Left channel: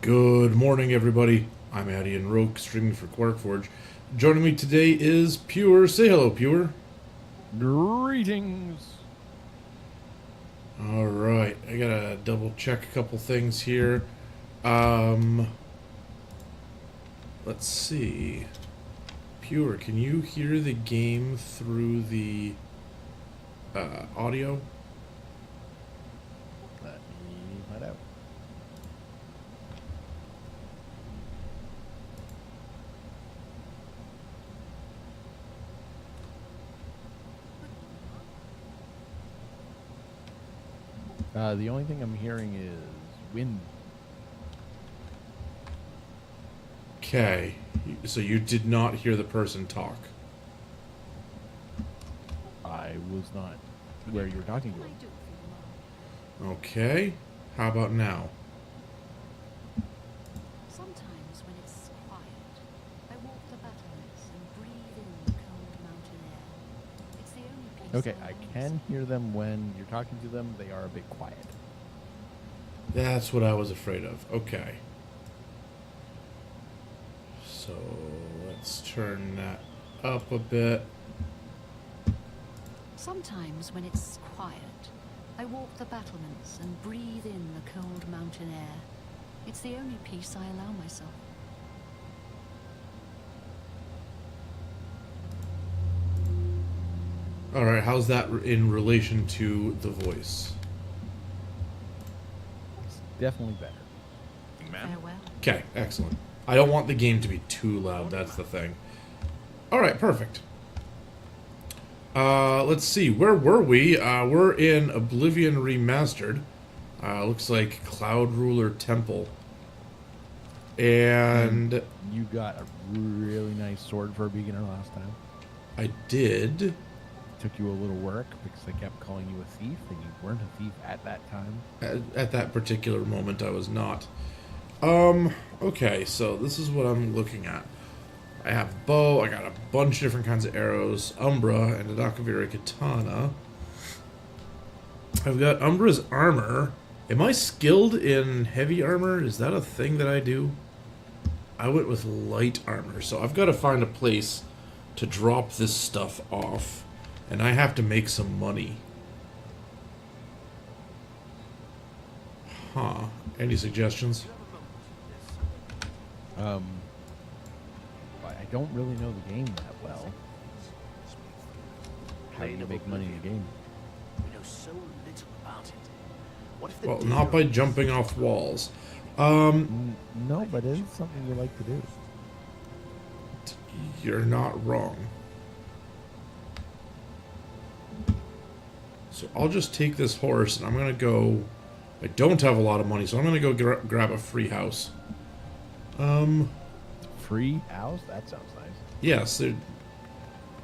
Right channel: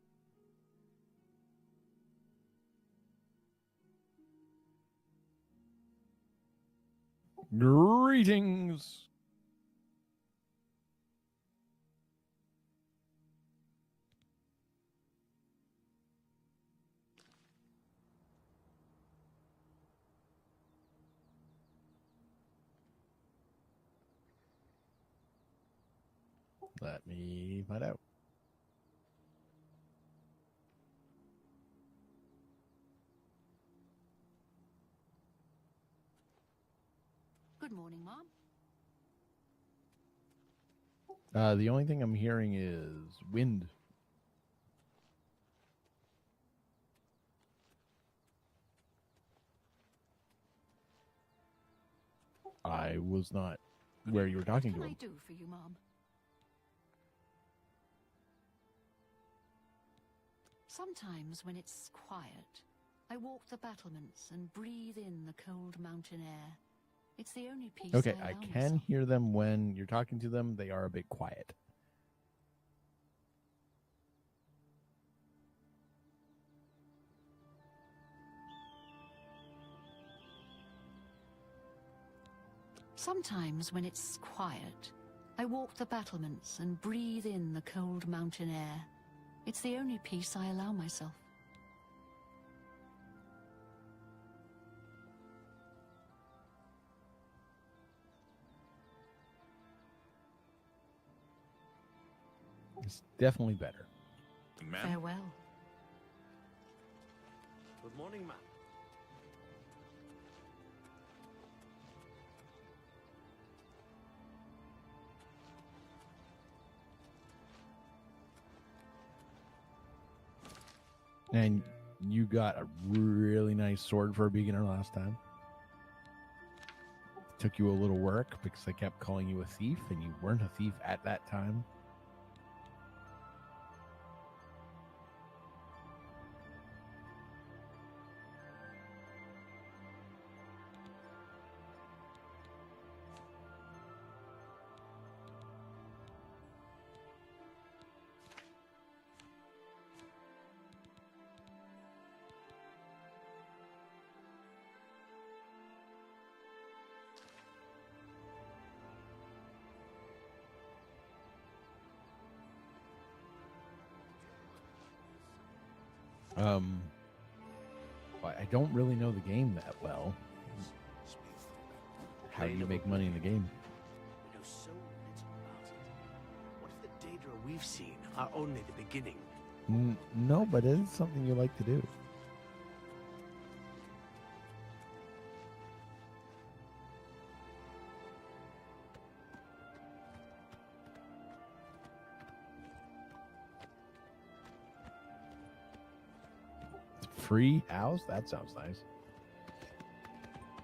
Good morning, everybody. I'm Addy and Roke, streaming for QuarkForge. Joining me today is Pure. Say hello, Pure. Greetings. All right, I gotta double check a couple things here. Um, let's see. Pure, can you hear the game through the audio? Let me find out. Good morning, Mom. The only thing I'm hearing is wind. Okay, so you did not hear the person talk. I was not where you were talking to What can him. I do for you, Mom? Okay, how about now? Sometimes when it's quiet, I walk the battlements and breathe in the cold mountain air. It's the only peace Okay, I I allow can myself. hear them when you're talking to them. They are a bit quiet. That's what I was afraid of. Okay. So let's turn that up a bit. Sometimes when it's quiet, I walk the battlements and breathe in the cold mountain air. It's the only peace I allow myself. All right, how's that in relation to the voice? It's definitely better. Farewell. Okay, excellent. I don't want the game to be too loud, that's the thing. All right, perfect. Let's see, where were we? We're in Oblivion Remastered. Looks like Cloud Ruler Temple. And You got a really nice sword for a beginner last time. I did. Took you a little work because I kept calling you a thief, and you weren't a thief at that time. At that particular moment, I was not. Okay, so this is what I'm looking at. I have bow, I got a bunch of different kinds of arrows, Umbra, and a Dakaviri Katana. I've got Umbra's armor. Am I skilled in heavy armor? Is that a thing that I do? I went with light armor, so I've got to find a place to drop this stuff off, and I have to make some money. Huh. Any suggestions? I don't really know the game that well. How do you make money in the game? We know so little about it. What if the Well, data not by on this jumping is off powerful walls. in the beginning? No, but it is something you like to do. You're not wrong. So I'll just take this horse and I'm gonna go. I don't have a lot of money, so I'm gonna go grab a free house. Free house? That sounds nice. Yes,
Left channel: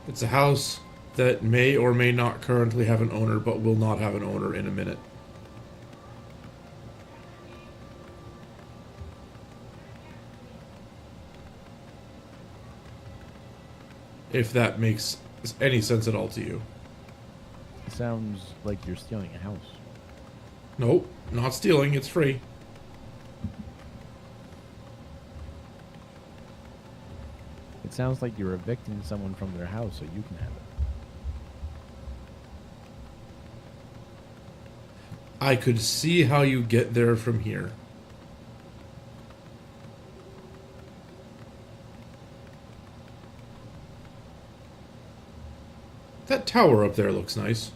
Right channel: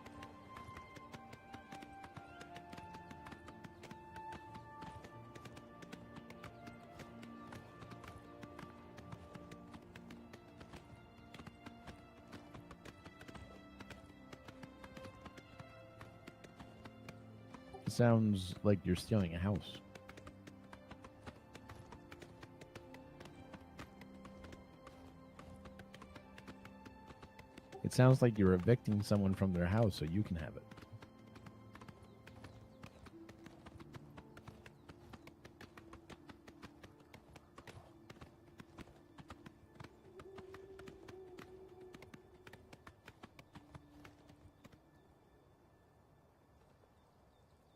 it's a house that may or may not currently have an owner, but will not have an owner in a minute. If that makes any sense at all to you. It sounds like you're stealing a house. Nope, not stealing, it's free. It sounds like you're evicting someone from their house so you can have it. I could see how you get there from here. That tower up there looks nice.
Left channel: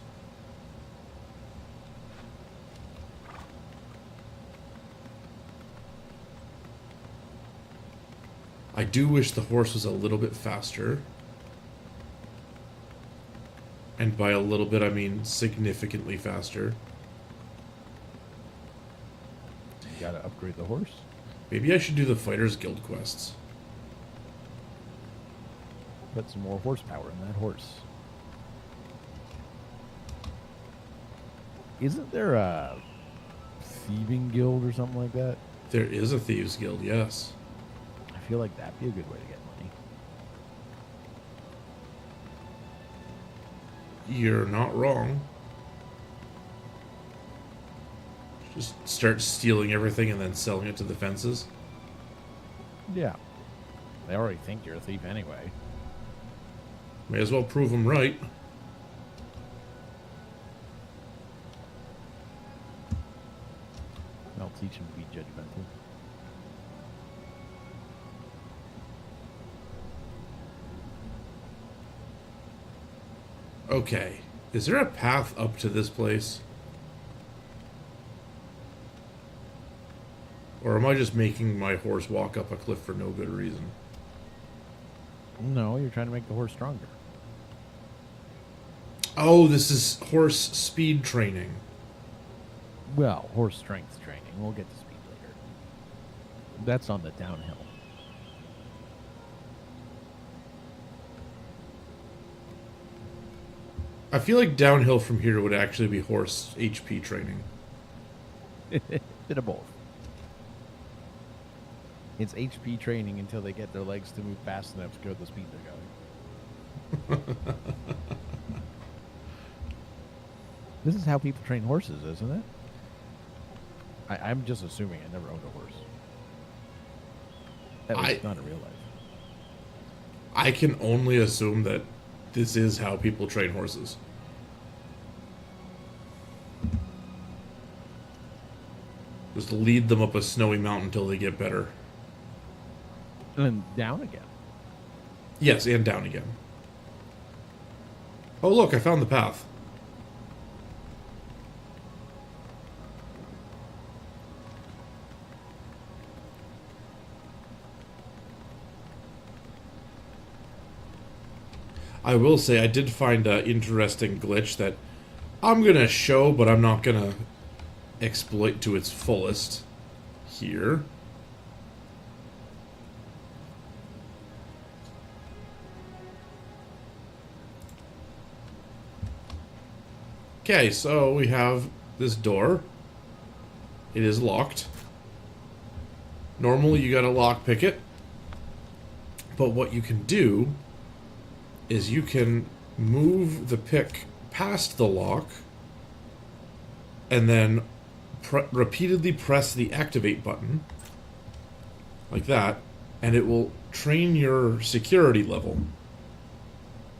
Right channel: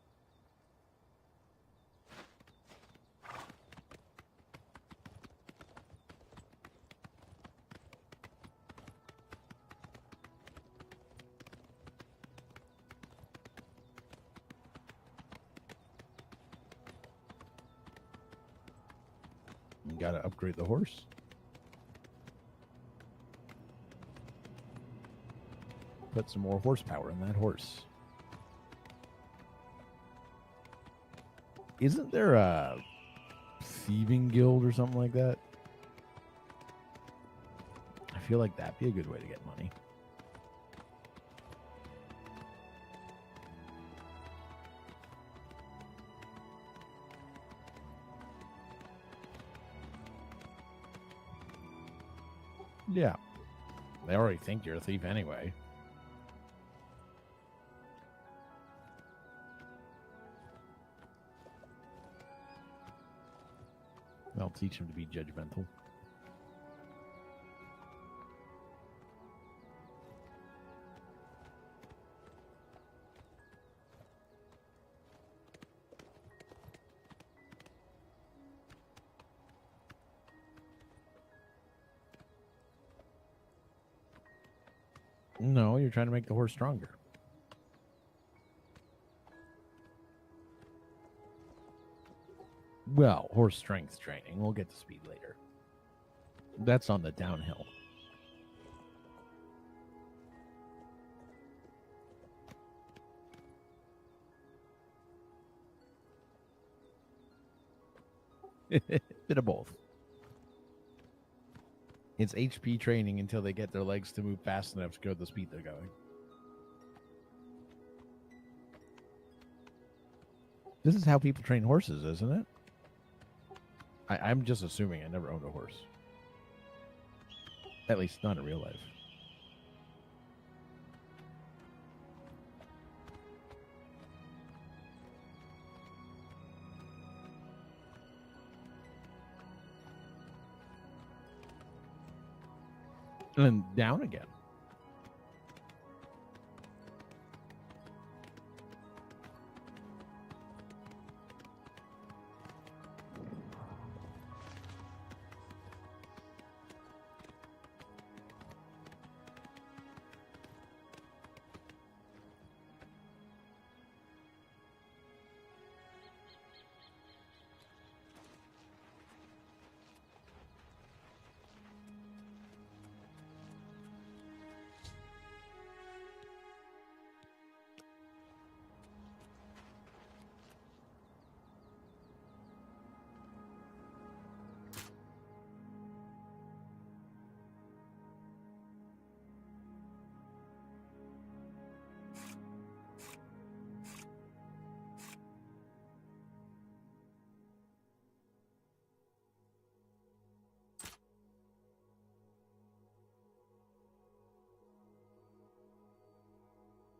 I do wish the horse was a little bit faster. And by a little bit, I mean significantly faster. You gotta upgrade the horse. Maybe I should do the Fighters Guild quests. Put some more horsepower in that horse. Isn't there a thieving guild or something like that? There is a Thieves Guild, yes. I feel like that'd be a good way to get money. You're not wrong. Just start stealing everything and then selling it to the fences. Yeah. They already think you're a thief anyway. May as well prove them right. I'll teach them to be judgmental. Okay. Is there a path up to this place? Or am I just making my horse walk up a cliff for no good reason? No, you're trying to make the horse stronger. Oh, this is horse speed training. Well, horse strength training. We'll get to speed later. That's on the downhill. I feel like downhill from here would actually be horse HP training. Bit of both. It's HP training until they get their legs to move fast enough to go at the speed they're going. This is how people train horses, isn't it? I'm just assuming. I never owned a horse. At least not in real life. I can only assume that this is how people train horses. Just lead them up a snowy mountain until they get better. And then down again. Yes, and down again. Oh, look, I found the path. I will say I did find an interesting glitch that I'm going to show, but I'm not going to exploit to its fullest here. Okay, so we have this door. It is locked. Normally you gotta lockpick it. But what you can do is you can move the pick past the lock and then repeatedly press the activate button like that, and it will train your security level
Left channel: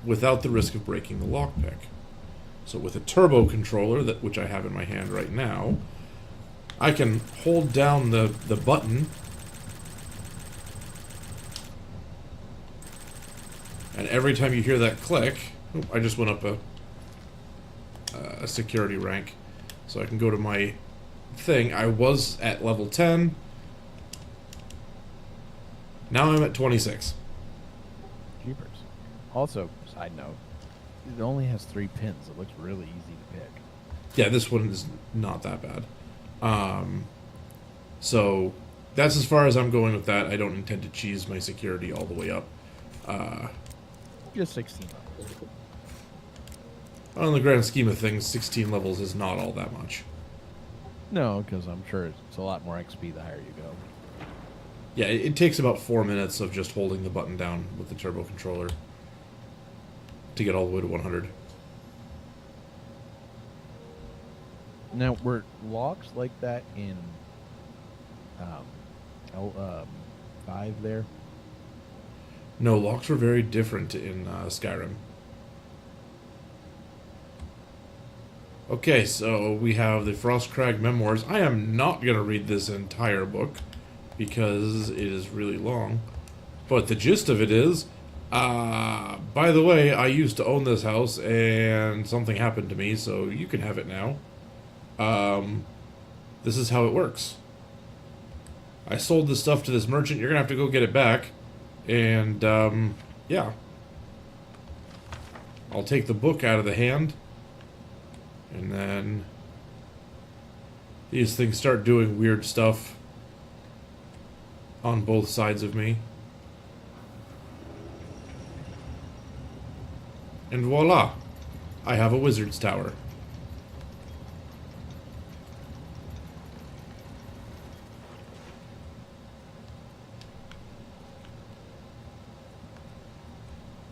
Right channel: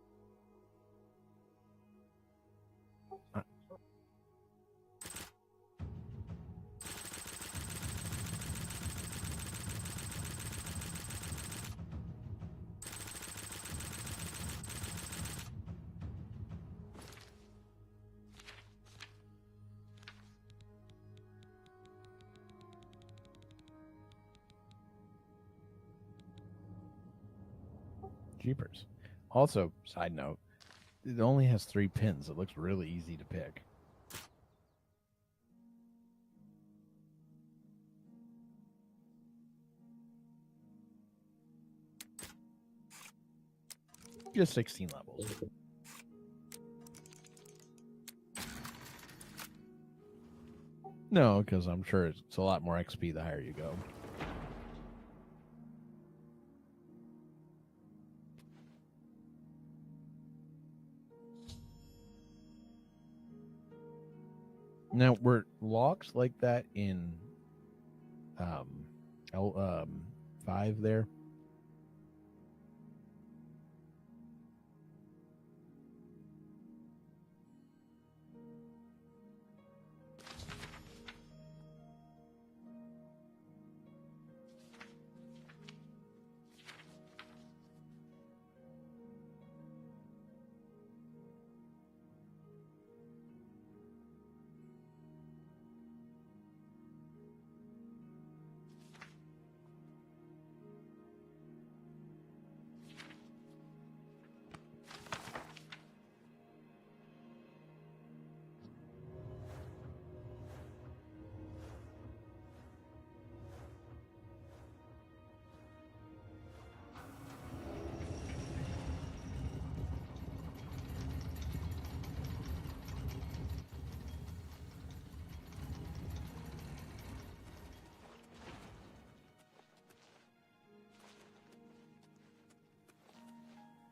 without the risk of breaking the lockpick. So with a turbo controller, which I have in my hand right now, I can hold down the button and every time you hear that click, I just went up a security rank. So I can go to my thing. I was at level 10. Now I'm at 26. Jeepers. Also, side note, it only has 3 pins. It looks really easy to pick. Yeah, this one is not that bad. So that's as far as I'm going with that. I don't intend to cheese my security all the way up. Just 16 levels. On the grand scheme of things, 16 levels is not all that much. No, because I'm sure it's a lot more XP the higher you go. Yeah, it takes about 4 minutes of just holding the button down with the turbo controller to get all the way to 100. Now, were locks like that in L5 there? No, locks were very different in Skyrim. Okay, so we have the Frostcrag Memoirs. I am not going to read this entire book because it is really long. But the gist of it is, by the way, I used to own this house and something happened to me, so you can have it now. This is how it works. I sold this stuff to this merchant. You're going to have to go get it back. And, yeah. I'll take the book out of the hand. And then these things start doing weird stuff on both sides of me. And voila, I have a wizard's tower.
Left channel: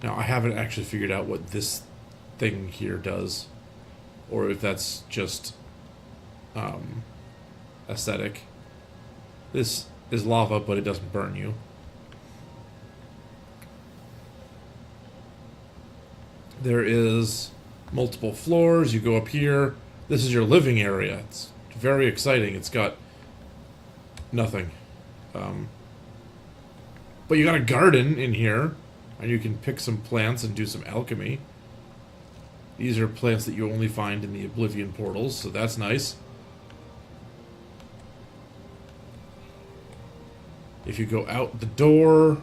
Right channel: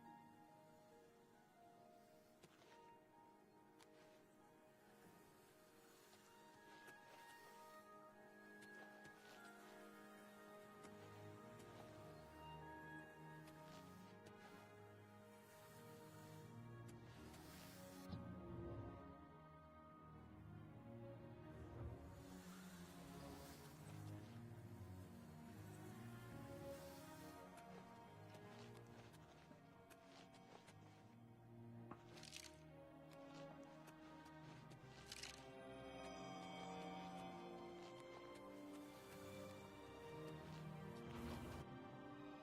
Now, I haven't actually figured out what this thing here does, or if that's just aesthetic. This is lava, but it doesn't burn you. There is multiple floors. You go up here. This is your living area. It's very exciting. It's got nothing. But you got a garden in here, and you can pick some plants and do some alchemy. These are plants that you only find in the Oblivion portals, so that's nice. If you go out the door,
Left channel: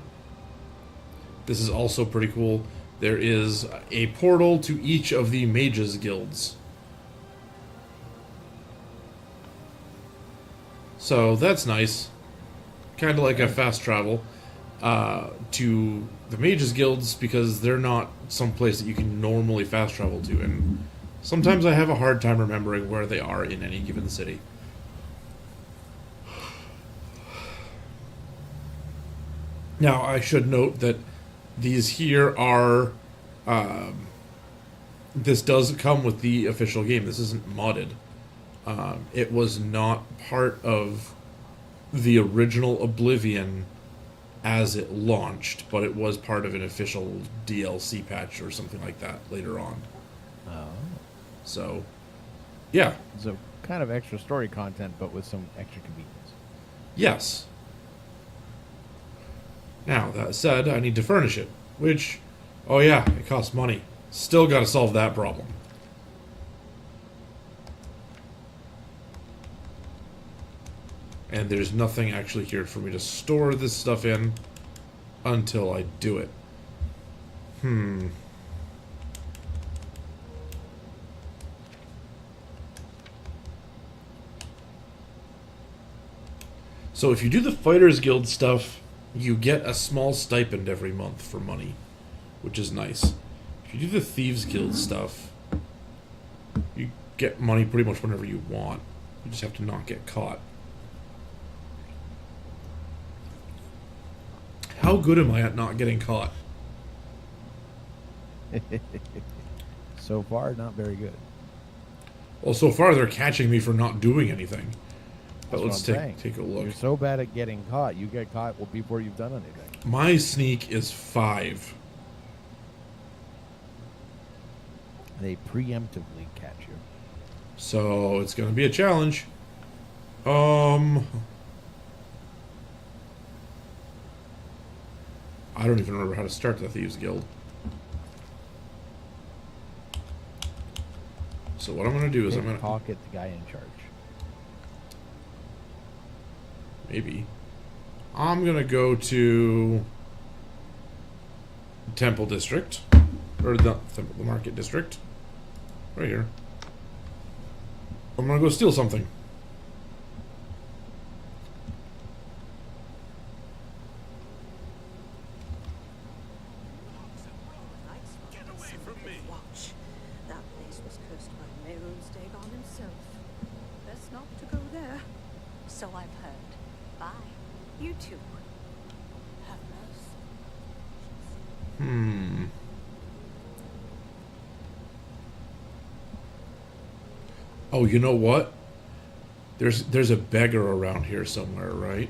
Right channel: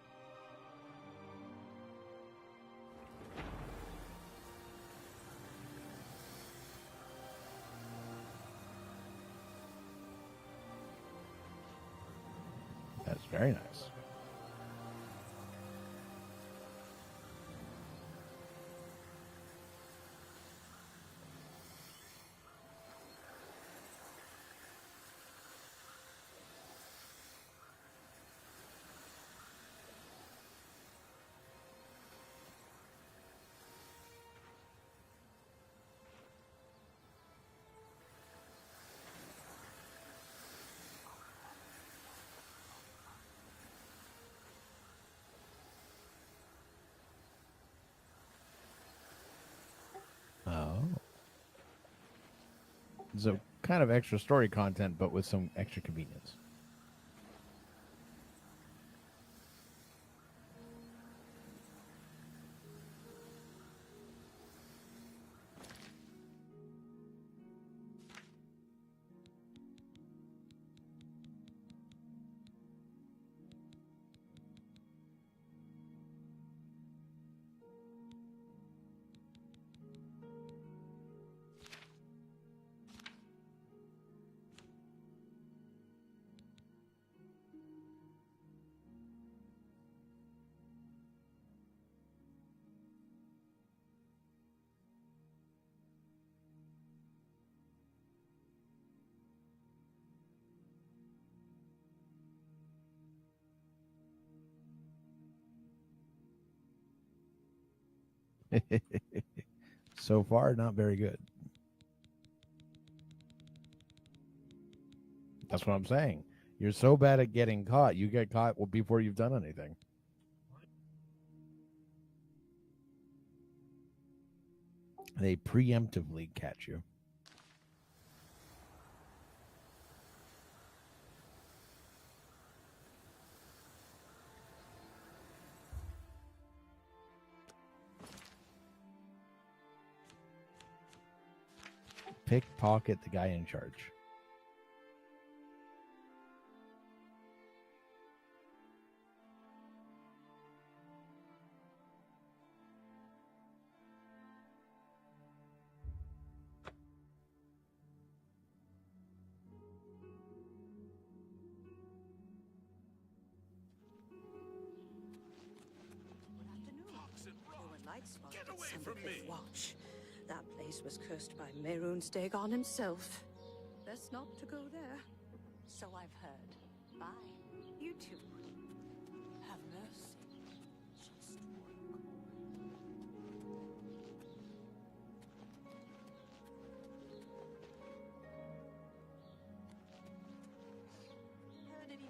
this is also pretty cool. There is a portal to each of the mages guilds. So that's nice. Kind of like a fast travel to the mages guilds, because they're not some place that you can normally fast travel to, and sometimes I have a hard time remembering where they are in any given city. Now, I should note that these here are... this does come with the official game. This isn't modded. It was not part of the original Oblivion as it launched, but it was part of an official DLC patch or something like that later on. Oh. So, yeah. So kind of extra story content, but with some extra convenience. Yes. Now, that said, I need to furnish it, which, oh yeah, it costs money. Still gotta solve that problem. And there's nothing actually here for me to store this stuff in until I do it. So if you do the Fighters Guild stuff, you get a small stipend every month for money, which is nice. If you do the Thieves Guild stuff, you get money pretty much whenever you want. You just have to not get caught. How good am I at not getting caught? So far, not very good. Well, so far they're catching me for not doing anything. That's what I'm saying. Take a look. You're so bad at getting caught. You get caught before you've done anything. My sneak is 5. They preemptively catch you. So it's going to be a challenge. I don't even remember how to start the Thieves Guild. So what I'm going to do is I'm going to... Pickpocket the guy in charge. Maybe. I'm going to go to Temple District. Or the Market District. Right here. I'm going to go steal something. Get away from me! Watch. That place was cursed by Mehrunes Dagon himself. Best not to go there. So I've heard. Bye. You too. Have mercy. Oh, you know what? There's a beggar around here somewhere, right?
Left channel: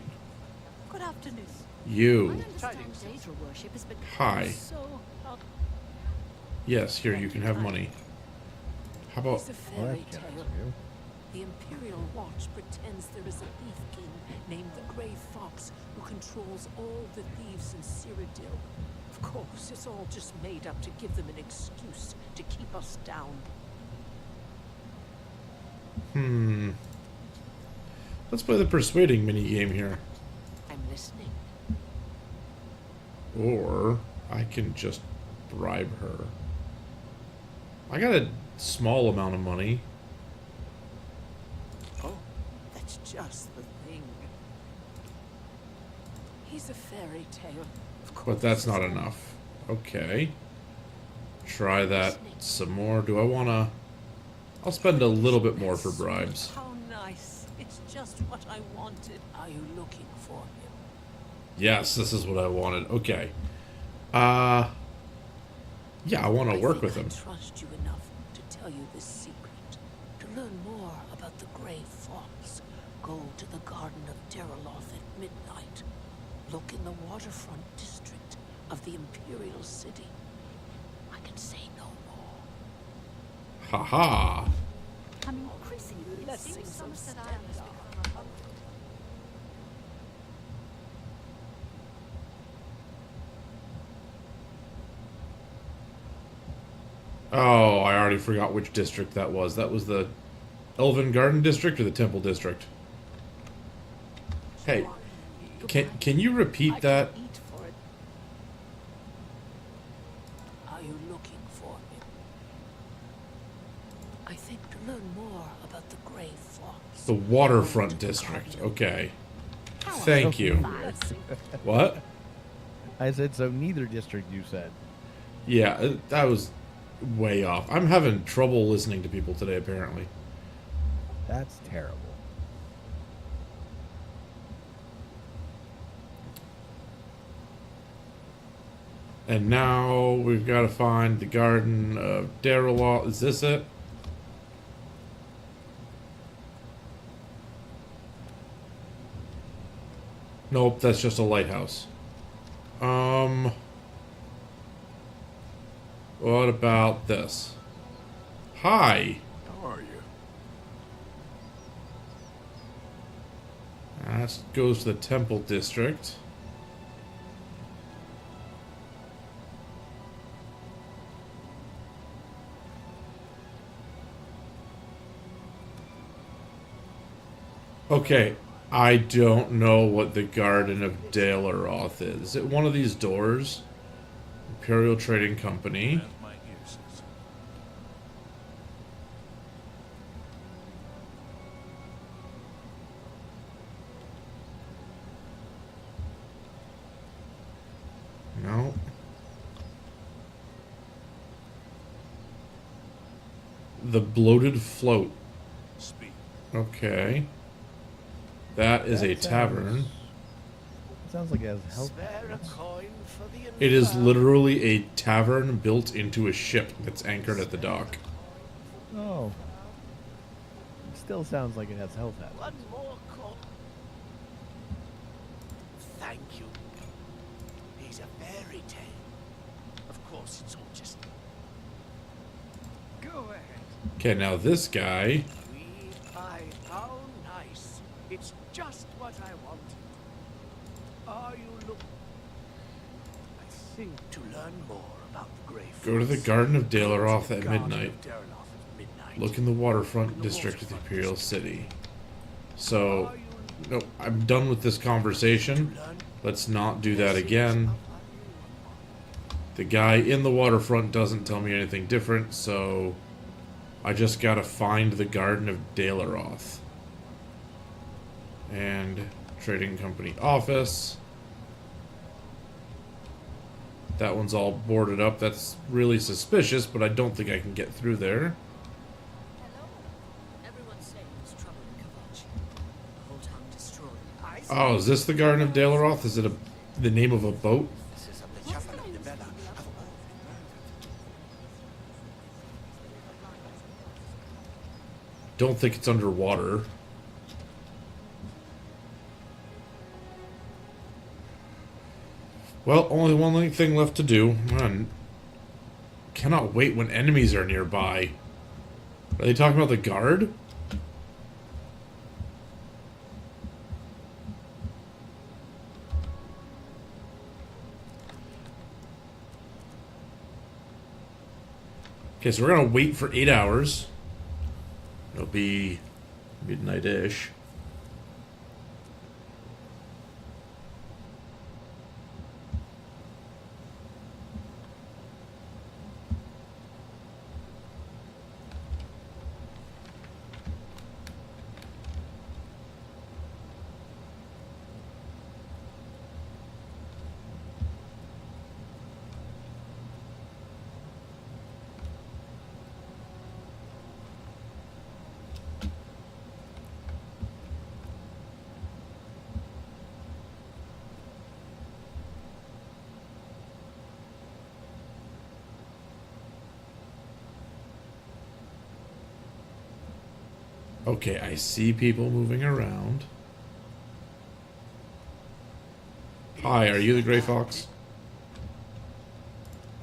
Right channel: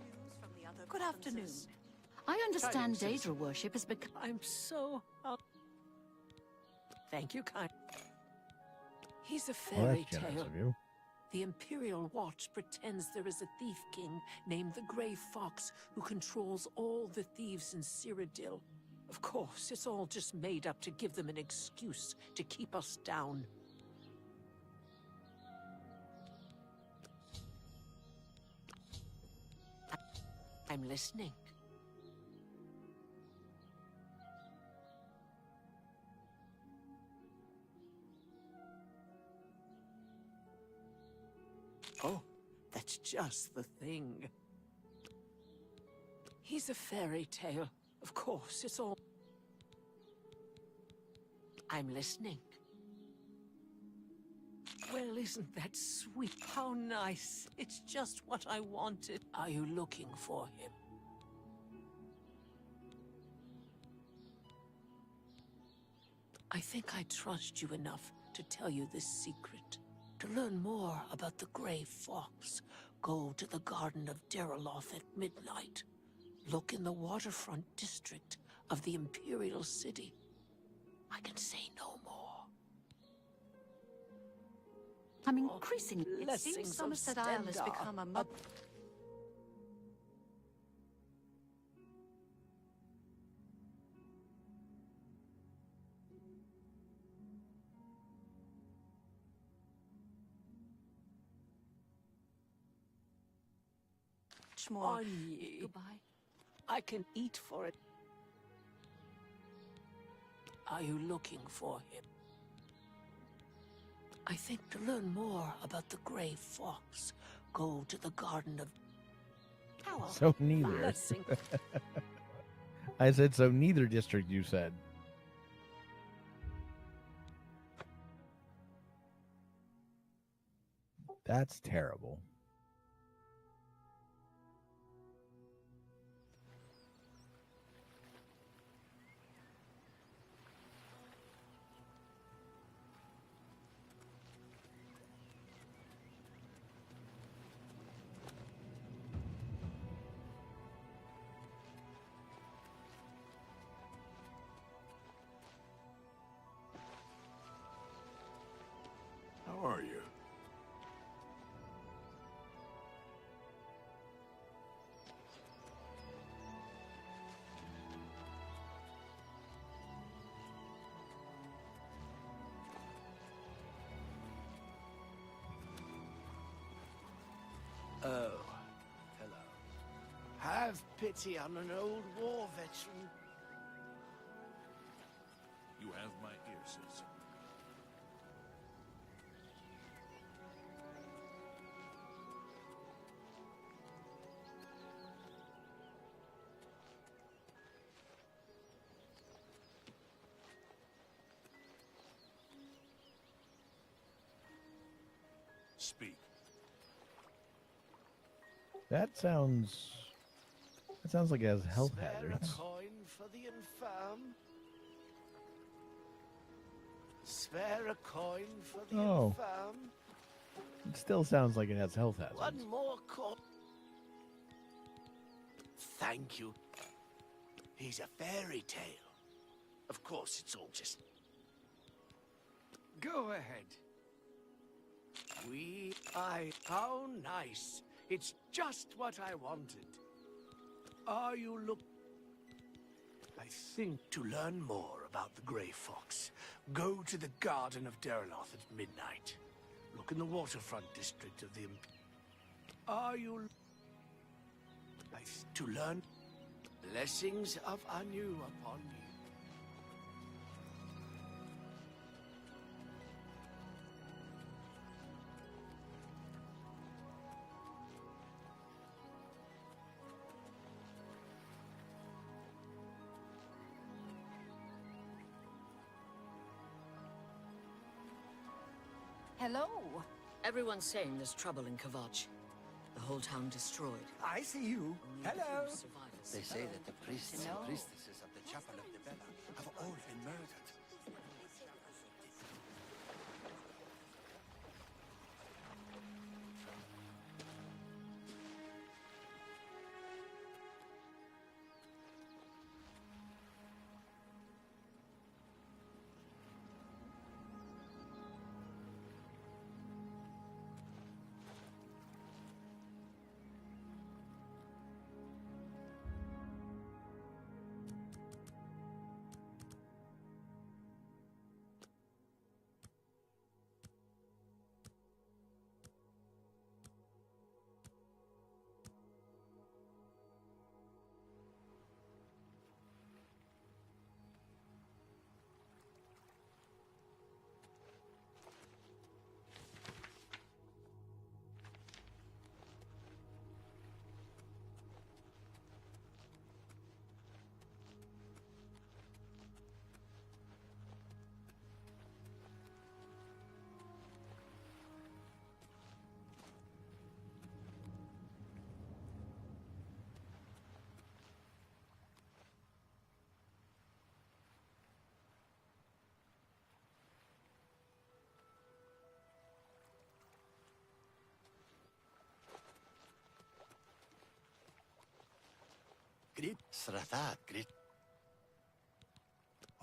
Good afternoon. You. I understand Daedra worship has become Hi. so... Yes, here you Thank can you have kindly. money. How about... He's a Well, fairy that's generous tale. of you. The Imperial Watch pretends there is a thief king named the Grey Fox who controls all the thieves in Cyrodiil. Of course, it's all just made up to give them an excuse to keep us down. Let's play the persuading minigame here. I'm listening. Or I can just bribe her. I got a small amount of money. Oh, that's just the thing. He's a fairy tale, of course. But that's it's not all- enough. Okay. Try that Listening. some more. Do I want to... I'll spend a little bit more for bribes. How nice. It's just what I wanted. Are you looking for him? Yes, this is what I wanted. Okay. Yeah, I want to work with him. I trust you enough to tell you this secret. To learn more about the Grey Fox, Go to the Garden of Deraloth at midnight. Look in the waterfront district of the Imperial City. I can say no more. Haha. I'm increasingly. It Blessings seems of Somerset Isle has Stendarr. become a mud. Oh, I already forgot which district that was. That was the Elven Garden District or the Temple District? Hey, can you repeat I that? can eat for it. Are you looking for him? I think to learn more about the Grey Fox. The Waterfront Go to the District. Garden of- Okay. How Thank you. Blessing. What? I said so. Neither district. You said. Yeah, that was way off. I'm having trouble listening to people today, apparently. That's terrible. And now we've got to find the Garden of Deraloth. Is this it? Nope, that's just a lighthouse. What about this? Hi. How are you? That goes to the Temple District. Okay, I don't know what the Garden of Dalaroth is. Is it one of these doors? Imperial Trading Company. Grant my uses. No. The Bloated Float. Speak. Okay. That is a tavern. That sounds like it has health Spare a hazards. coin for the It is infirm. literally a tavern built into a ship that's anchored at the Spare a dock. coin for the Oh. infirm. It still sounds like it has health hazards. One more coin. Thank you. He's a fairy tale. Of course, it's all just. Go ahead. Okay, now this guy. Sweet pie. How nice. It's just what I wanted. Are you look? I think to learn more about the Grey Fox. Go to the Garden of Go to Dalaroth the at Garden midnight. of Dalaroth at midnight. Look in the waterfront Look in the district of the waterfront Imperial district. City. So, Are you no, I'm done with this to conversation. learn Let's not do that blessings again. of Anu upon me? The guy in the waterfront doesn't tell me anything different, so I just gotta find the Garden of Dalaroth. And Trading Company office. That one's all boarded up. That's really suspicious, but I don't think I can get through there. Hello. Everyone's saying there's trouble in Kavach. The whole town destroyed. Oh, is this the Garden of Dalaroth? Is it the name of a boat? Witnesses of the chapel of the Bella have all been murdered. Don't think it's underwater. Well, only one thing left to do. Man, cannot wait when enemies are nearby. Are they talking about the guard? Okay, so we're gonna wait for 8 hours. It'll be midnight-ish. Okay, I see people moving around. Hi, are you the Grey Fox?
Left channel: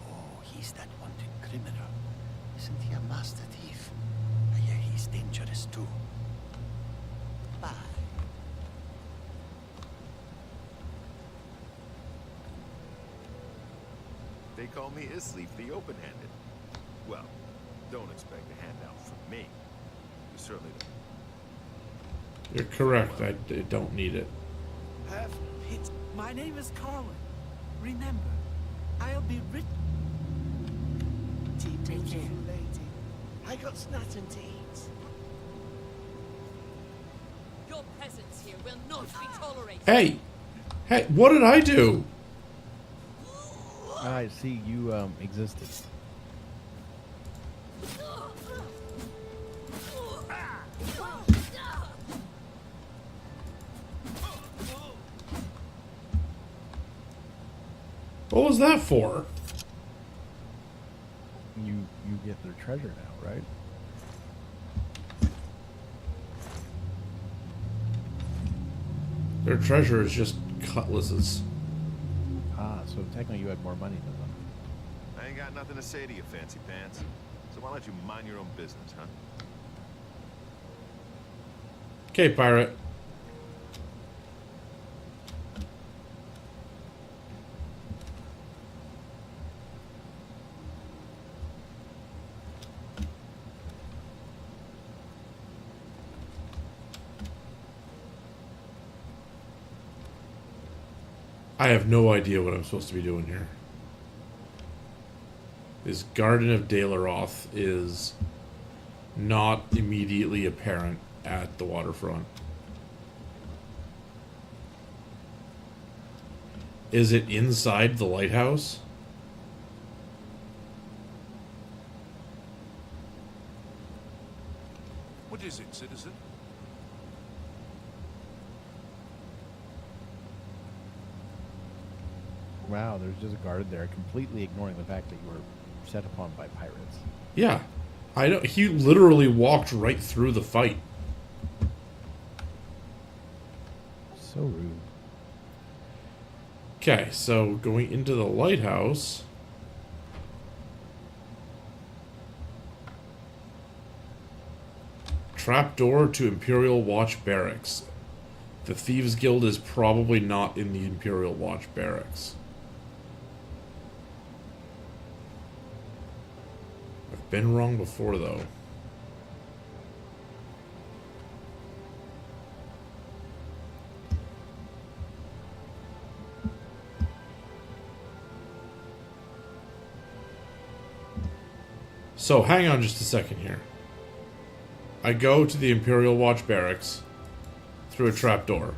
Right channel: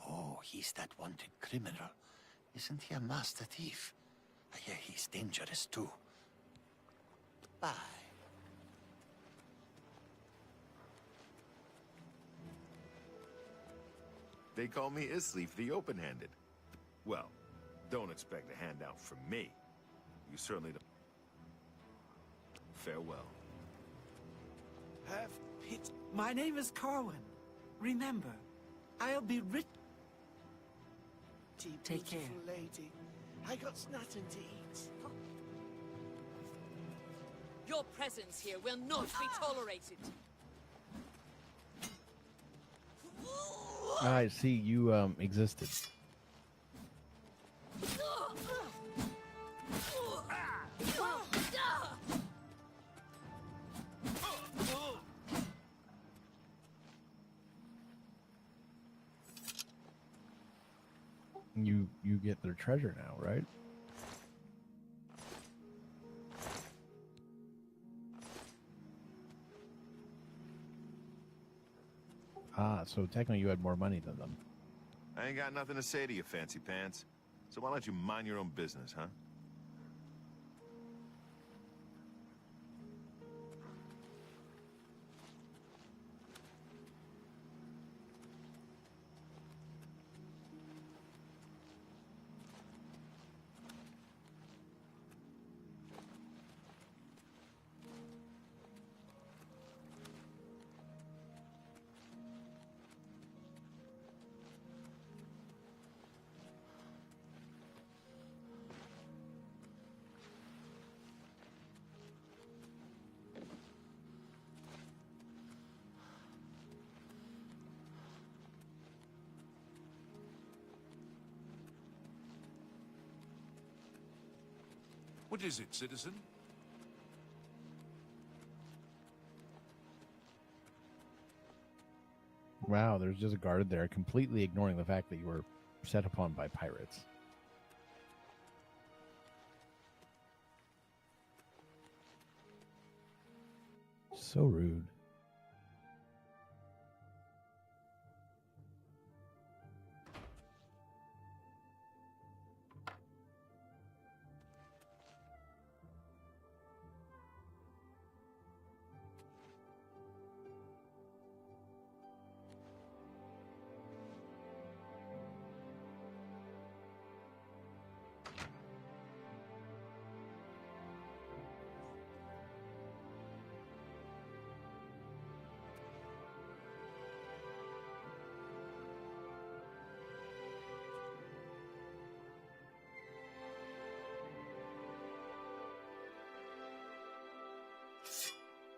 Oh, he's that wanted criminal. Isn't he a master thief? I hear he's dangerous too. Bye. They call me Isleaf the Open-Handed. Well, don't expect a handout from me. You certainly don't. You're correct. I don't need it. Have pity. My name is Carwin. Remember, I'll be rich. Take care. Lady. I got nothing to eat. Your presence here will not be tolerated. Hey! Hey, what did I do? I see you existed. What was that for? You get their treasure now, right? Their treasure is just cutlasses. Ah, so technically you had more money than them. I ain't got nothing to say to you, fancy pants. So why don't you mind your own business, huh? Okay, pirate. I have no idea what I'm supposed to be doing here. This Garden of Dalaroth is not immediately apparent at the waterfront. Is it inside the lighthouse? What is it, citizen? Wow, there's just a guard there, completely ignoring the fact that you were set upon by pirates. Yeah. I know. He literally walked right through the fight. So rude. Okay, so going into the lighthouse. Trapdoor to Imperial Watch Barracks. The Thieves Guild is probably not in the Imperial Watch Barracks. I've been wrong before, though. So, hang on just a second here. I go to the Imperial Watch Barracks through a trapdoor,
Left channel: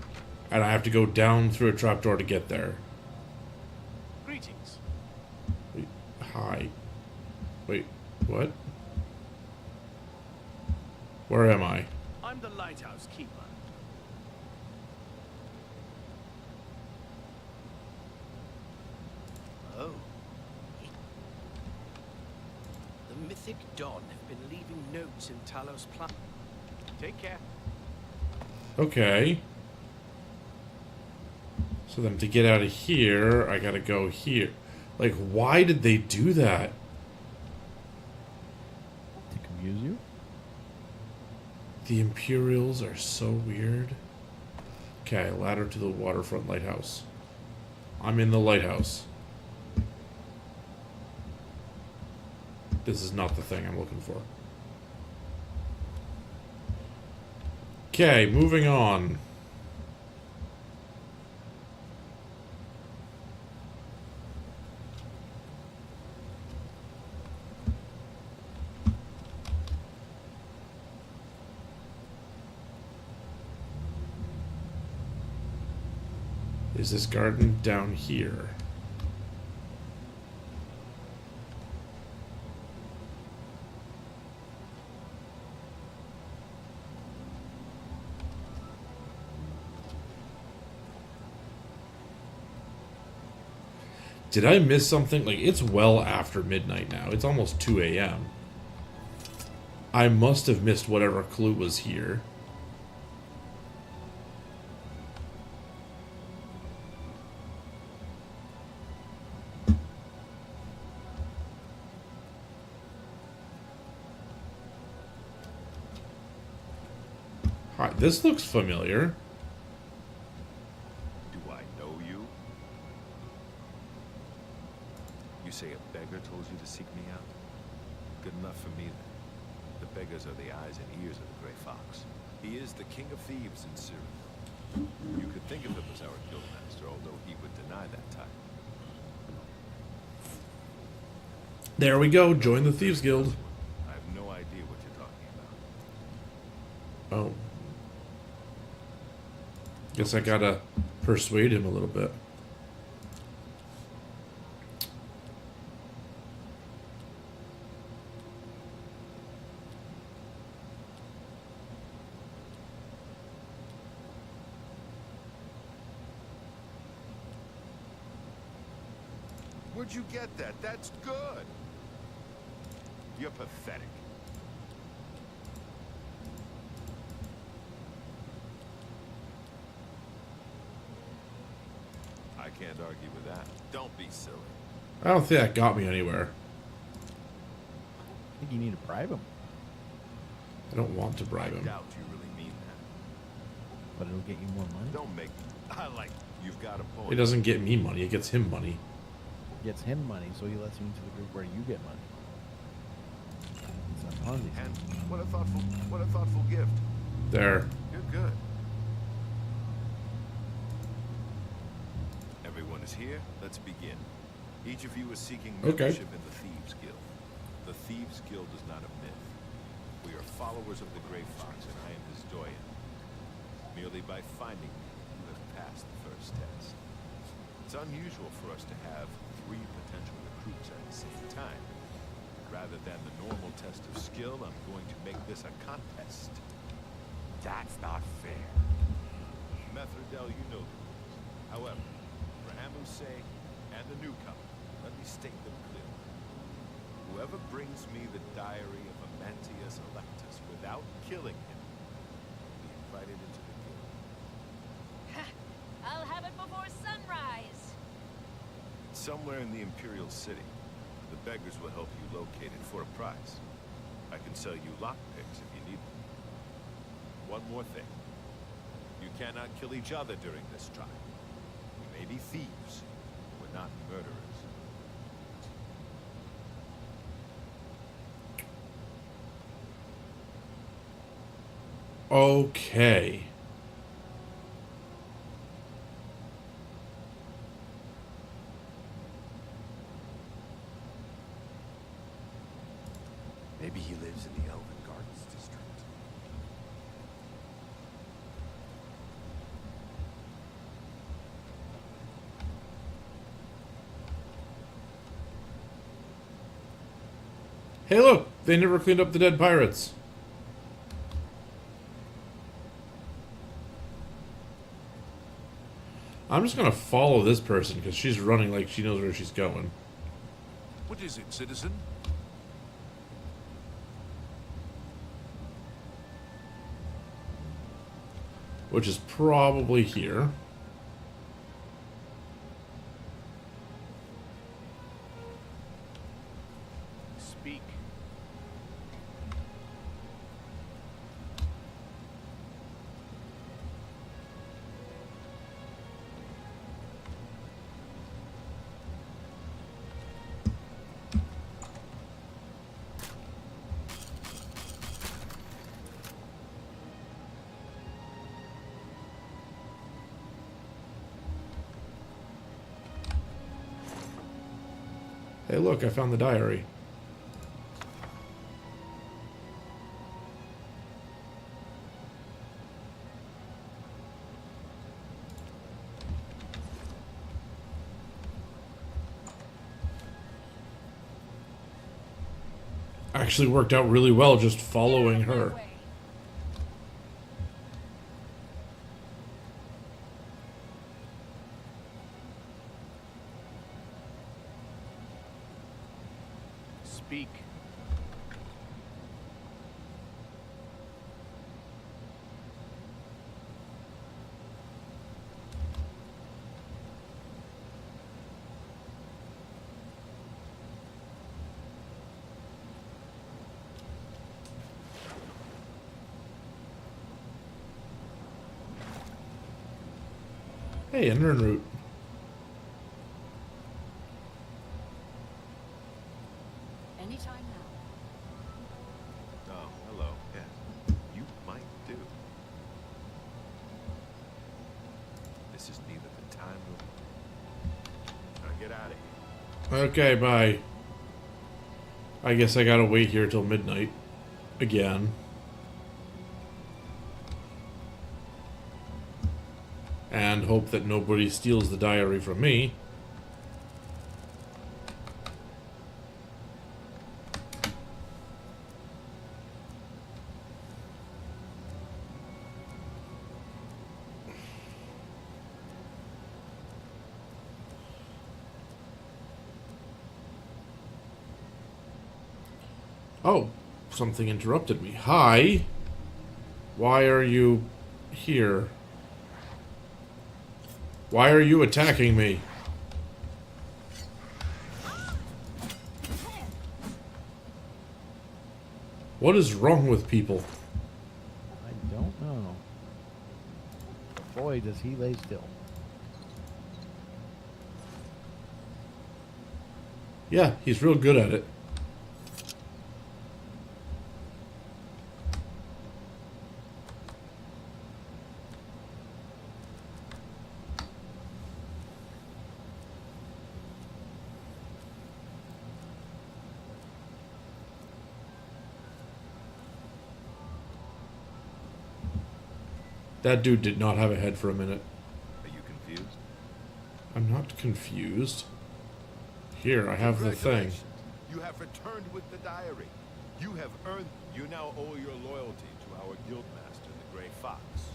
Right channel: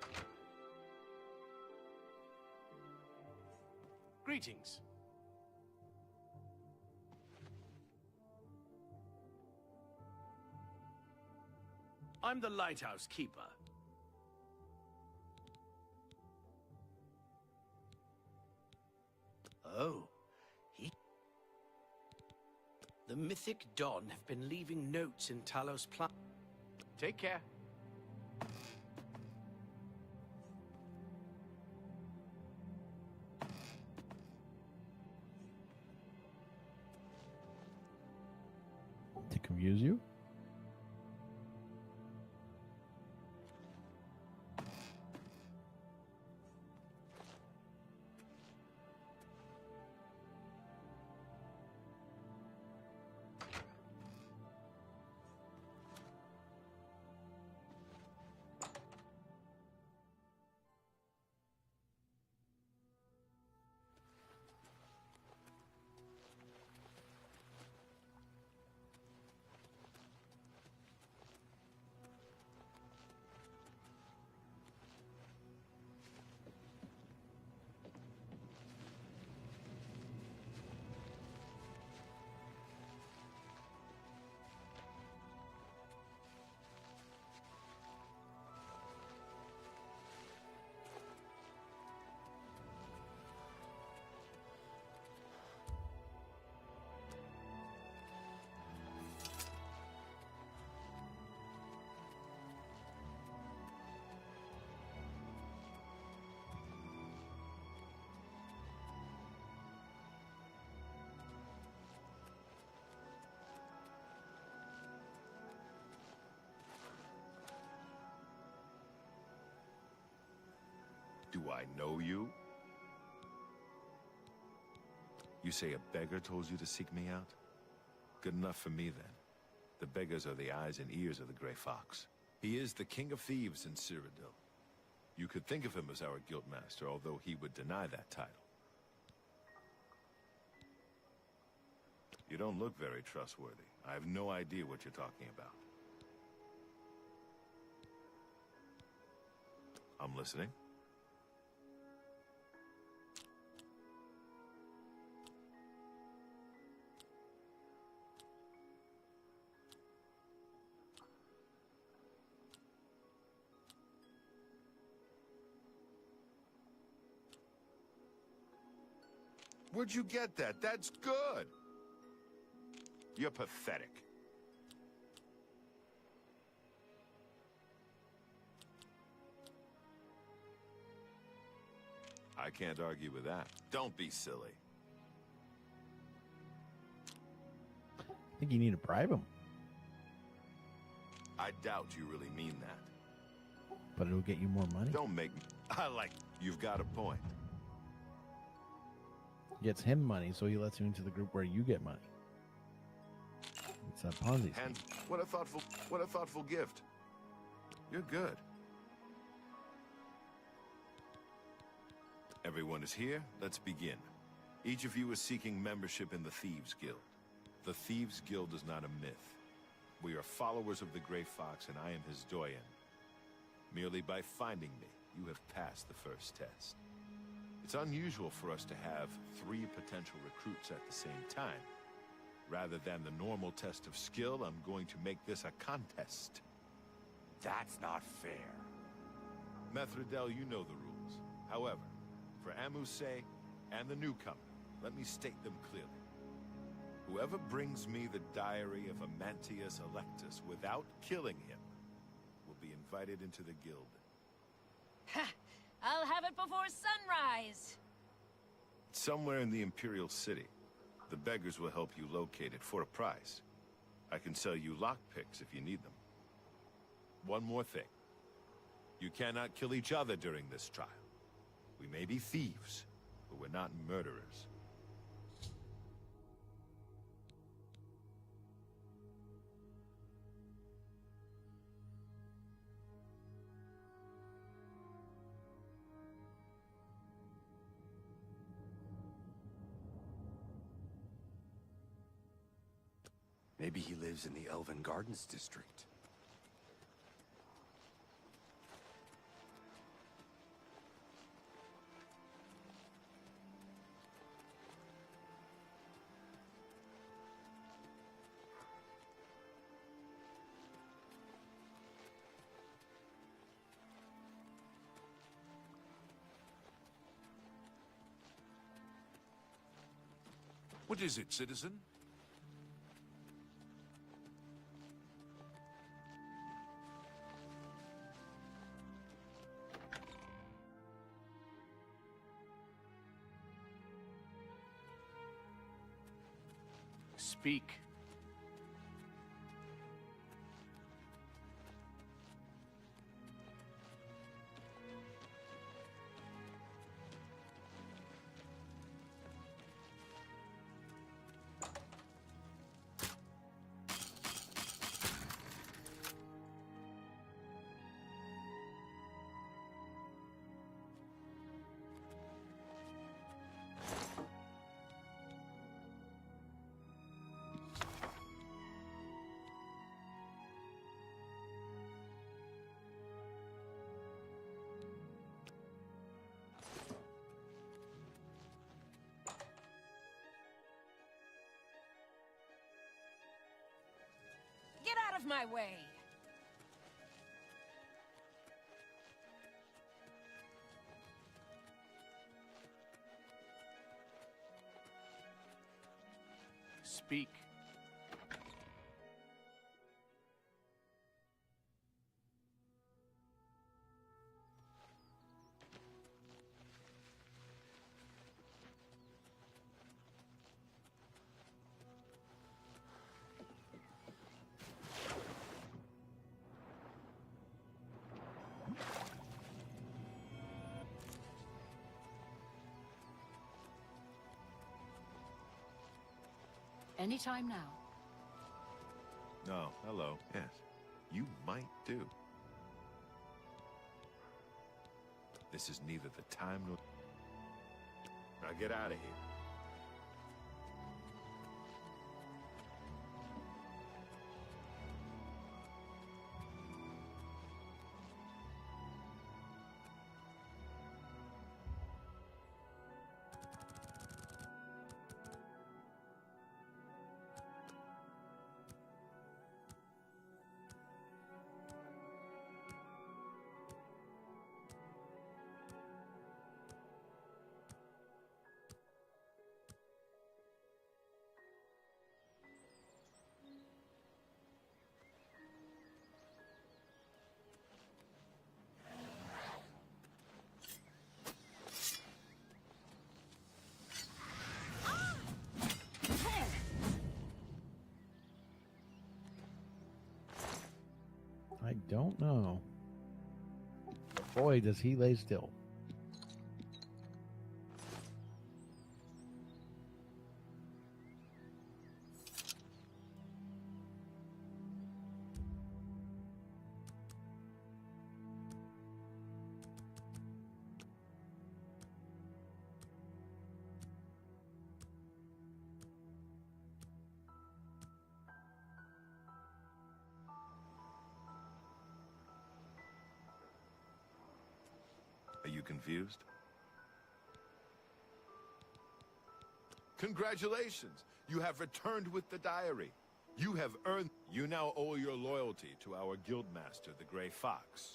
and I have to go down through a trapdoor to get there. Greetings. Wait, hi. Wait, what? Where am I? I'm the lighthouse keeper. Oh. The Mythic Dawn have been leaving notes in Talos Plaza. Take care. Okay. So then to get out of here, I gotta go here. Like, why did they do that? To confuse you? The Imperials are so weird. Okay, ladder to the waterfront lighthouse. I'm in the lighthouse. This is not the thing I'm looking for. Okay, moving on. Is this garden down here? Did I miss something? Like, it's well after midnight now. It's almost 2 a.m. I must have missed whatever clue was here. Hi, this looks familiar. Do I know you? You say a beggar told you to seek me out? Good enough for me, then. The beggars are the eyes and ears of the Grey Fox. He is the king of thieves in Cyrodiil. You could think of him as our guildmaster, although he would deny that title. There we go. You don't Join the look Thieves very Guild. trustworthy. I have no idea what you're talking about. Oh. Guess I gotta persuade him a little bit. Where'd you get that? That's good. You're pathetic. I can't argue with that. Don't be silly. I don't think that got me anywhere. I think you need to bribe him, I don't want to I bribe him. doubt you really mean that. but it'll get you more money. Don't make me. I like. You've got a point. It doesn't get me money, it gets him money. Gets him money, so he lets you into the group where you get money. It's a Ponzi scheme. And what a thoughtful gift. There. You're good. Everyone is here. Let's begin. Each of you is seeking membership in the Thieves Guild. The Thieves Guild is not a myth. We are followers of the Grey Fox, and I am his doyen. Merely by finding me, you have passed the first test. It's unusual for us to have 3 potential recruits at the same time. Rather than the normal test of skill, I'm going to make this a contest. That's not fair. Methridel, you know the rules. However, for Amu's sake and the newcomer, let me state them clearly. Whoever brings me the diary of Amantius Electus without killing him will be invited into the guild. I'll have it before sunrise. Somewhere in the Imperial City. The beggars will help you locate it for a price. I can sell you lockpicks if you need them. One more thing. You cannot kill each other during this trial. We may be thieves, but we're not murderers. Okay. Maybe he lives in the Elven Gardens district. Hey look! They never cleaned up the dead pirates. I'm just gonna follow this person because she's running like she knows where she's going. What is it, citizen? Which is probably here. Speak. Hey look, I found the diary. Actually worked out really well just following Get out of her. my way. Speak. Hey, a Nern root. Anytime now. Oh, hello. Yes. You might do. This is neither the time nor... Now get out of here. Okay, bye. I guess I gotta wait here till midnight. Again. And hope that nobody steals the diary from me. Oh, something interrupted me. Hi. Why are you here? Why are you attacking me? What is wrong with people? I don't know. But boy, does he lay still. Yeah, he's real good at it. That dude did not have a head for a minute. Are you confused? I'm not confused. Here, I have the thing. Congratulations. You have returned with the diary. You have earned... You now owe your loyalty to our guildmaster, the Grey Fox.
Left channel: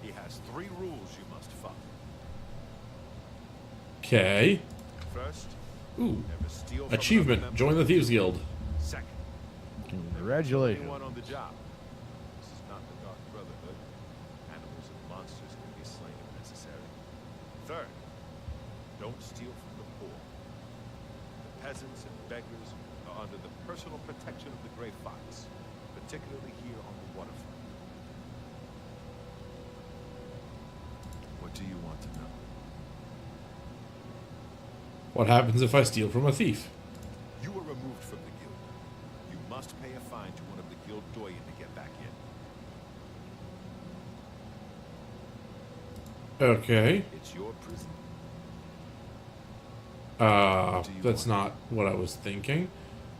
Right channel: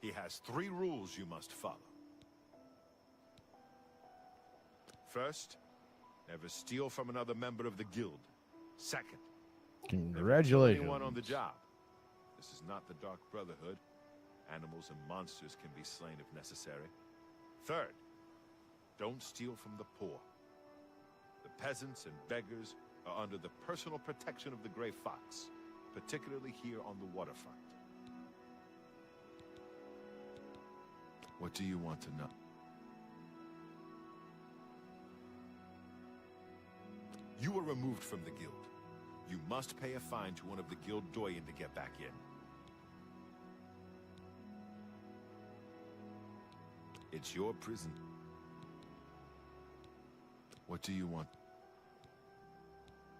He has 3 rules you must follow. Okay. First, Ooh. never steal from Achievement. another member Join of the Thieves Guild. Second, Congratulations. anyone on the job. This is not the Dark Brotherhood. Animals and monsters can be slain if necessary. Third, don't steal from the poor. The peasants and beggars are under the personal protection of the Grey Fox, particularly here on the waterfront. What do you want to know? What happens if I steal from a thief? You were removed from the guild. You must pay a fine to one of the guild doyen to get back in. Okay. It's your prison. That's not what I was thinking.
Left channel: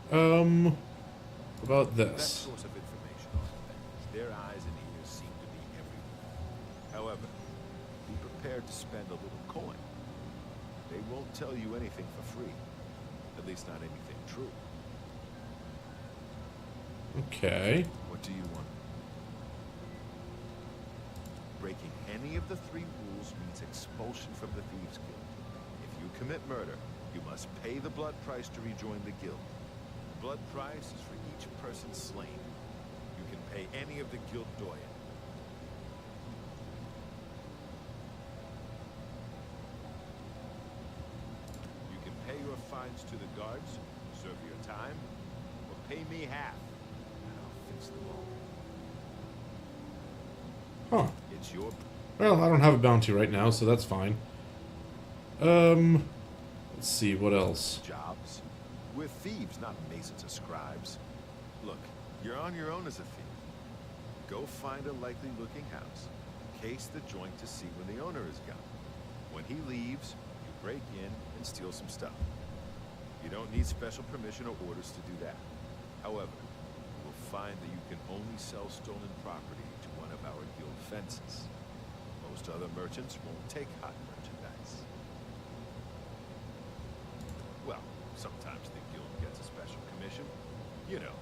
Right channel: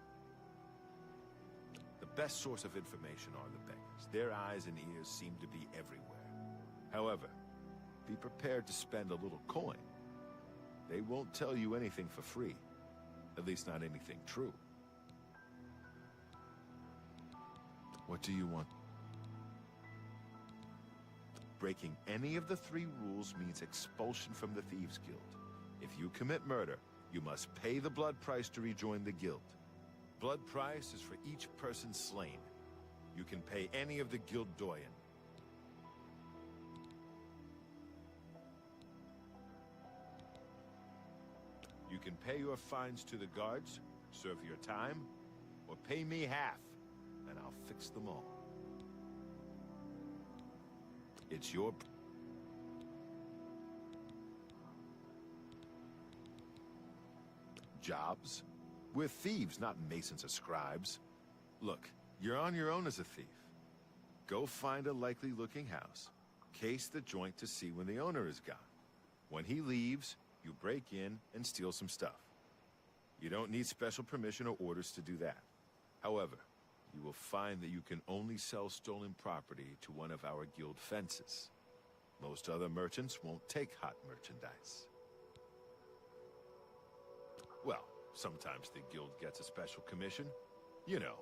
About Best this. source of information on the things. Their eyes and ears seem to be everywhere. However, be prepared to spend a little coin. They won't tell you anything for free. At least not anything true. Okay. What do you want? Breaking any of the 3 rules means expulsion from the Thieves Guild. If you commit murder, you must pay the blood price to rejoin the guild. Blood price is for each person slain. You can pay any of the guild doyen. You can pay your fines to the guards, serve your time, or pay me half, and I'll fix them all. Huh. It's your... Well, I don't have a bounty right now, so that's fine. Let's see, what else? jobs. We're thieves, not masons or scribes. Look, you're on your own as a thief. Go find a likely-looking house. Case the joint to see when the owner is gone. When he leaves, you break in and steal some stuff. You don't need special permission or orders to do that. However, you will find that you can only sell stolen property to one of our guild fences. Most other merchants won't take hot merchandise. Well, sometimes the guild gets a special commission. You know,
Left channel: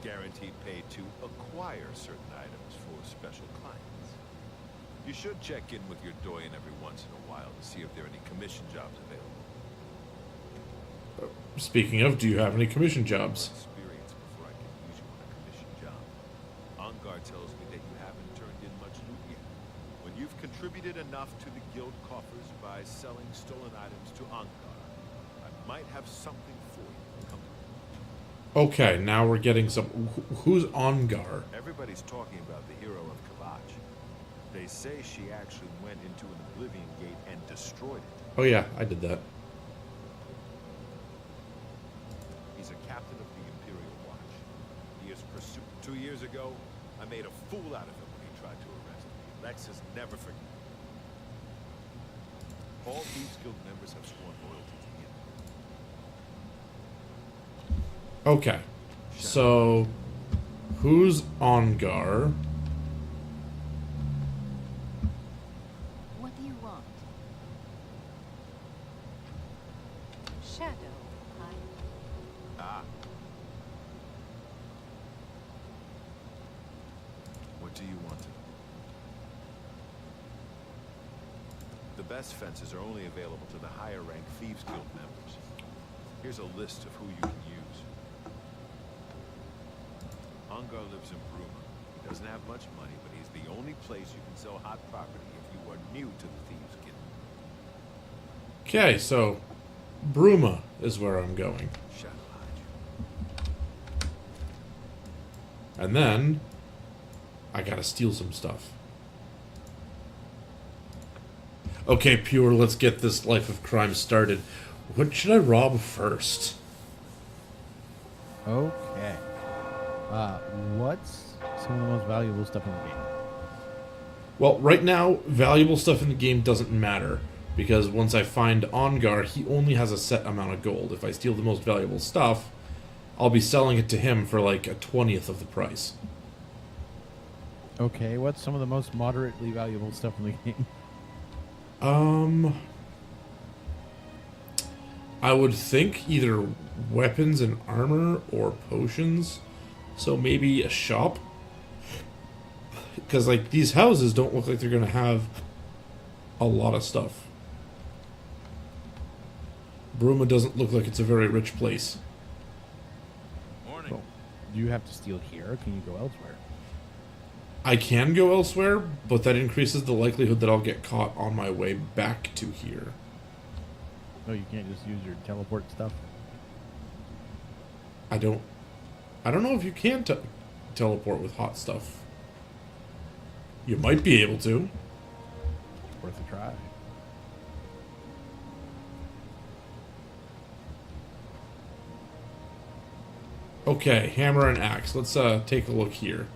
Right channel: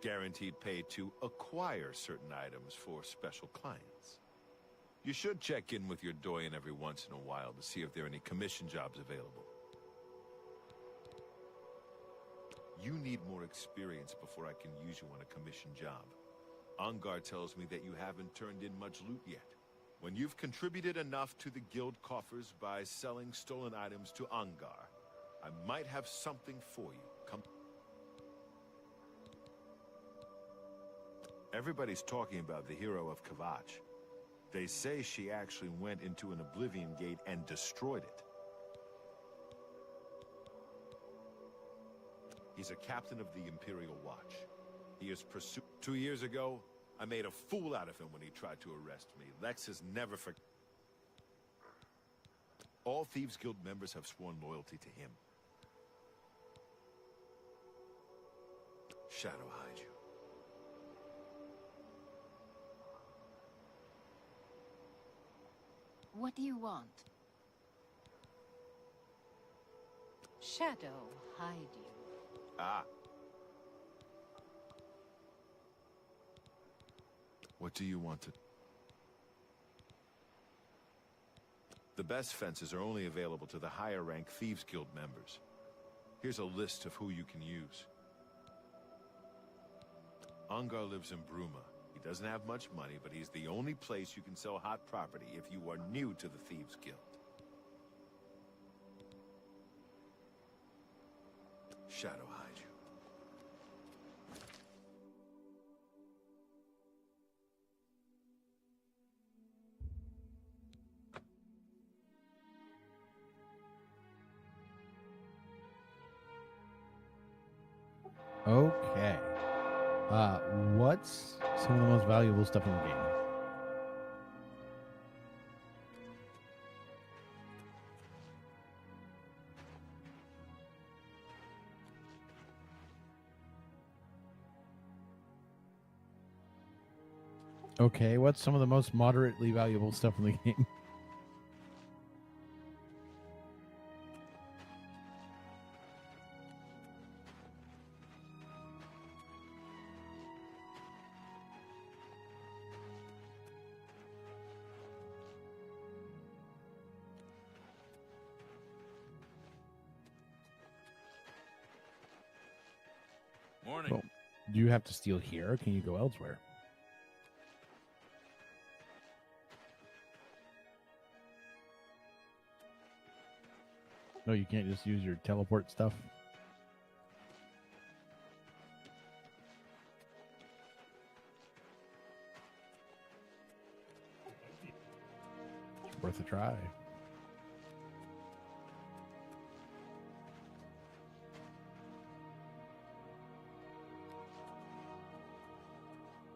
guaranteed pay to acquire certain items for special clients. You should check in with your doyen every once in a while to see if there are any commission jobs available. Speaking of, do you have any commission More jobs? experience before I can use you on a commission job. Ongar tells me that you haven't turned in much loot yet. When you've contributed enough to the guild coffers by selling stolen items to Ongar, I might have something for you. Come. Okay, now we're getting some... Who's Ongar? Everybody's talking about the hero of Kavach. They say she actually went into an Oblivion gate and destroyed it. Oh yeah, I did that. He's a captain of the Imperial Watch. He is pursued. 2 years ago, I made a fool out of him when he tried to arrest me. Lex has never forgiven. All Thieves Guild members have sworn loyalty to him. Okay. So, who's Ongar? What do you want? Shadow, hide. Ah. What do you want to... The best fences are only available to the higher rank Thieves Guild members. Here's a list of who you can use. Ongar lives in Bruma. He doesn't have much money, but he's the only place you can sell hot property if you are new to the Thieves Guild. Okay, so Bruma is where I'm going. Shadow hide you. And then I gotta steal some stuff. Okay, Pure, let's get this life of crime started. What should I rob first? Okay. What's some of the most valuable stuff in the game? Well, right now, valuable stuff in the game doesn't matter. Because once I find Ongar, he only has a set amount of gold. If I steal the most valuable stuff, I'll be selling it to him for like a 20th of the price. Okay, what's some of the most moderately valuable stuff in the game? I would think either weapons and armor or potions. So maybe a shop. Because, like, these houses don't look like they're going to have a lot of stuff. Bruma doesn't look like it's a very rich place. Morning. Well, do you have to steal here, or can you go elsewhere? I can go elsewhere, but that increases the likelihood that I'll get caught on my way back to here. No, you can't just use your teleport stuff? I don't know if you can teleport with hot stuff. You might be able to. It's worth a try. Okay, hammer and axe. Let's take a look here.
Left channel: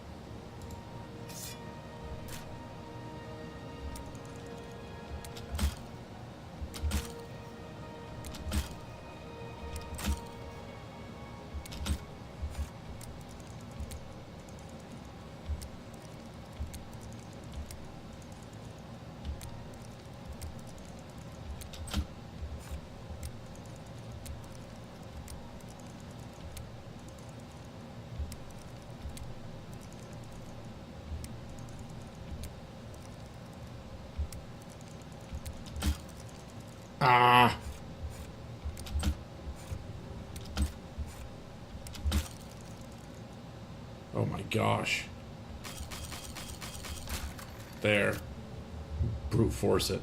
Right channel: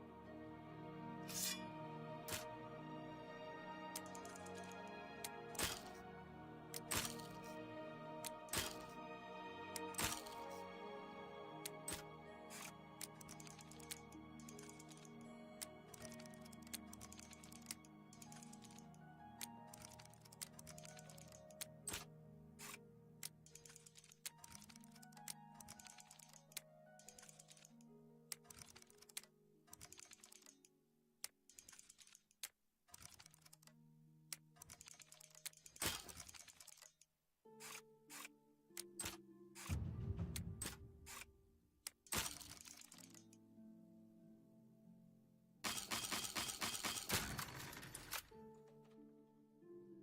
Ah. Oh my gosh. There. Brute force it.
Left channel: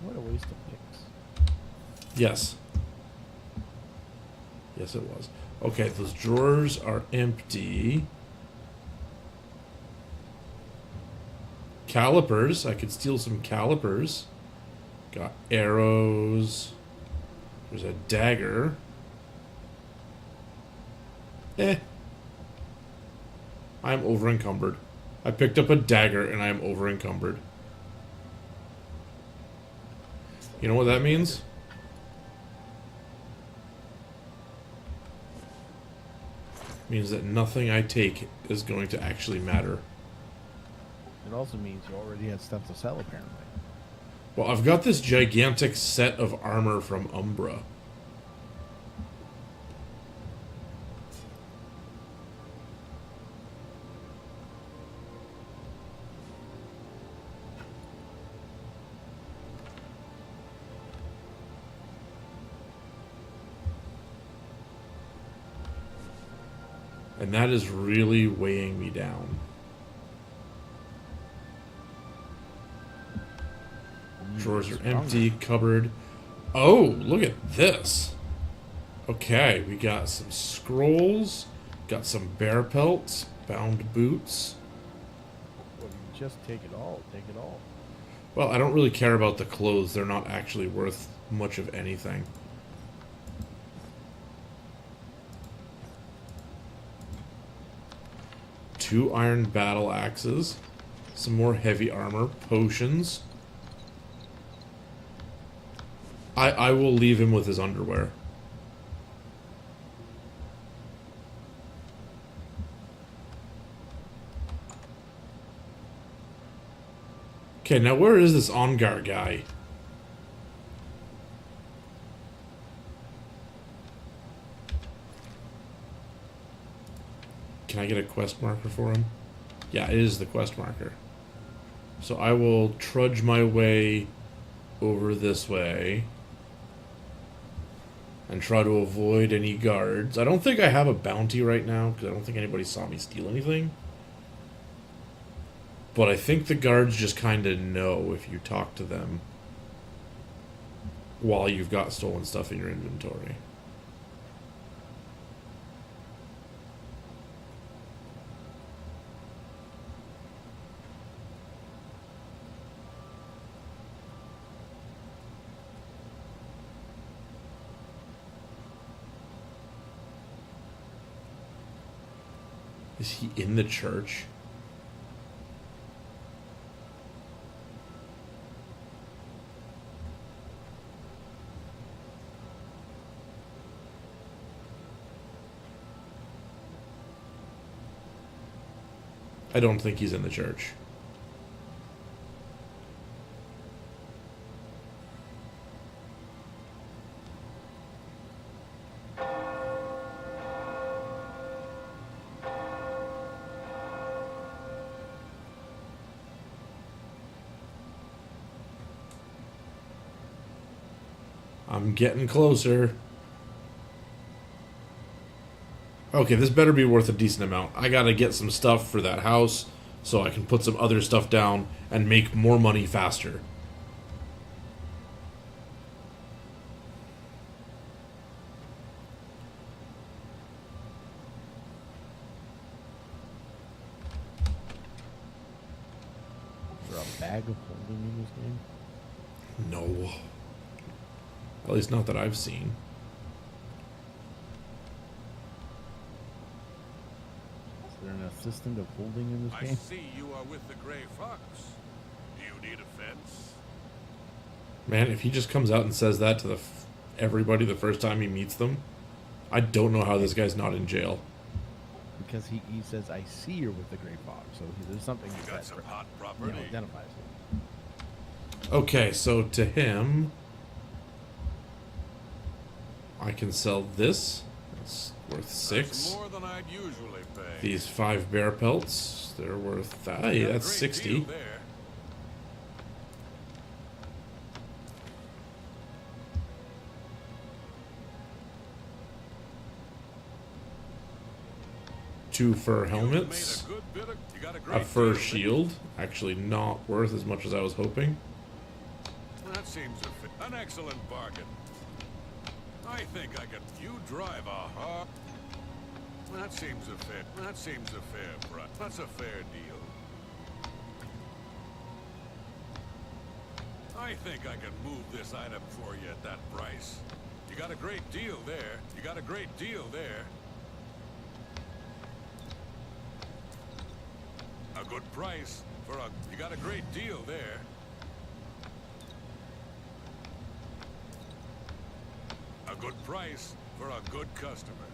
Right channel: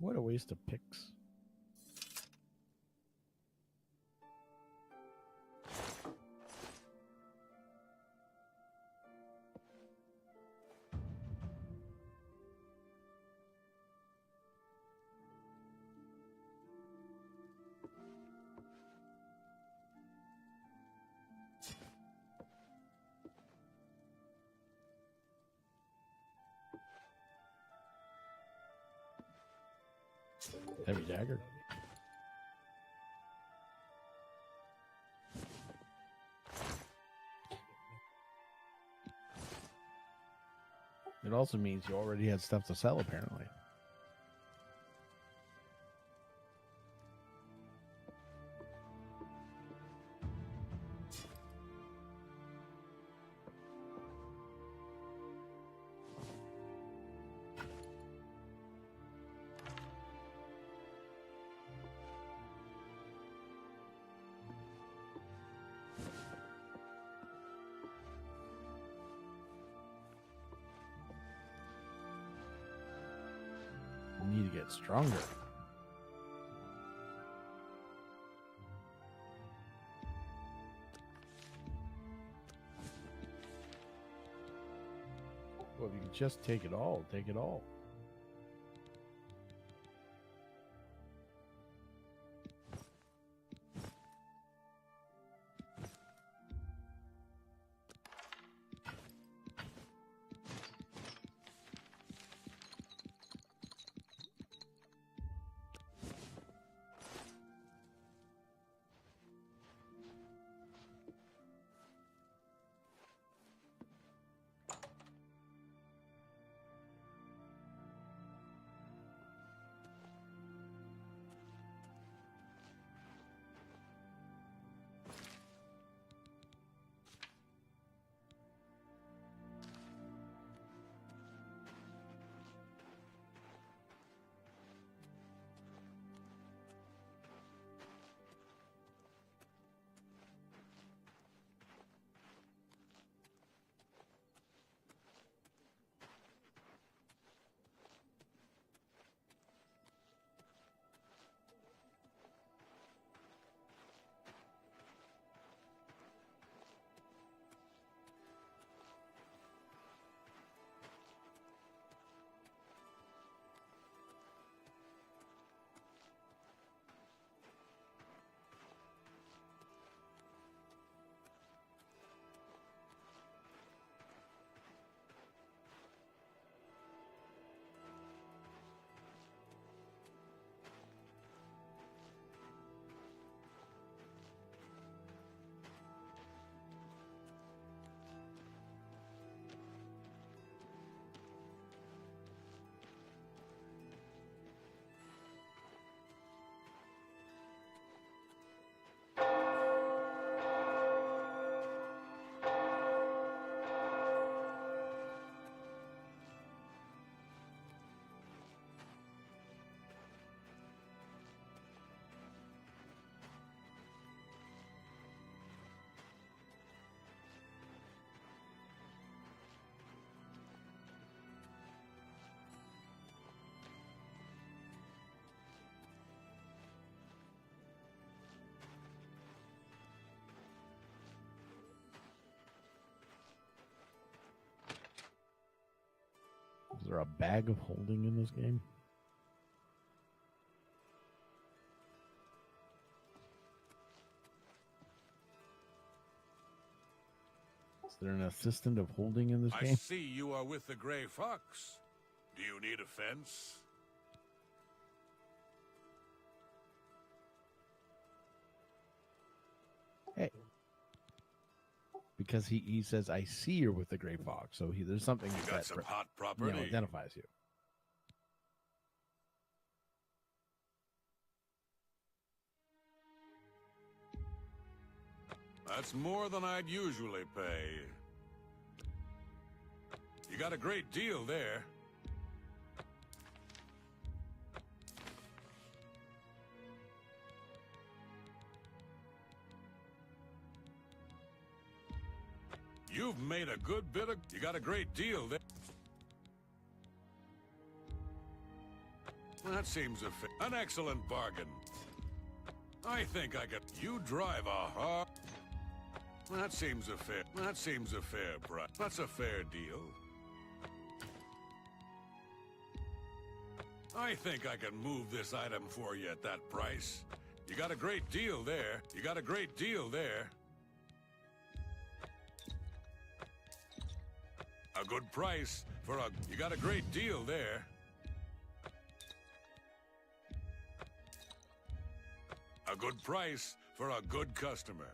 What a waste of picks. Yes. Yes, it was. Okay, those drawers are empty. Calipers. I could steal some calipers. Got arrows. There's a dagger. I'm over encumbered. I picked up a dagger and I am over encumbered. You know what that means? Means that nothing I take is going to actually matter. It also means you already had stuff to sell, apparently. Well, I've got this gigantic set of armor from Umbra. And that is really weighing me down. Drawers are empty, cupboard. Oh, look at this. Okay, we got some scrolls, got some bear pelts, Bound boots. Well, you can just take it all. Take it all. Well, I don't really care about the clothes. They're not actually worth much of anything. Two iron battle axes. Some more heavy armor. Potions. I will leave him with his underwear. Okay, now where is this Ongar guy? Can I get a quest marker for him? Yeah, it is the quest marker. So I will trudge my way over this way and try to avoid any guards. I don't think I have a bounty right now because I don't think anybody saw me steal anything. But I think the guards just kind of know if you talk to them while you've got stolen stuff in your inventory. Is he in the church? I don't think he's in the church. I'm getting closer. Okay, this better be worth a decent amount. I gotta get some stuff for that house so I can put some other stuff down and make more money faster. Is there a bag of holding in this game? No. At least not that I've seen. Is there an assistant of holding in this I game? see you are with the Gray Fox. Do you need a fence? Man, if he just comes out and says that to everybody the first time he meets them, I don't know how this guy's not in jail. Because he says, I see you're with the Gray Fox. So there's something You got some hot property. Identifies you. Okay, so to him, I can sell this. It's worth 6. That's more than I'd usually pay. These 5 bear pelts, they're worth that. Yeah, that's 60. Deal there. Two fur You've helmets. made a good bit of. You got a A great fur deal. shield. Actually, not worth as much as I was hoping. That seems an excellent bargain. I think I could. You drive a hard. That seems a fair price. That's a fair deal. I think I can move this item for you at that price. You got a great deal there. You got a great deal there. A good price for a. You got a great deal there. A good price for a good customer.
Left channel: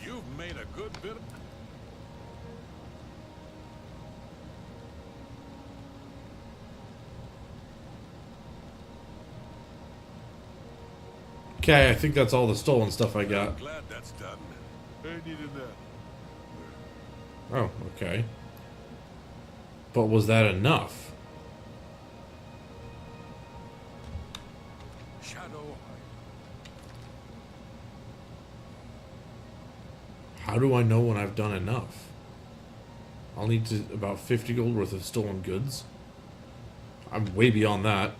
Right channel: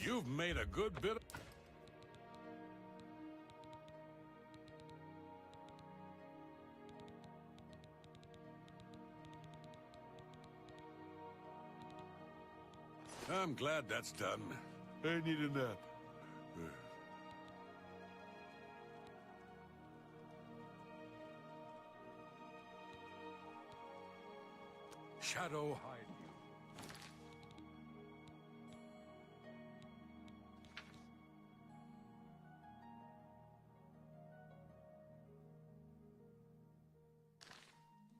You've made a good bit of... Okay, I think that's all the stolen stuff I got. I'm glad that's done. I needed that. Oh, okay. But was that enough? Shadow High. How do I know when I've done enough? I'll need about 50 gold worth of stolen goods. I'm way beyond that.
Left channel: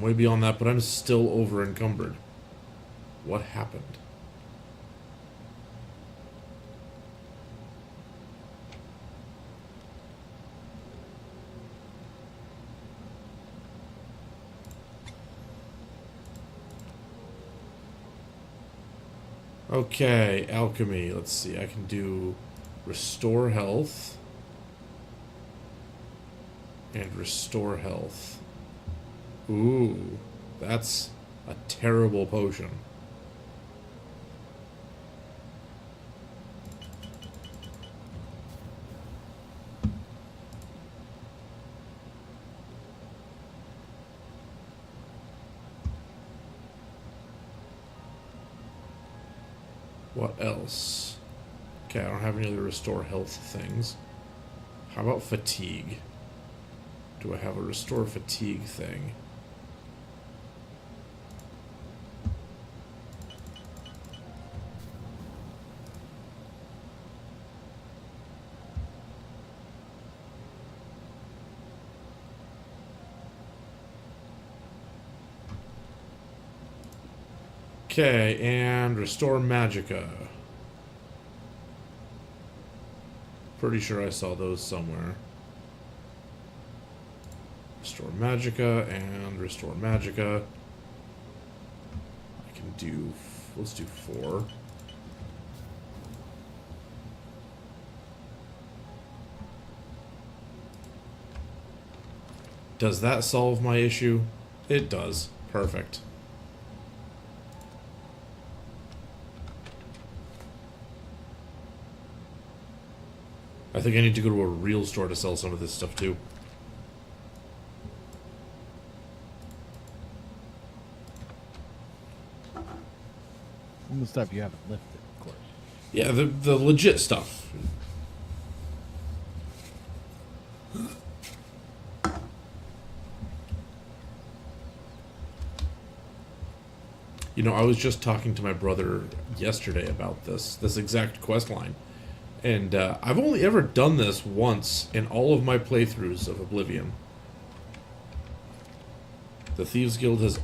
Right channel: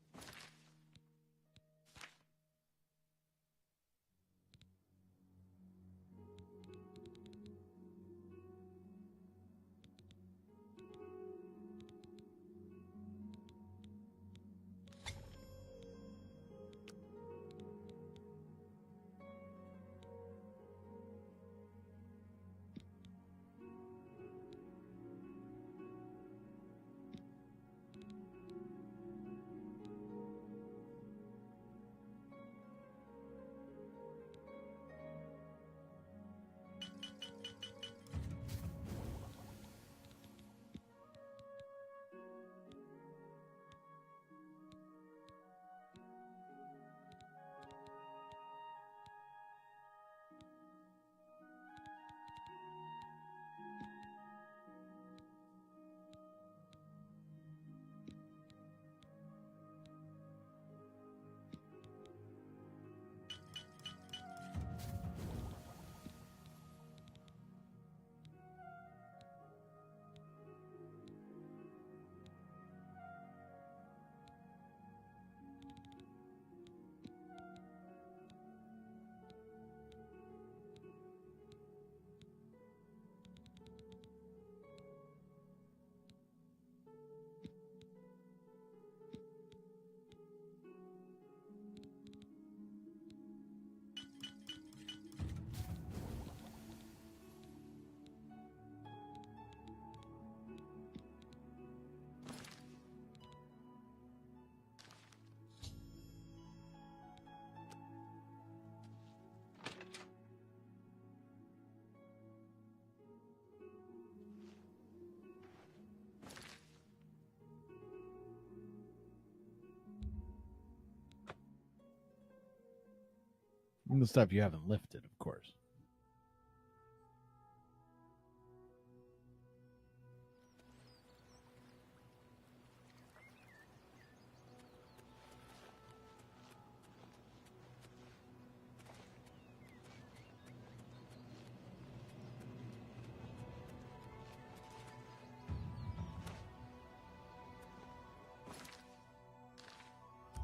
I'm way beyond that, but I'm still over encumbered. What happened? Okay, alchemy. Let's see. I can do restore health and restore health. Ooh, that's a terrible potion. What else? Okay, I don't have any other restore health things. How about fatigue? Do I have a restore fatigue thing? Okay, and restore magicka. Pretty sure I saw those somewhere. Restore magicka and restore magicka. I can do, let's do 4. Does that solve my issue? It does. Perfect. I think I need to go to a real store to sell some of this stuff too. And the stuff you haven't lifted, of course. Yeah, the legit stuff. You know, I was just talking to my brother yesterday about this exact quest line. And I've only ever done this once in all of my playthroughs of Oblivion. The Thieves Guild has...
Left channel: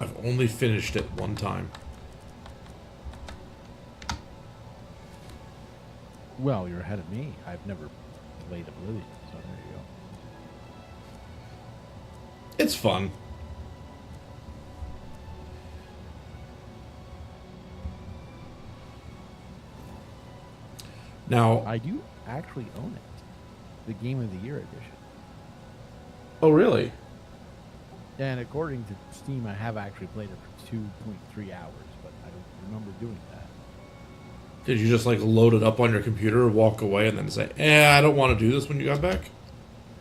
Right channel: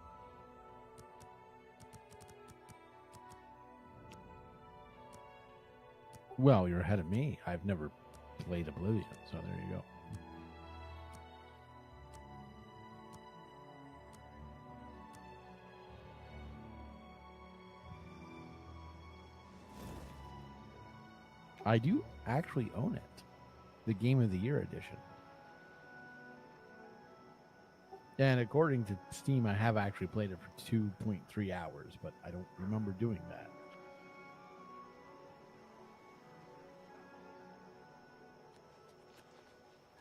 I've only finished it one time. Well, you're ahead of me. I've never played Oblivion, so there you go. It's fun. Now, I do actually own it. The Game of the Year edition. oh really? And according to Steam, I have actually played it for 2.3 hours, but I don't remember doing that. Did you just like load it up on your computer, walk away, and then say, I don't want to do this when you got back?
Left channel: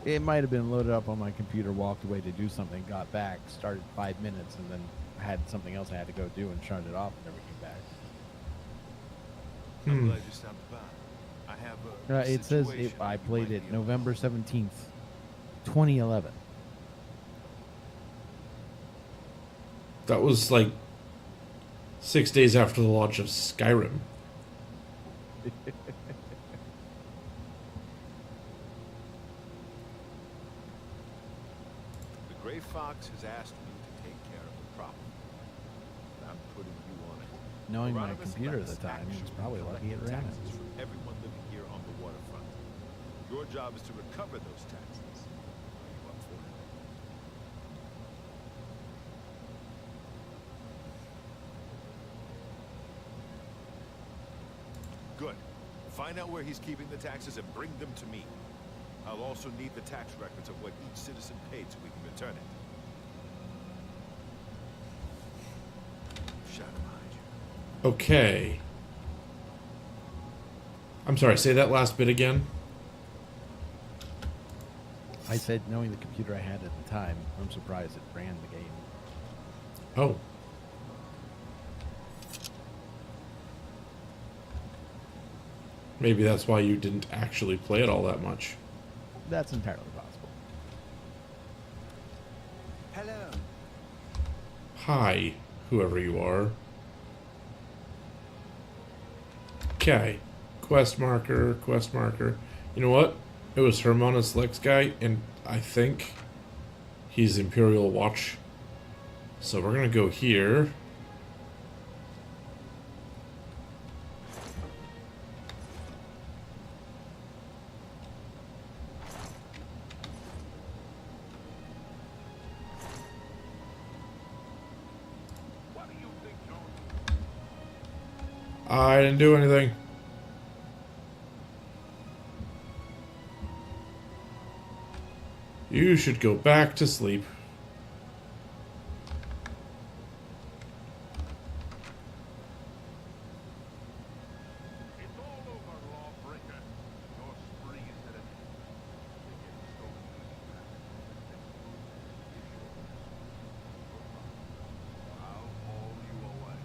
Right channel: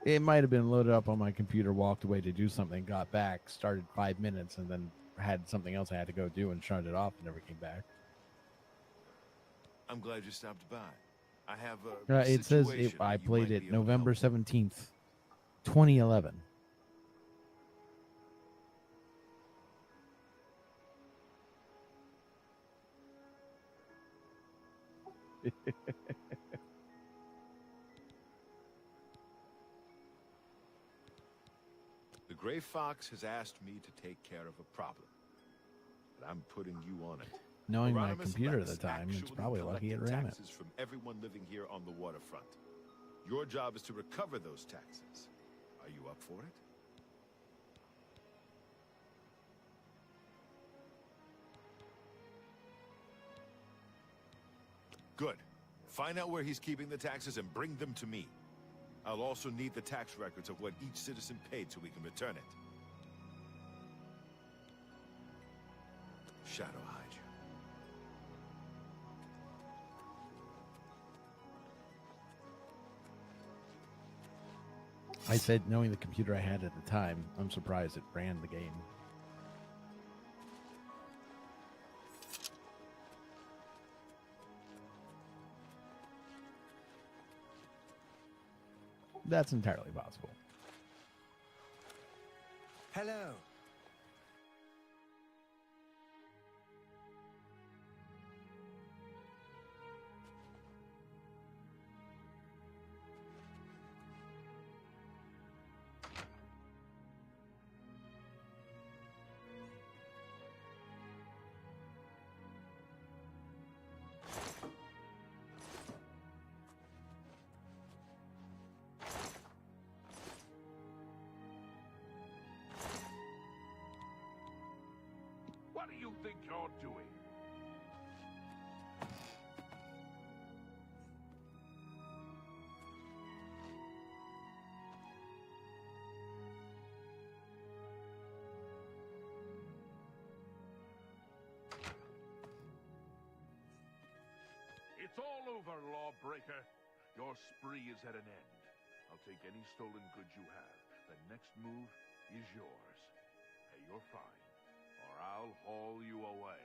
It might have been loaded up on my computer, walked away to do something, got back, started 5 minutes, and then had something else I had to go do and shut it off and never came back. I'm glad you stopped by. I have a It says situation I you might played be it able to November help. 17th, 2011. That was like 6 days after the launch of Skyrim. The Gray Fox has asked me to take care of a problem. And I'm putting you on it. Knowing my Hieronymus computer at Lex the time, it's actually probably lucky it collected ran it. taxes from everyone living here on the waterfront. Your job is to recover those taxes. Are you up for it? Good. Find out where he's keeping the taxes and bring them to me. I'll also need the tax records of what each citizen paid so we can return it. Shadow hide you. Okay. I'm sorry, say that last bit again. I said, knowing the computer I had at the time, I'm surprised it ran the game. Oh. Maybe that's why you didn't actually play it all that much. That's entirely possible. Hello. Hi, whoever you are. Okay. Quest marker, quest marker. You know what? It was Hieronymus Lex guy, and I think he's Imperial Watch So we're gonna go here. What do you think you're doing? I didn't do anything. You should go back to sleep. It's all over, lawbreaker. Your spree is at an end. I'll take any stolen goods you have. The next move is yours. And you're fine, or I'll haul you away.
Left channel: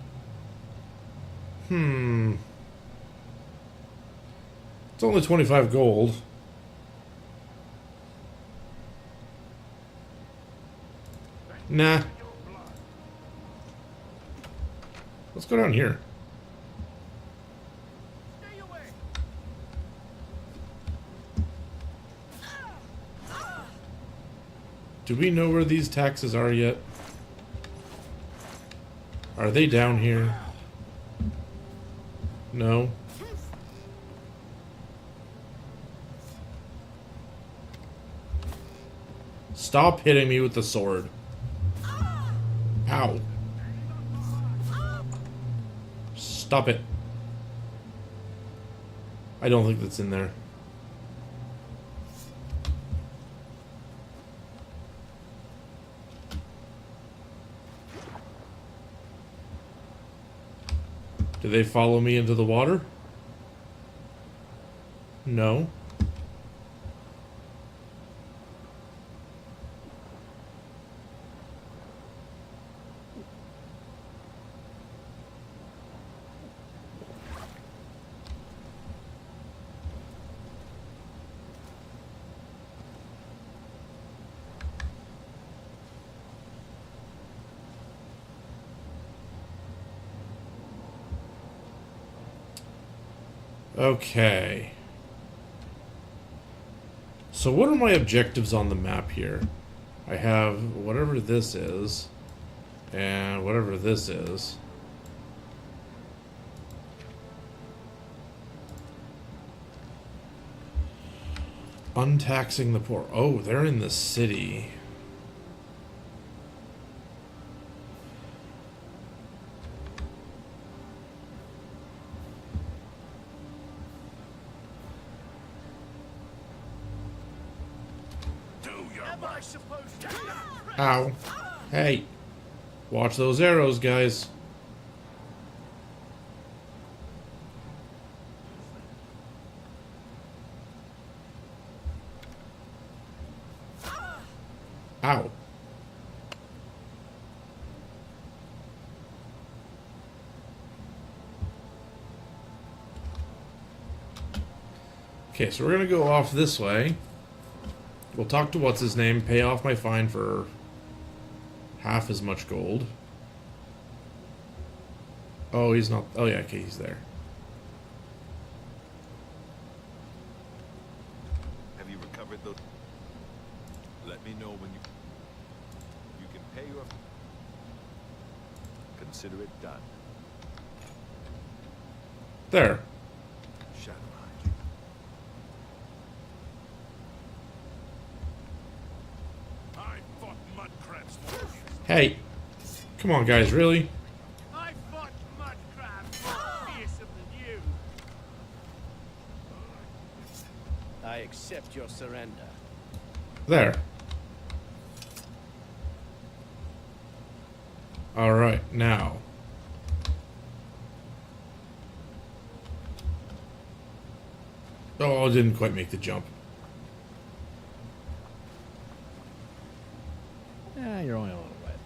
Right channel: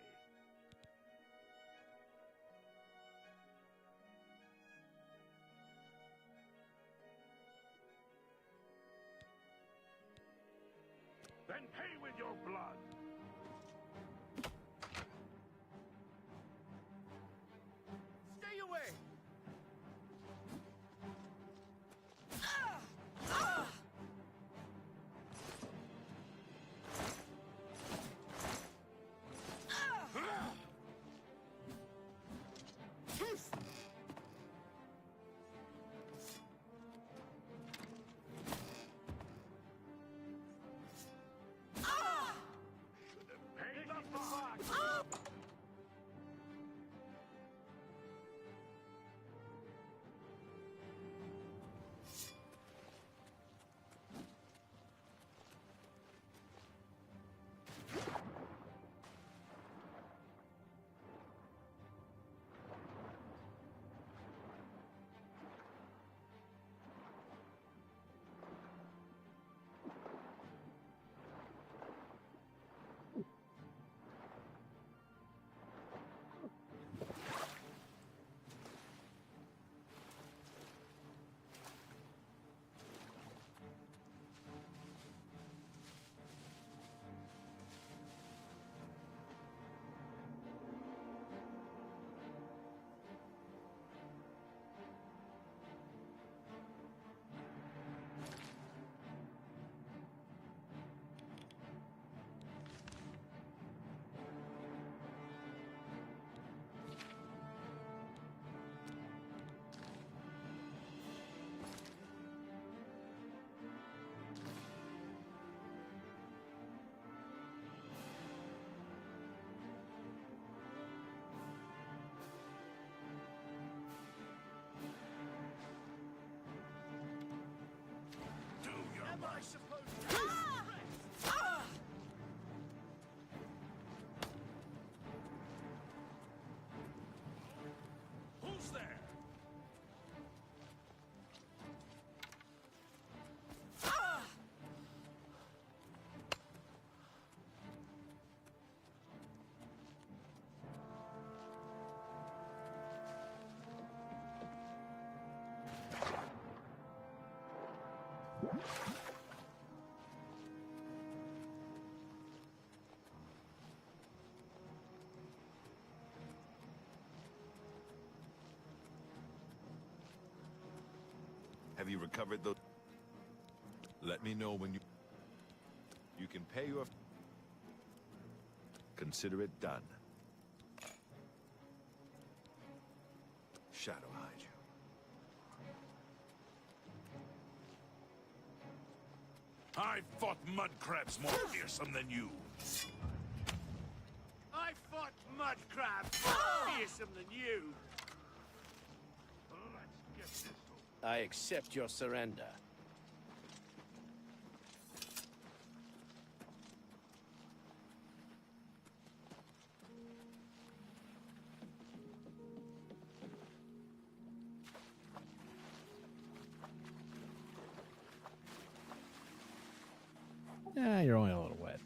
It's only 25 gold. Nah. Let's go down here. Stay away. Do we know where these taxes are yet? Are they down here? No. Stop hitting me with the sword. Ow. Stop it. I don't think that's in there. Do they follow me into the water? No. Okay. So what are my objectives on the map here? I have whatever this is, and whatever this is. Untaxing the poor. Oh, they're in the city. Ow. Hey. Watch those arrows, guys. Ow. Okay, so we're gonna go off this way. We'll talk to what's his name, pay off my fine for half as much gold. Oh, he's not. Oh, yeah, okay, he's there. Have you recovered those? Let me know when you can pay your. Consider it done. There. Shadow hide you. I fought mud crabs more fearsome Hey. than you. Come on, guys, really? I fought mud crabs more fearsome than you. I accept your surrender. There. Alright, now. Oh, I didn't quite make the jump. Yeah, you're only a little wet.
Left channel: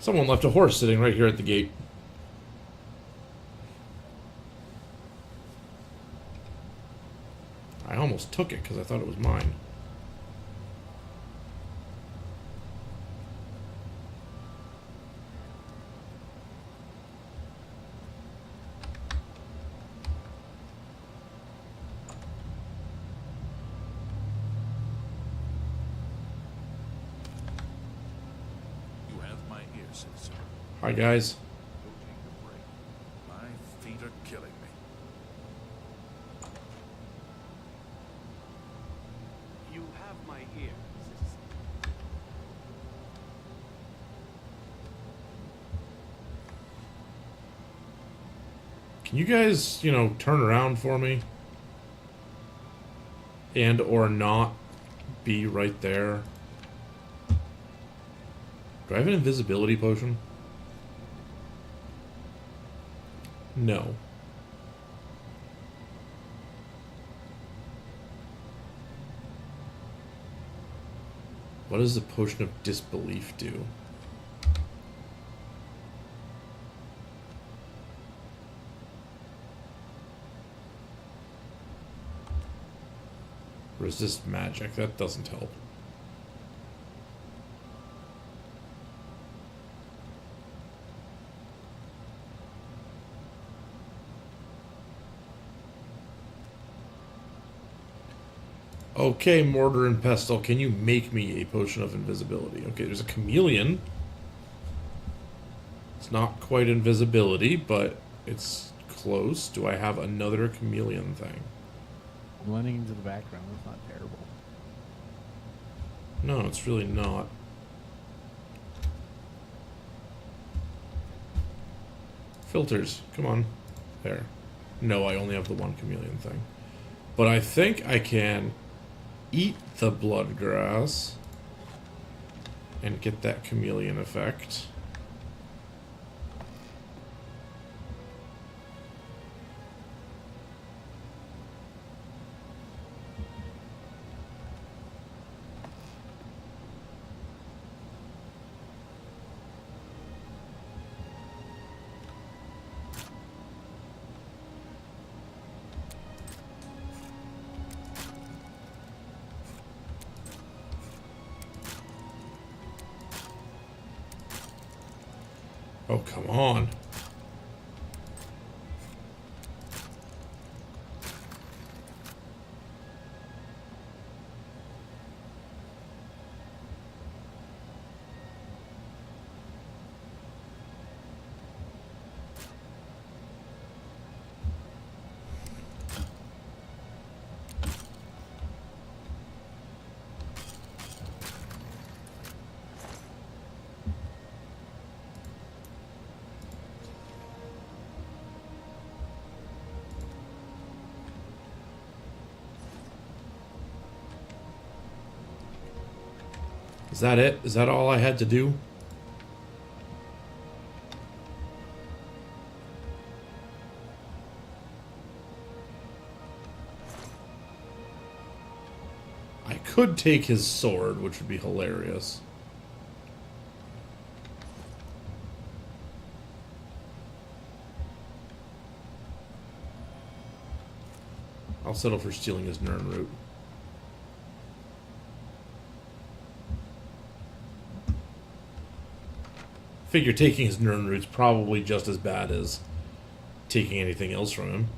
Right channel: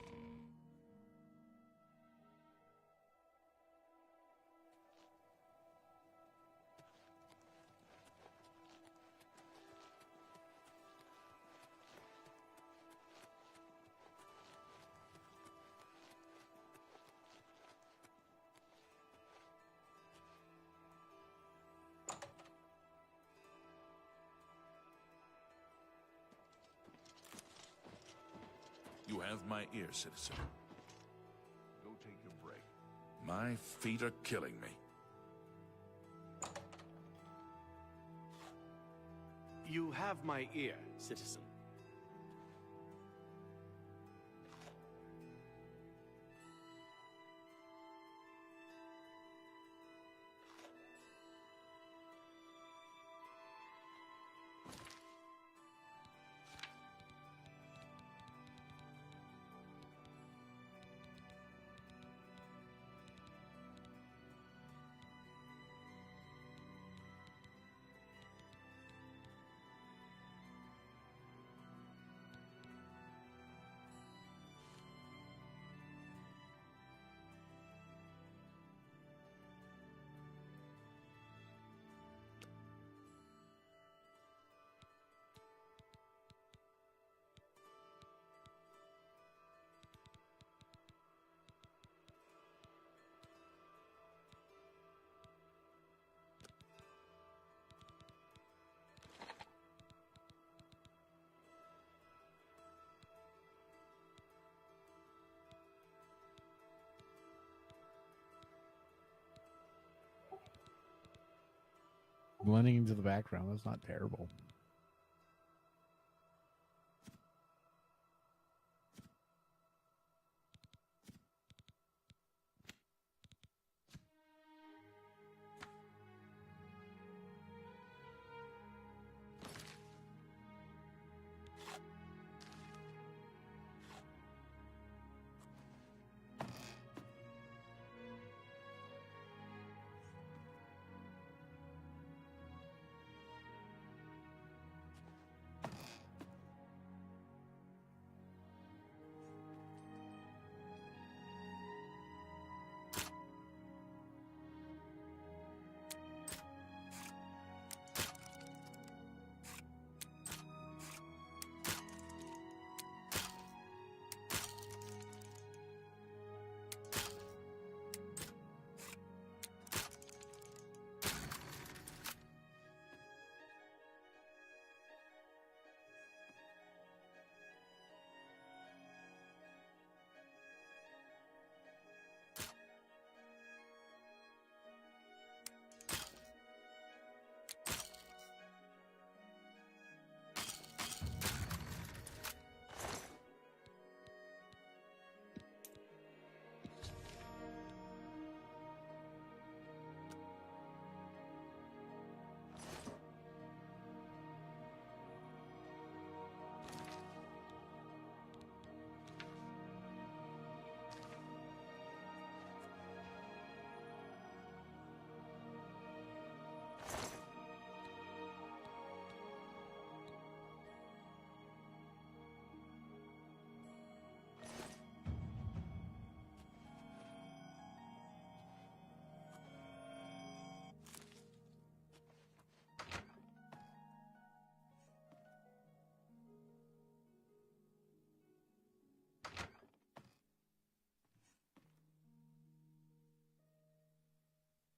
Someone left a horse sitting right here at the gate. I almost took it because I thought it was mine. my ear, citizen. Hi, guys. Go take a break. My feet are killing me. You have my ear, citizen. Can you guys, you know, turn around for me? And or not be right there? Do I have an invisibility potion? No. What does the potion of disbelief do? Resist magic. That doesn't help. Okay, Mortar and Pestle, can you make me a potion of invisibility? Okay, there's a chameleon. It's not quite invisibility, but it's close. Do I have another chameleon thing? Blending into the background, that's not terrible. No, it's really not. Filters, come on. There. No, I only have the one chameleon thing. But I think I can eat the blood grass and get that chameleon effect. Oh, come on. Is that it? Is that all I had to do? I could take his sword, which would be hilarious. I'll settle for stealing his Nern root. Figure taking his Nern root's probably just as bad as taking anything else from him.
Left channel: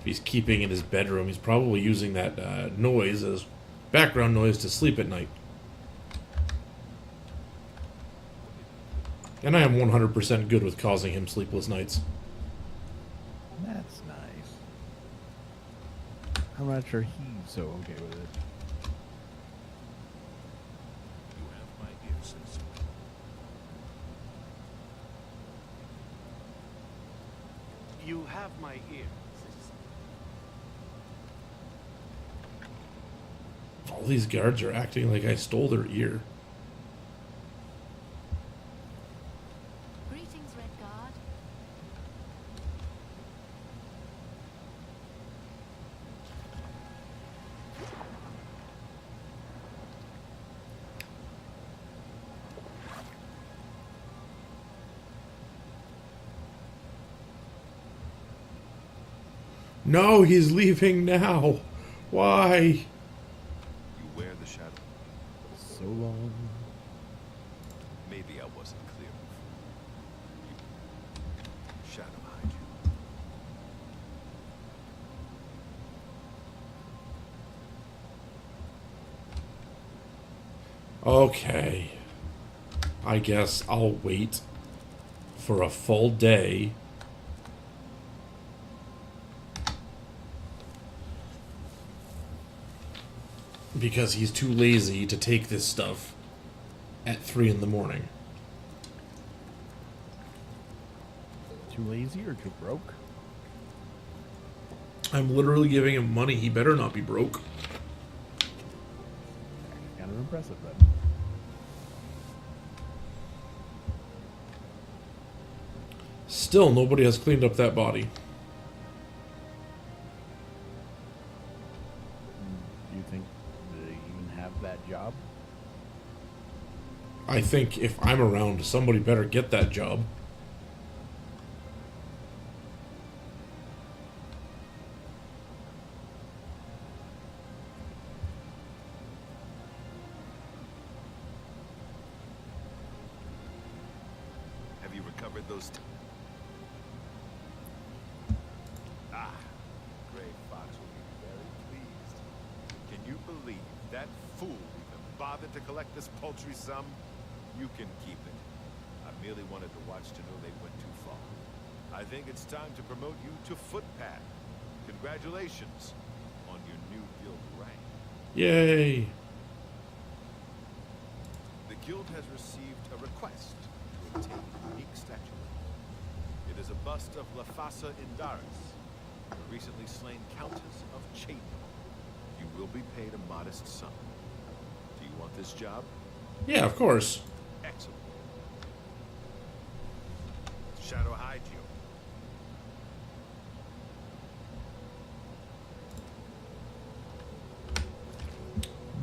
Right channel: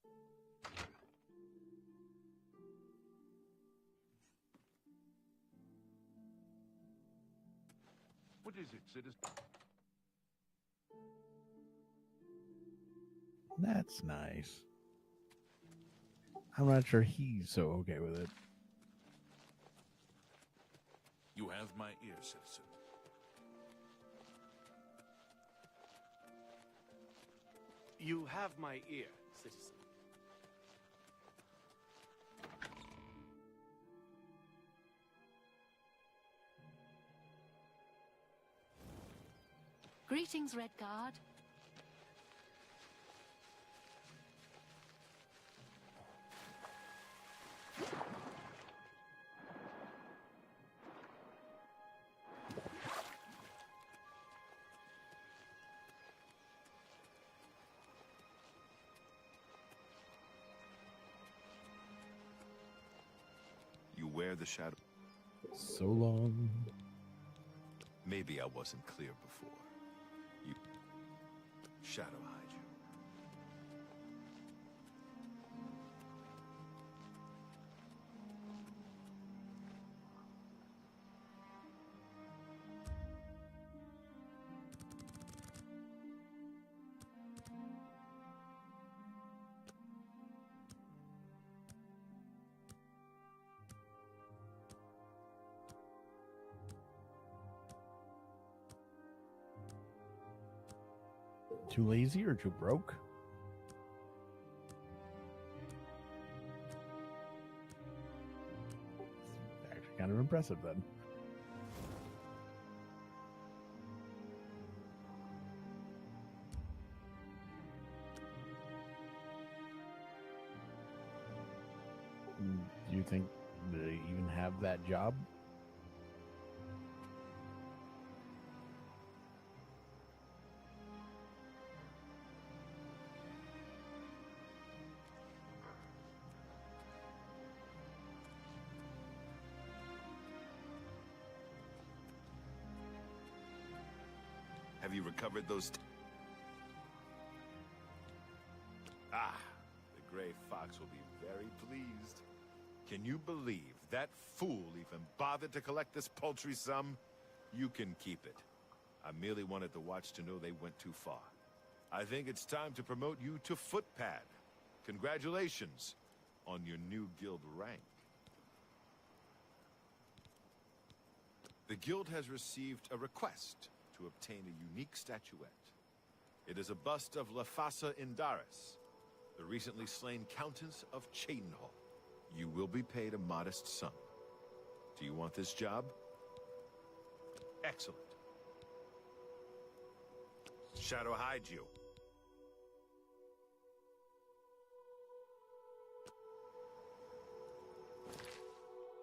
If he's keeping in his bedroom, he's probably using that noise as background noise to sleep at night. And I am 100% good with causing him sleepless nights. That's nice. I'm not sure he's so okay with it. You have my ear, citizen. You have my ear, citizen. All these guards are acting like I stole their ear. Greetings, Red Guard. No, he's leaving now. Why? You wear the shadow. So long. Maybe I wasn't clear before. You shadow hide you. Okay. I guess I'll wait for a full day because he's too lazy to take this stuff at 3 in the morning. Too lazy or too broke? I'm literally giving him money. He better not be broke. Actually kind of impressive then. Still, nobody has cleaned up that body. Do you think they even have that job? I think if I'm around, somebody better get that job. Have you recovered those? The Gray Fox will be very pleased. Can you believe that fool even bothered to collect this paltry sum? You can keep it. I merely wanted the watch to know they went too far. I think it's time to promote you to footpad. Congratulations on your new guild rank. Yay! The guild has received a request to obtain a unique statuette. It is a bust of Lafasa Indaris, the recently slain Countess of Chadenhall. You will be paid a modest sum. Do you want this job? Yeah, of course. Excellent. Shadow hide you.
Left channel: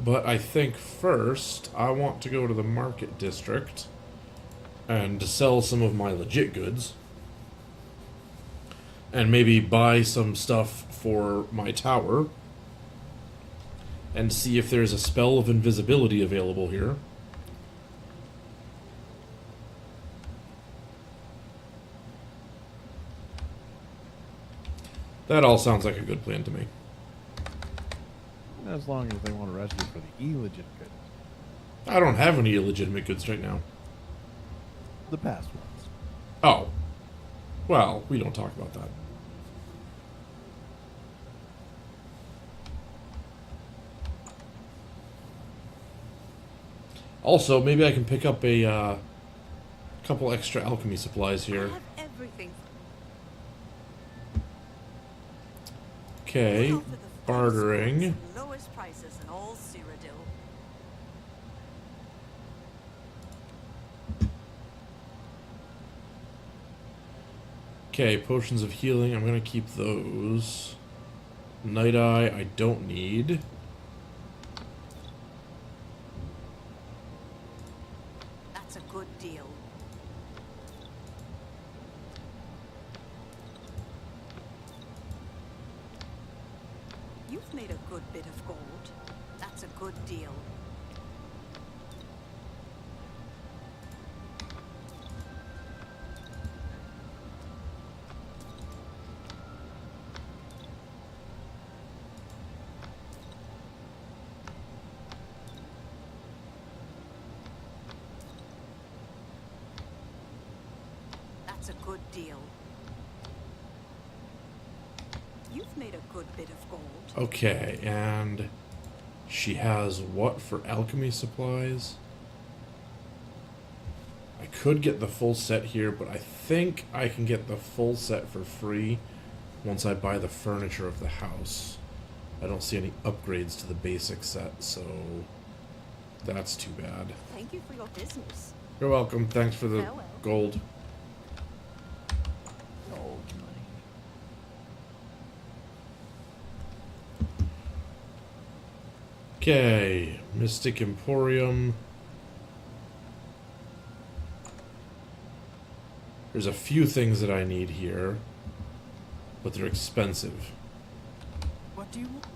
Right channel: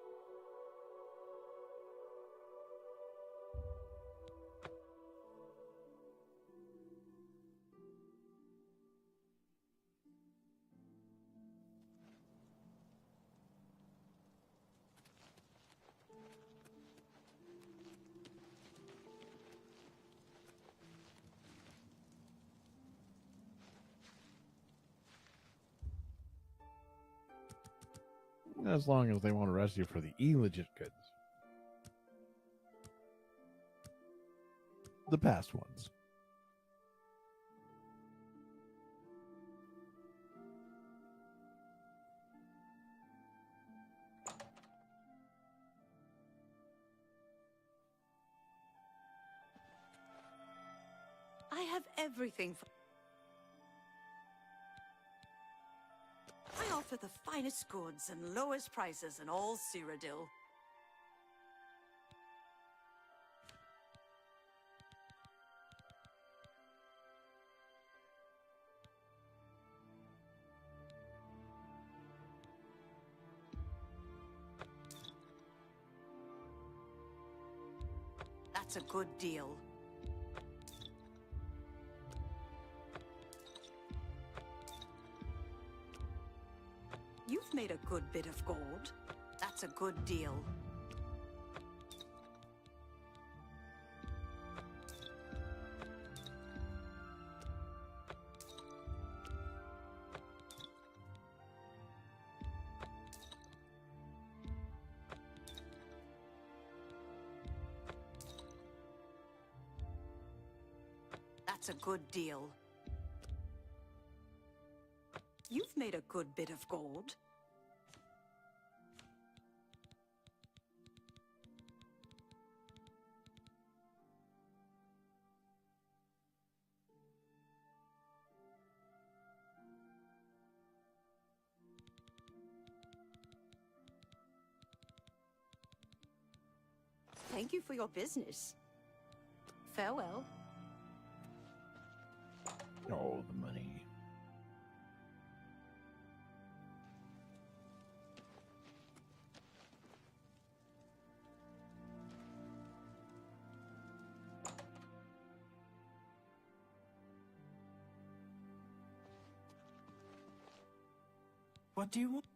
But I think first, I want to go to the market district and sell some of my legit goods. And maybe buy some stuff for my tower. And see if there's a spell of invisibility available here. That all sounds like a good plan to me. As long as they want to arrest you for the illegitimate goods. I don't have any illegitimate goods right now. The past ones. Oh. Well, we don't talk about that. Also, maybe I can pick up a couple extra alchemy supplies here. I have everything. Okay, bartering. Lowest prices in all Cyrodiil. Okay, potions of healing. I'm gonna keep those. Night Eye, I don't need. That's a good deal. You've made a good bit of gold. That's a good deal. That's a good deal. You've made a good bit of gold. Okay, and she has what for alchemy supplies? I could get the full set here, but I think I can get the full set for free once I buy the furniture of the house. I don't see any upgrades to the basic set, so that's too bad. Thank you for your business. You're welcome. Thanks for the Farewell. gold. Gold money. Okay, Mystic Emporium. There's a few things that I need here, but they're expensive. What do you want?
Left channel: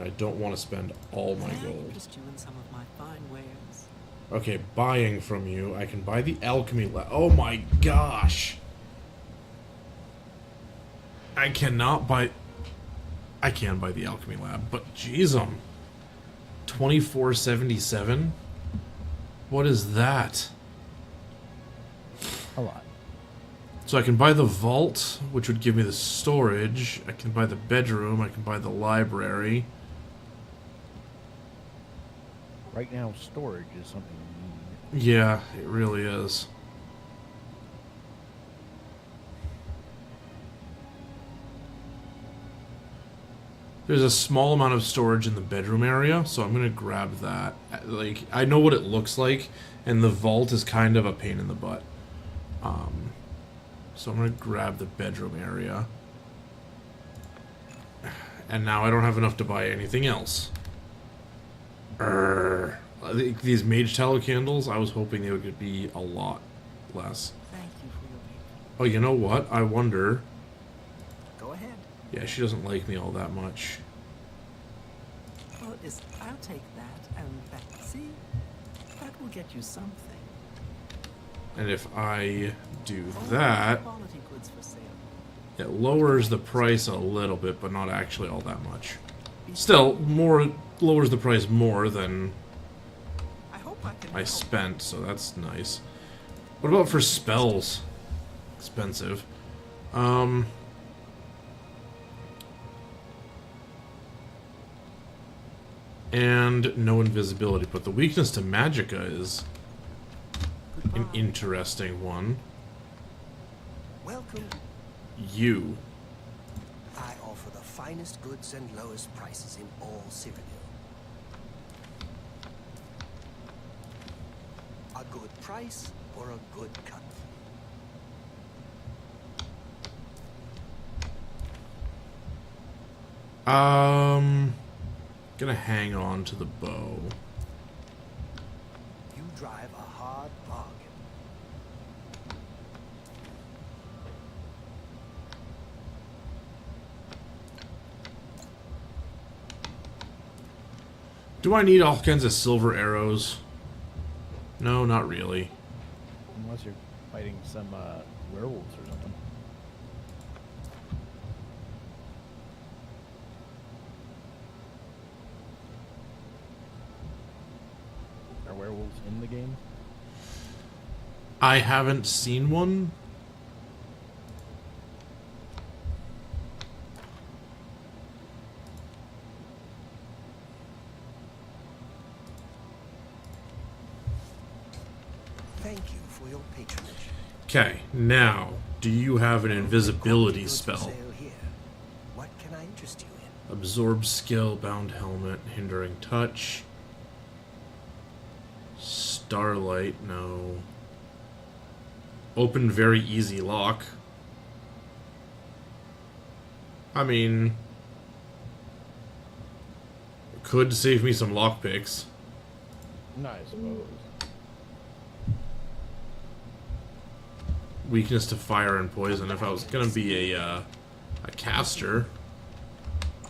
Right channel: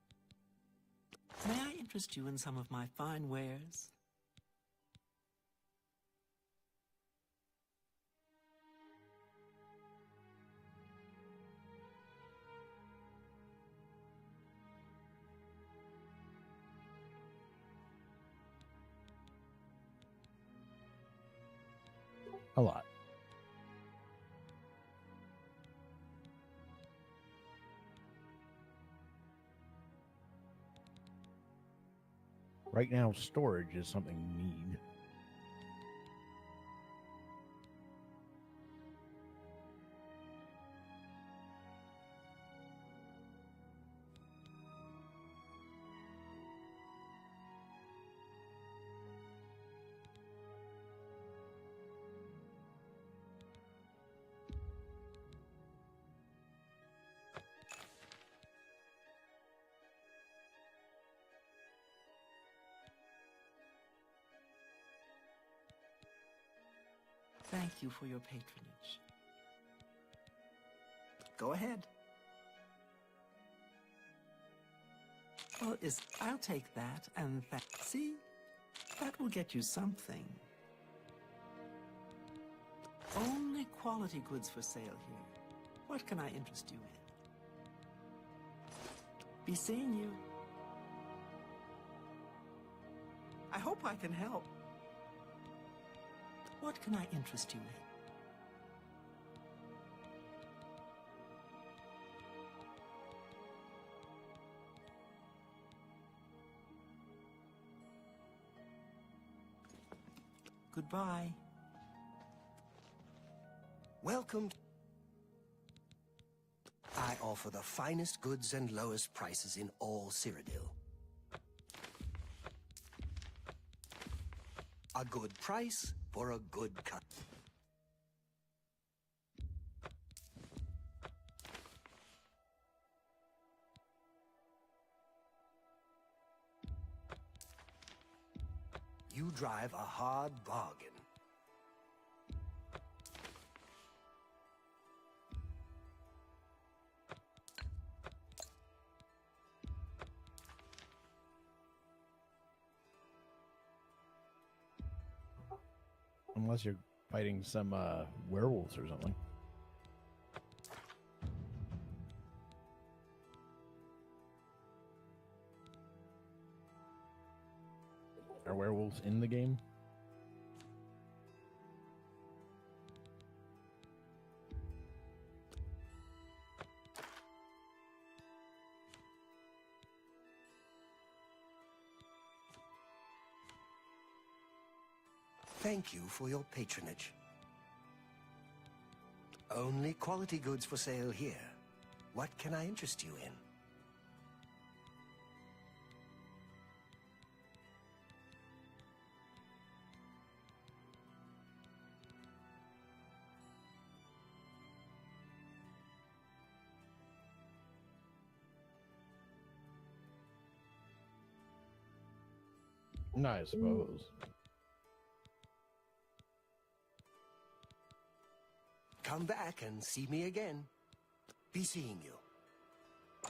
I don't want to spend all my May I gold. interest you in some of my fine wares? Okay, buying from you. I can buy the alchemy lab. Oh my gosh! I cannot buy... I can buy the alchemy lab, but jeez, 24.77. What is that? A lot. So I can buy the vault, which would give me the storage. I can buy the bedroom. I can buy the library. Right now, storage is something you need. Yeah, it really is. There's a small amount of storage in the bedroom area, so I'm gonna grab that. Like, I know what it looks like, and the vault is kind of a pain in the butt. So I'm gonna grab the bedroom area. And now I don't have enough to buy anything else. These mage tallow candles, I was hoping they would be a lot less. Thank you for your patronage. Oh, you know what? I wonder... Go ahead. Yeah, she doesn't like me all that much. Well, I'll take that and that. See? That will get you something. And if I do Only that, quality goods for sale. it lowers the price a little bit, but not actually all that much. Still, lowers the price more than I hope I can I help. spent, so that's nice. What about for spells? Expensive. And no invisibility, but the weakness to magicka is an interesting one. Welcome. You. I offer the finest goods and lowest prices in all Cyrodiil. A good price for a good cut. Gonna hang on to the bow. You drive a hard bargain. Do I need all kinds of silver arrows? No, not really. Unless you're fighting some werewolves or something. Are werewolves in the game? I haven't seen one. Thank you for your patronage. Okay, now, do you have an Only invisibility quality goods spell? for sale here. What can I interest you in? Absorb skill, bound helmet, hindering touch. Starlight, no. Open very easy lock. I mean, could save me some lockpicks. No, I suppose. Weakness to fire and poison. If I was gonna be a caster,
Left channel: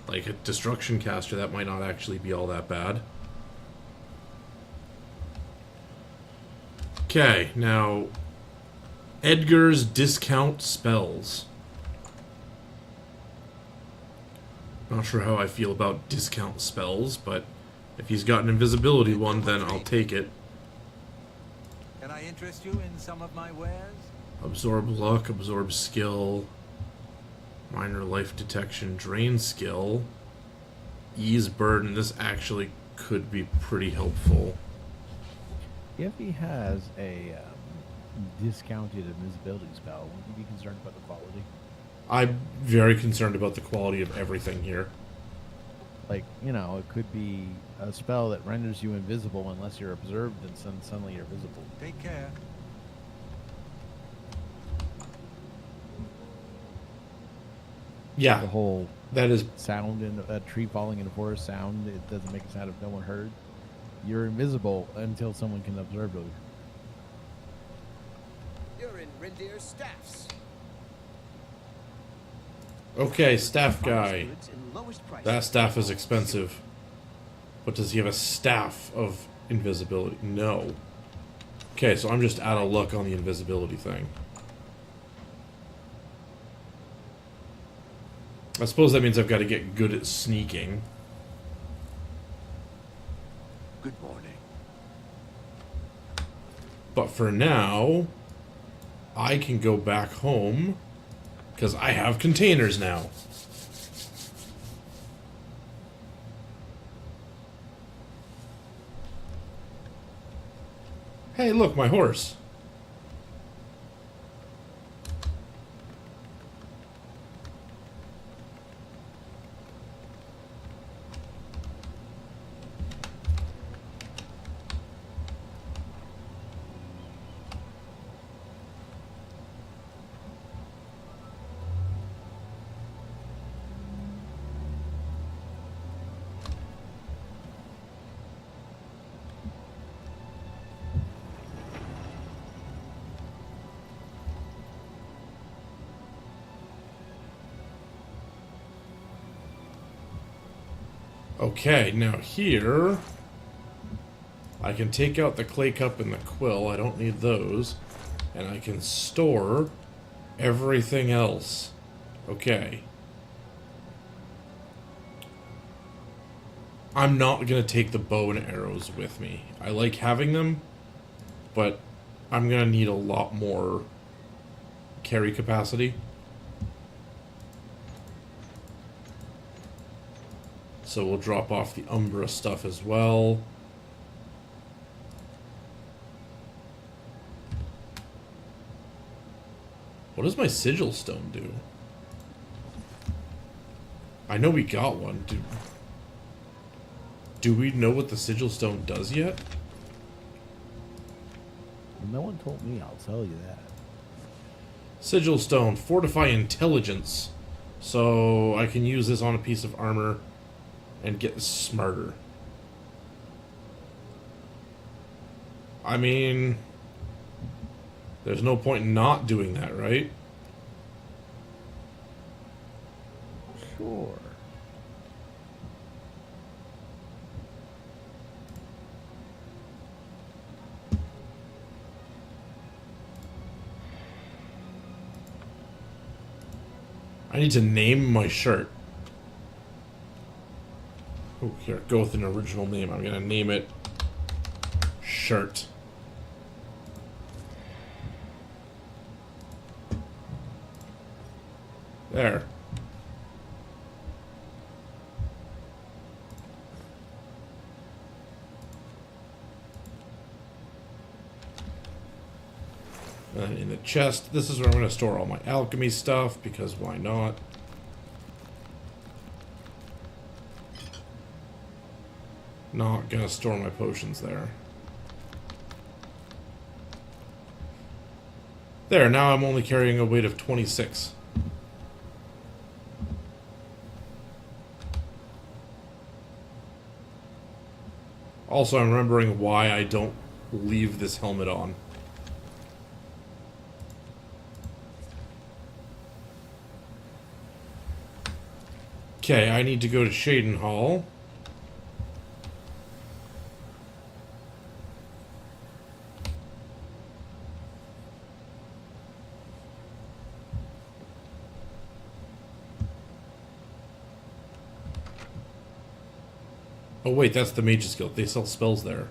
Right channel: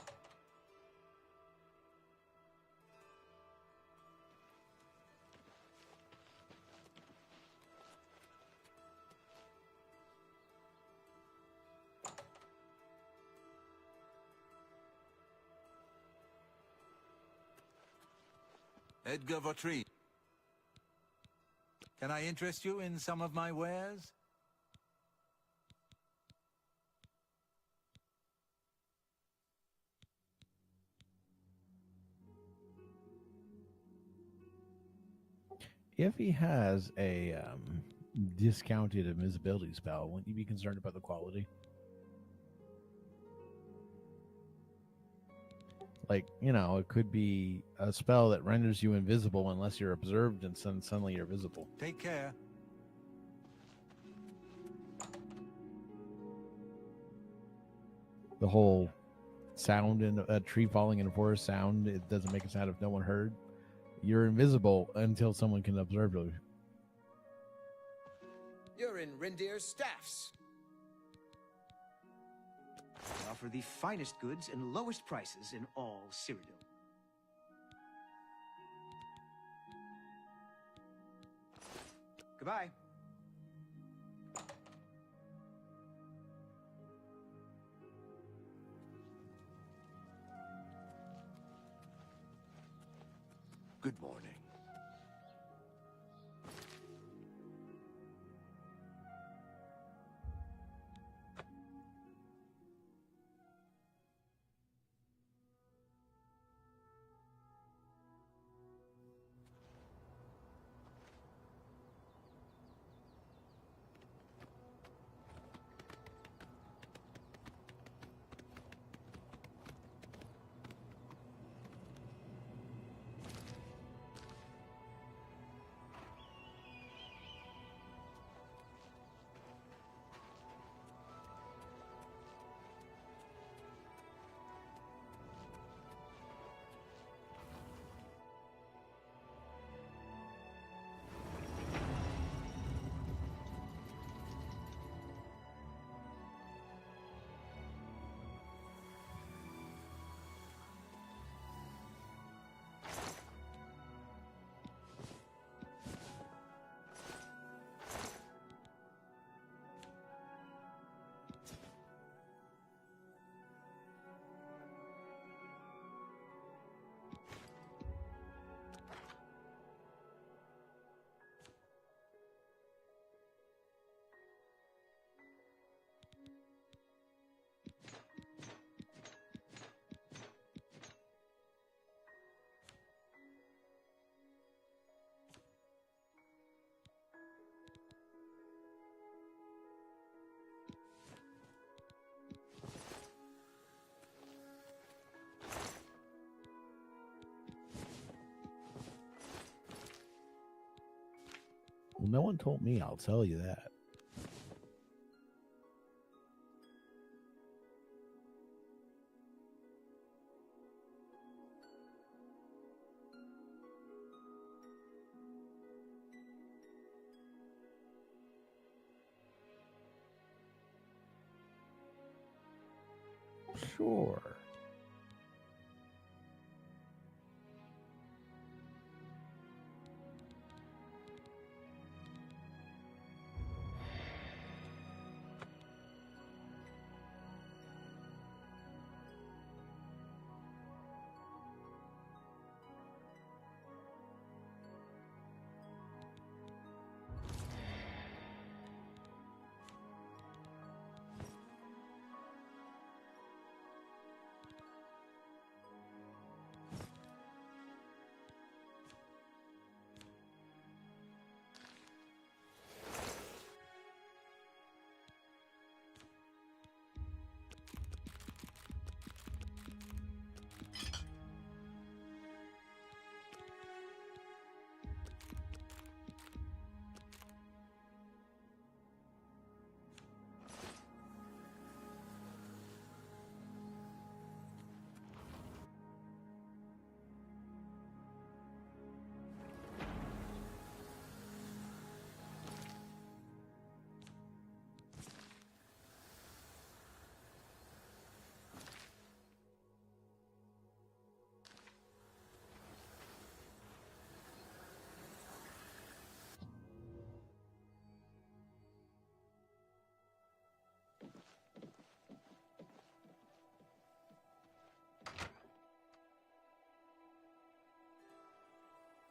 like a destruction caster, that might not actually be all that bad. Okay, now Edgar's discount spells. Not sure how I feel about discount spells, but if he's got an invisibility one, then I'll take it. Can I interest you in some of my wares? Absorb luck, absorb skill, minor life detection, drain skill, ease burden. This actually could be pretty helpful. If he has a discounted invisibility spell, wouldn't you be concerned about the quality? I'm very concerned about the quality of everything here. Like, you know, it could be a spell that renders you invisible unless you're observed, and then suddenly you're visible. Take care. Yeah, the whole that is sound in a tree falling in a forest sound. It doesn't make a sound if no one heard. You're invisible until someone can observe you. You're in Rindir's staffs. Okay, staff guy. That staff is expensive. But does he have a staff of invisibility? No. Okay, so I'm just out of luck on the invisibility thing. I suppose that means I've got to get good at sneaking. Good morning. But for now, I can go back home because I have containers now. Hey, look, my horse. Okay, now here, I can take out the clay cup and the quill. I don't need those. And I can store everything else. Okay. I'm not going to take the bow and arrows with me. I like having them, but I'm going to need a lot more carry capacity. So we'll drop off the Umbra stuff as well. What does my sigil stone do? I know we got one. Do we know what the sigil stone does yet? Well, no one told me, I'll tell you that. Sigil stone, fortify intelligence. So I can use this on a piece of armor and get smarter. I mean, there's no point in not doing that, right? Sure. I need to name my shirt. Oh, here, go with an original name. I'm gonna name it Shirt. There. And in the chest, this is where I'm going to store all my alchemy stuff, because why not? Not going to store my potions there. There, now I'm only carrying a weight of 26. Also, I'm remembering why I don't leave this helmet on. Okay, I need to go to Shaden Hall. Oh wait, that's the Mage's Guild. They sell spells there.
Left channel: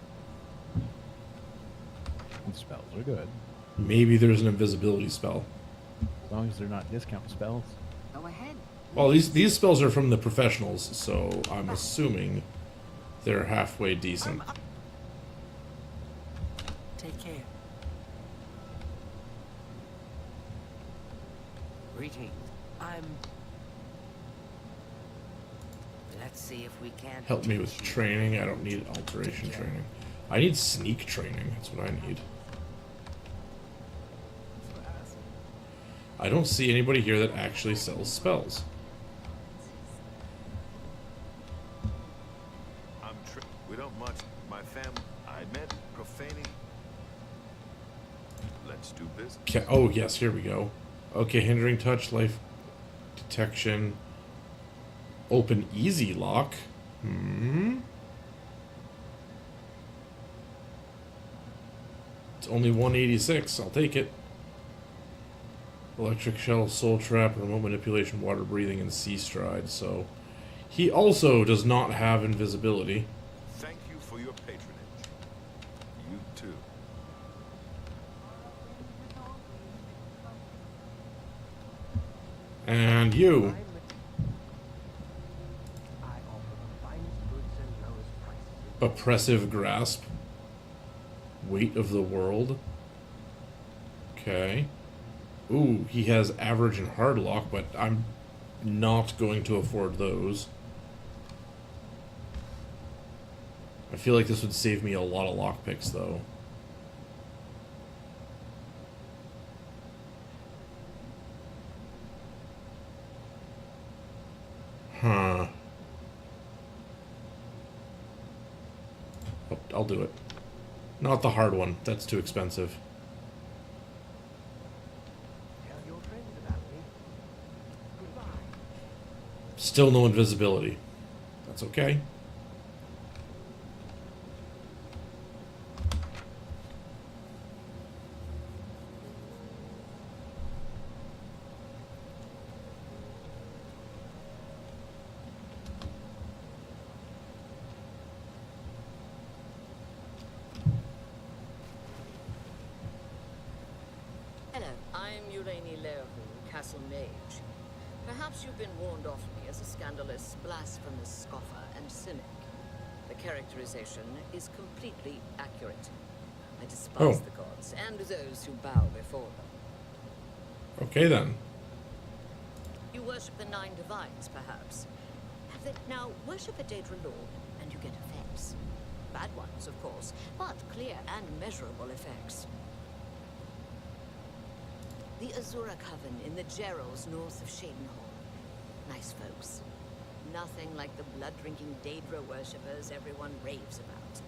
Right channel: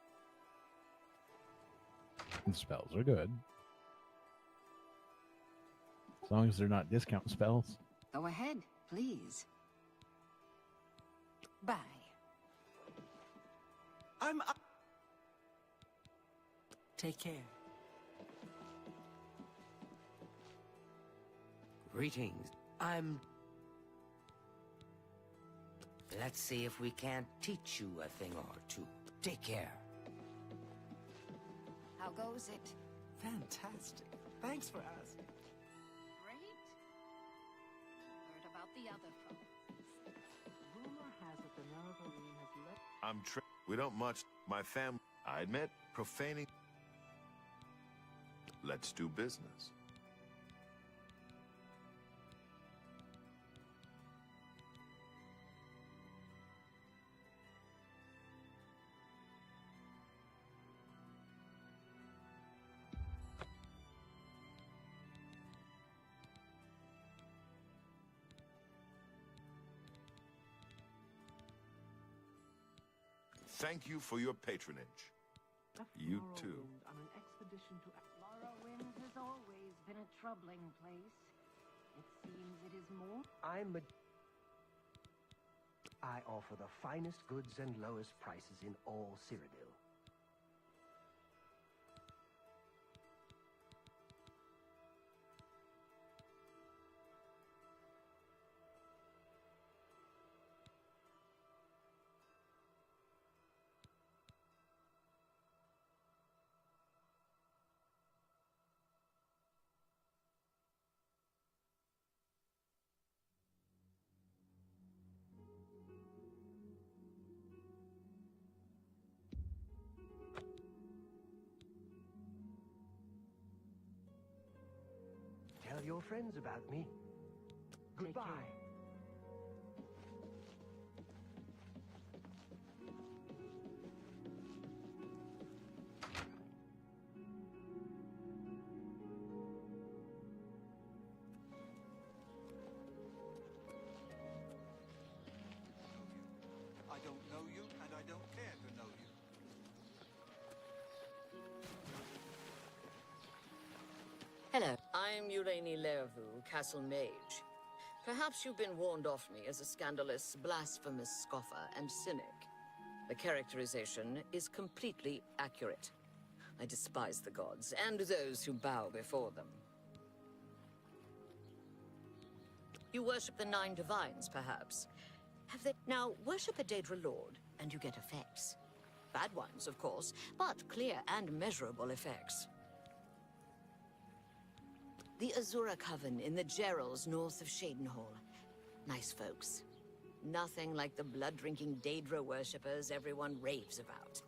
And spells are good. Maybe there's an invisibility spell. As long as they're not discount spells. Go ahead. Well, these spells are from the professionals, so I'm assuming they're halfway decent. Take care. Greetings. Let's see if we can't help me with training. I don't need alteration training. I need sneak training. That's what I need. Fantastic. Thanks for asking. I don't see anybody here that actually sells spells. We don't much. My family, I admit, profaning. Let's do business. Okay. Oh, yes, here we go. Okay, hindering touch, life detection. Open easy lock. It's only 186. I'll take it. Electric shell, soul trap, remote manipulation, water breathing, and sea stride. So he also does not have invisibility. Thank you for your patronage. You too. And you. I offer the finest goods and lowest prices in Oppressive grasp. Weight of the world. Okay. Ooh, he has average and hard lock, but I'm not going to afford those. I feel like this would save me a lot of lockpicks, though. Huh. Oh, I'll do it. Not the hard one. That's too expensive. Tell your friends about me. Goodbye. Still no invisibility. That's okay. Hello, I'm Urani Lervu, Castle Mage. Perhaps you've been warned off me as a scandalous, blasphemous scoffer and cynic. The characterization is completely accurate. I despise the gods and those who bow before them. Okay, then. You worship the 9 divines, perhaps? Have they... Now, worship a Daedra Lord, and you get effects. Bad ones, of course, but clear and measurable effects. The Azura Coven in the Gerals north of Shadenhall. Nice folks. Nothing like the blood-drinking Daedra worshippers everyone raves about.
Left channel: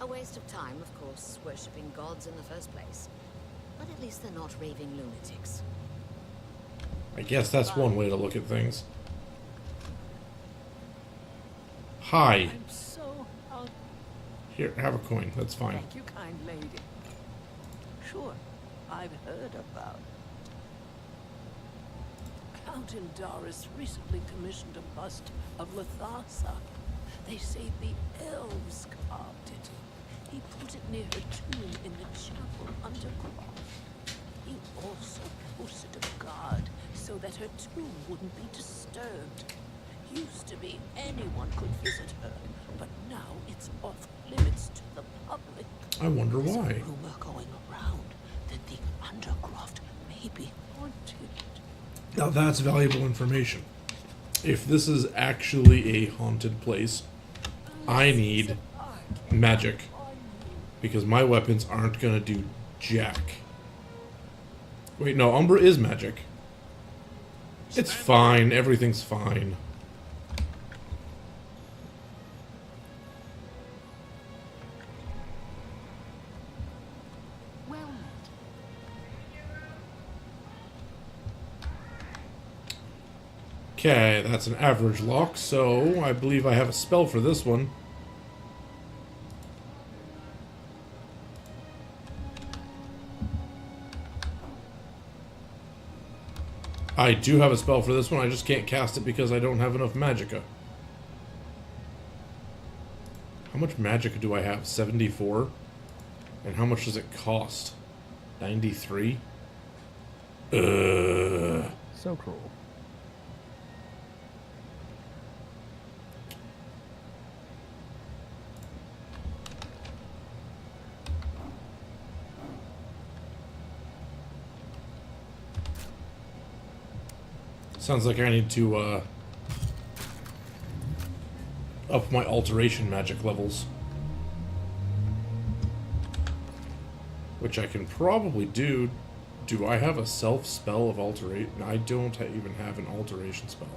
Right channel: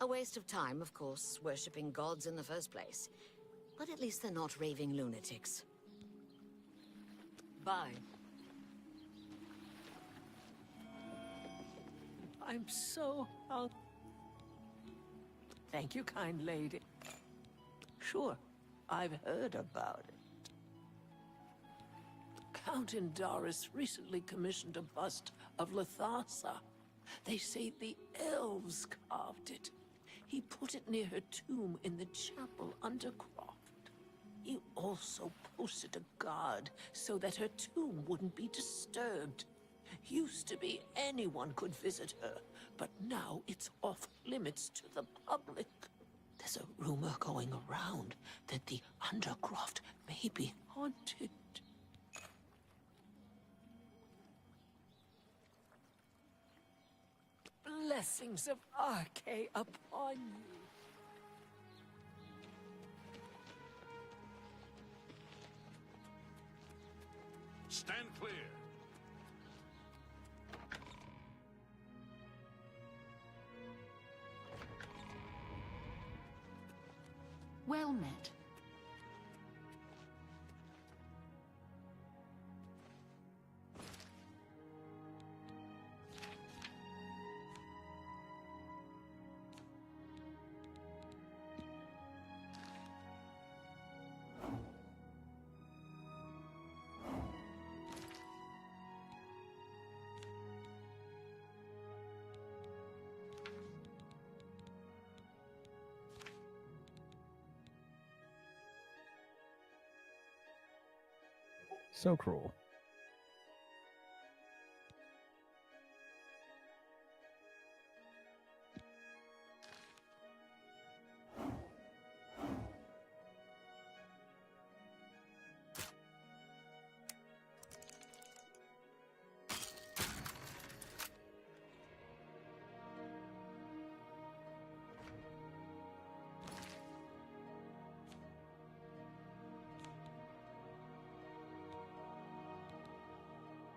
A waste of time, of course, worshipping gods in the first place. But at least they're not raving lunatics. I guess that's one way to look at things. Hi. I'm so out. Here, have a coin. That's fine. Thank you, kind lady. Sure, I've heard about it. Count Indaris recently commissioned a bust of Latharsa. They say the elves carved it. He put it near her tomb in the chapel underground. He also posted a guard so that her tomb wouldn't be disturbed. Used to be anyone could visit her, but now it's off limits to the public. I wonder There's why. a rumor going around that the Undercroft may be haunted. Now that's valuable information. If this is actually a haunted place, I need magic. Because my weapons aren't gonna do jack. Wait, no, Umbra is magic. It's fine, everything's fine. Well met. Okay, that's an average lock, so I believe I have a spell for this one. I do have a spell for this one, I just can't cast it because I don't have enough magicka. How much magicka do I have? 74? And how much does it cost? 93? So cruel. Sounds like I need to up my alteration magic levels. Which I can probably do. Do I have a self spell of alterate? I don't even have an alteration spell.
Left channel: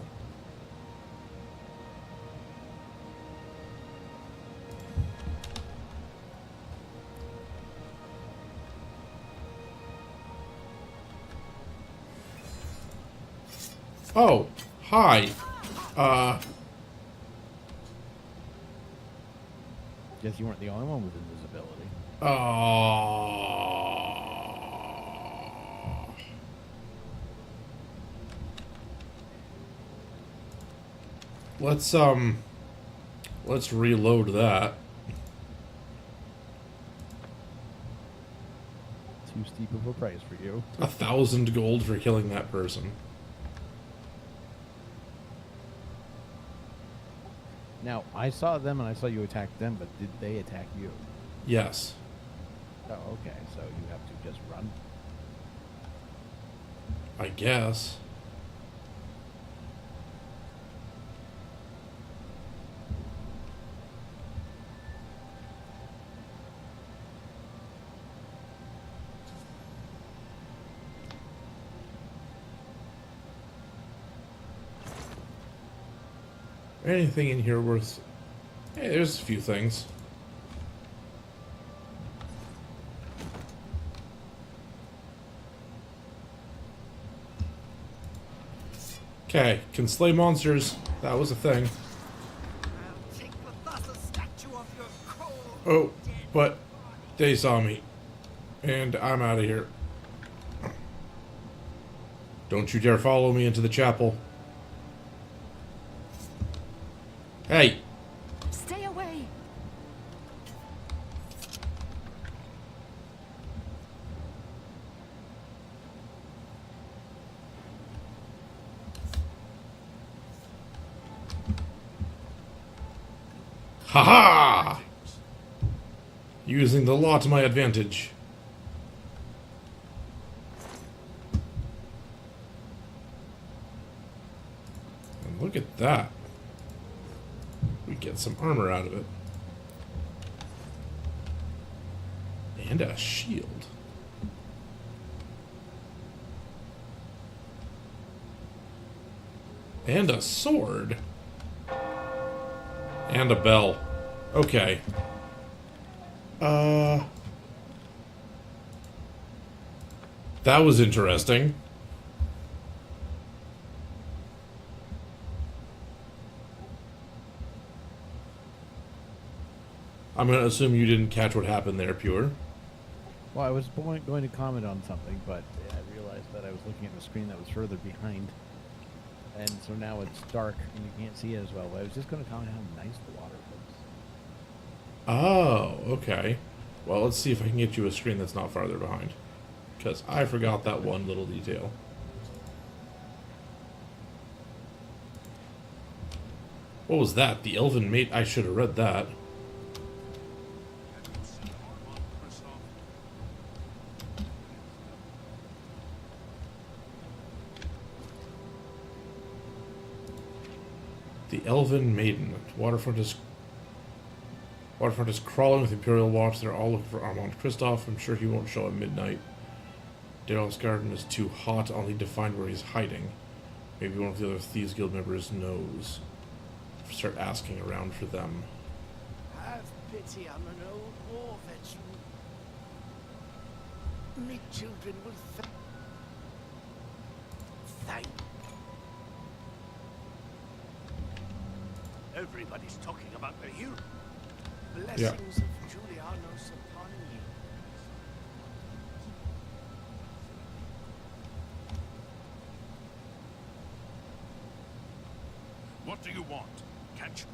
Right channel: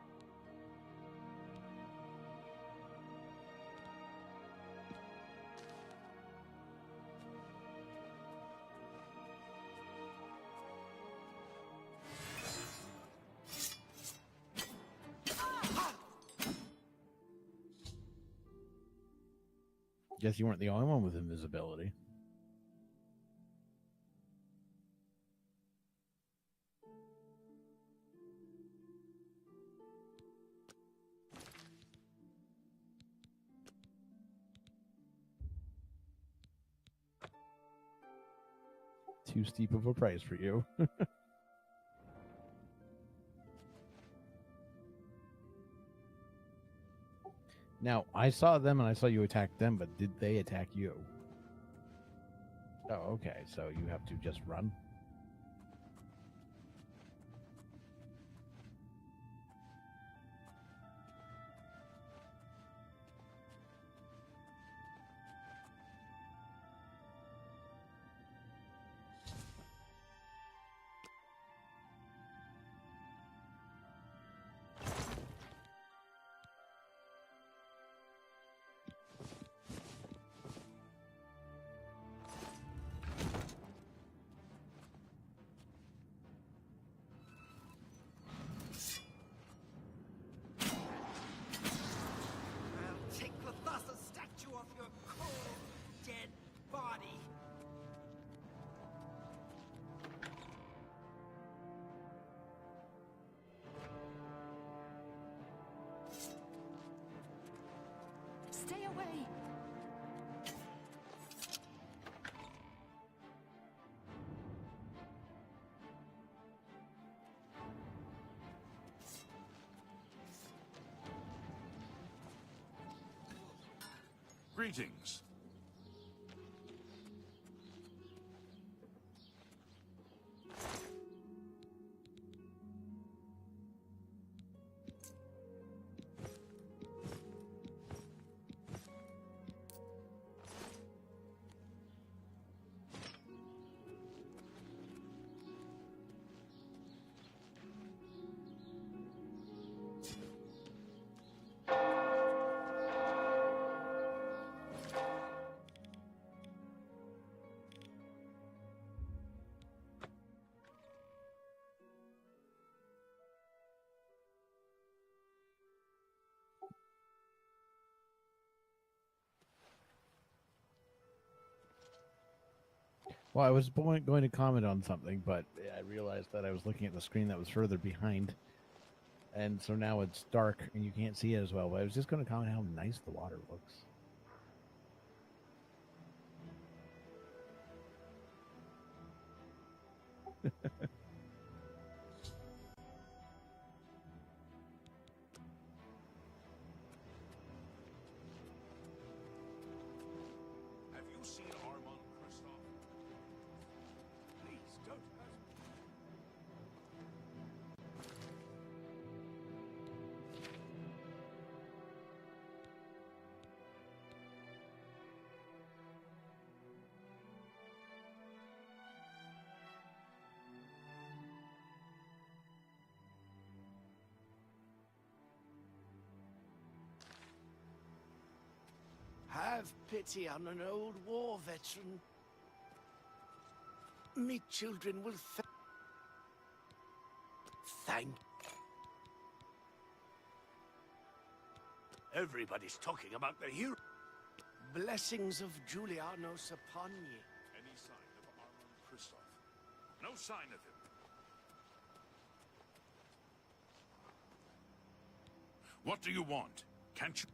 Oh, hi. Guess you weren't the only one with invisibility. Let's reload that. Too steep of a price for you. 1,000 gold for killing that person. Now, I saw them and I saw you attack them, but did they attack you? Yes. Oh, okay. So you have to just run? I guess. Anything in here worth... Hey, there's a few things. Okay, can slay monsters. That was a thing. Oh, but they saw me. And I'm out of here. Don't you dare follow me into the chapel. Hey! Stay away! Ha-ha! Using the law to my advantage. And look at that. We get some armor out of it. And a shield. And a sword. And a bell. Okay. That was interesting. I'm going to assume you didn't catch what happened there, Pure. Well, I was going to comment on something, but I realized that I was looking at the screen that was further behind. And so now it's dark and you can't see it as well. But I was just going to comment how nice the water looks. Oh, okay. Well, let's see if I can get you a screen that's not farther behind. Because I forgot that one little detail. What was that? The elven mate? I should have read that. The Elven Maiden. Waterfront is crawling with Imperial Watch. They're all looking for Armand Kristoff. I'm sure he won't show at midnight. Daryl's garden is too hot. I'll need to find where he's hiding. Maybe one of the other Thieves Guild members knows. Start asking around for them. Have pity on an old war veteran. Me children will thank. Everybody's talking about the hero. Blessings of Julianos upon you. No sign of it. What do you want? Can't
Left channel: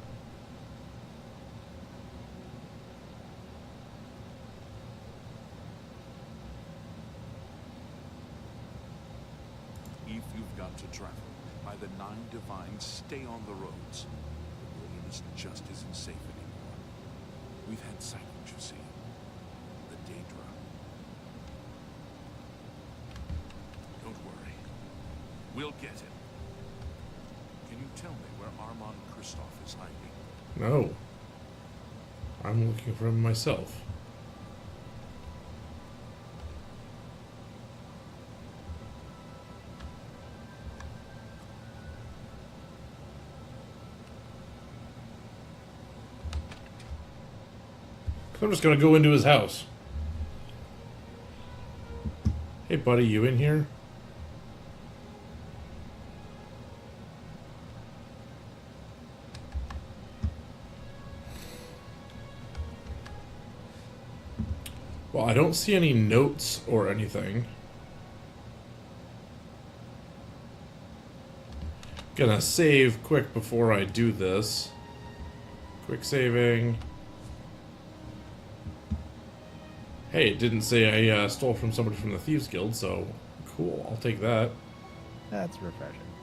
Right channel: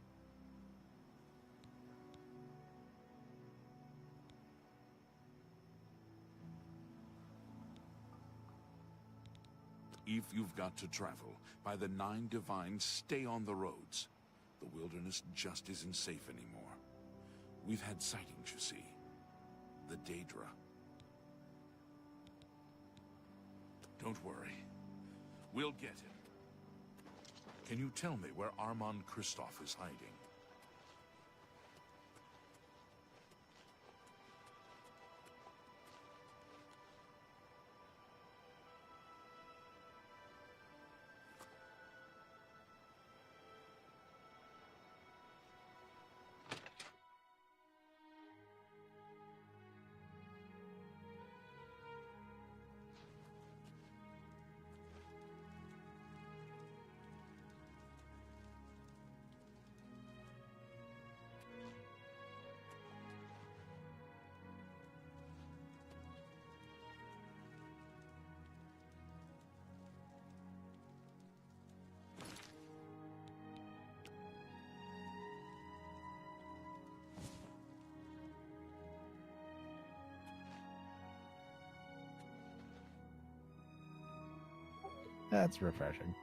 you? If you've got to travel, by the 9 Divines, stay on the roads. The wilderness just isn't safe anymore. We've had sightings, you see. The Daedra. Don't worry. We'll get him. Can you tell me where Armand Kristoff is hiding? No. I'm looking for him myself. I'm just gonna go into his house. Hey buddy, you in here? Well, I don't see any notes or anything. Gonna save quick before I do this. Quick saving. Hey, it didn't say I stole from somebody from the Thieves Guild, so cool, I'll take that. That's refreshing.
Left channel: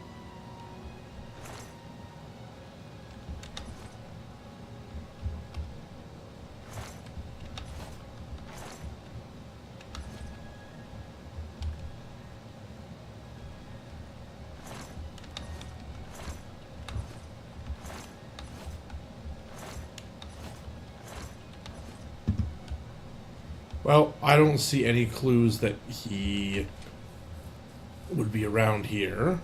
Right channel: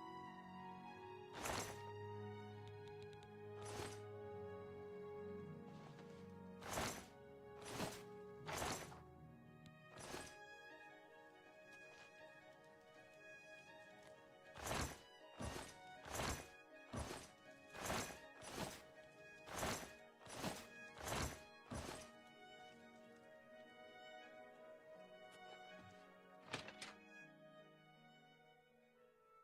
Well, I don't see any clues that he would be around here.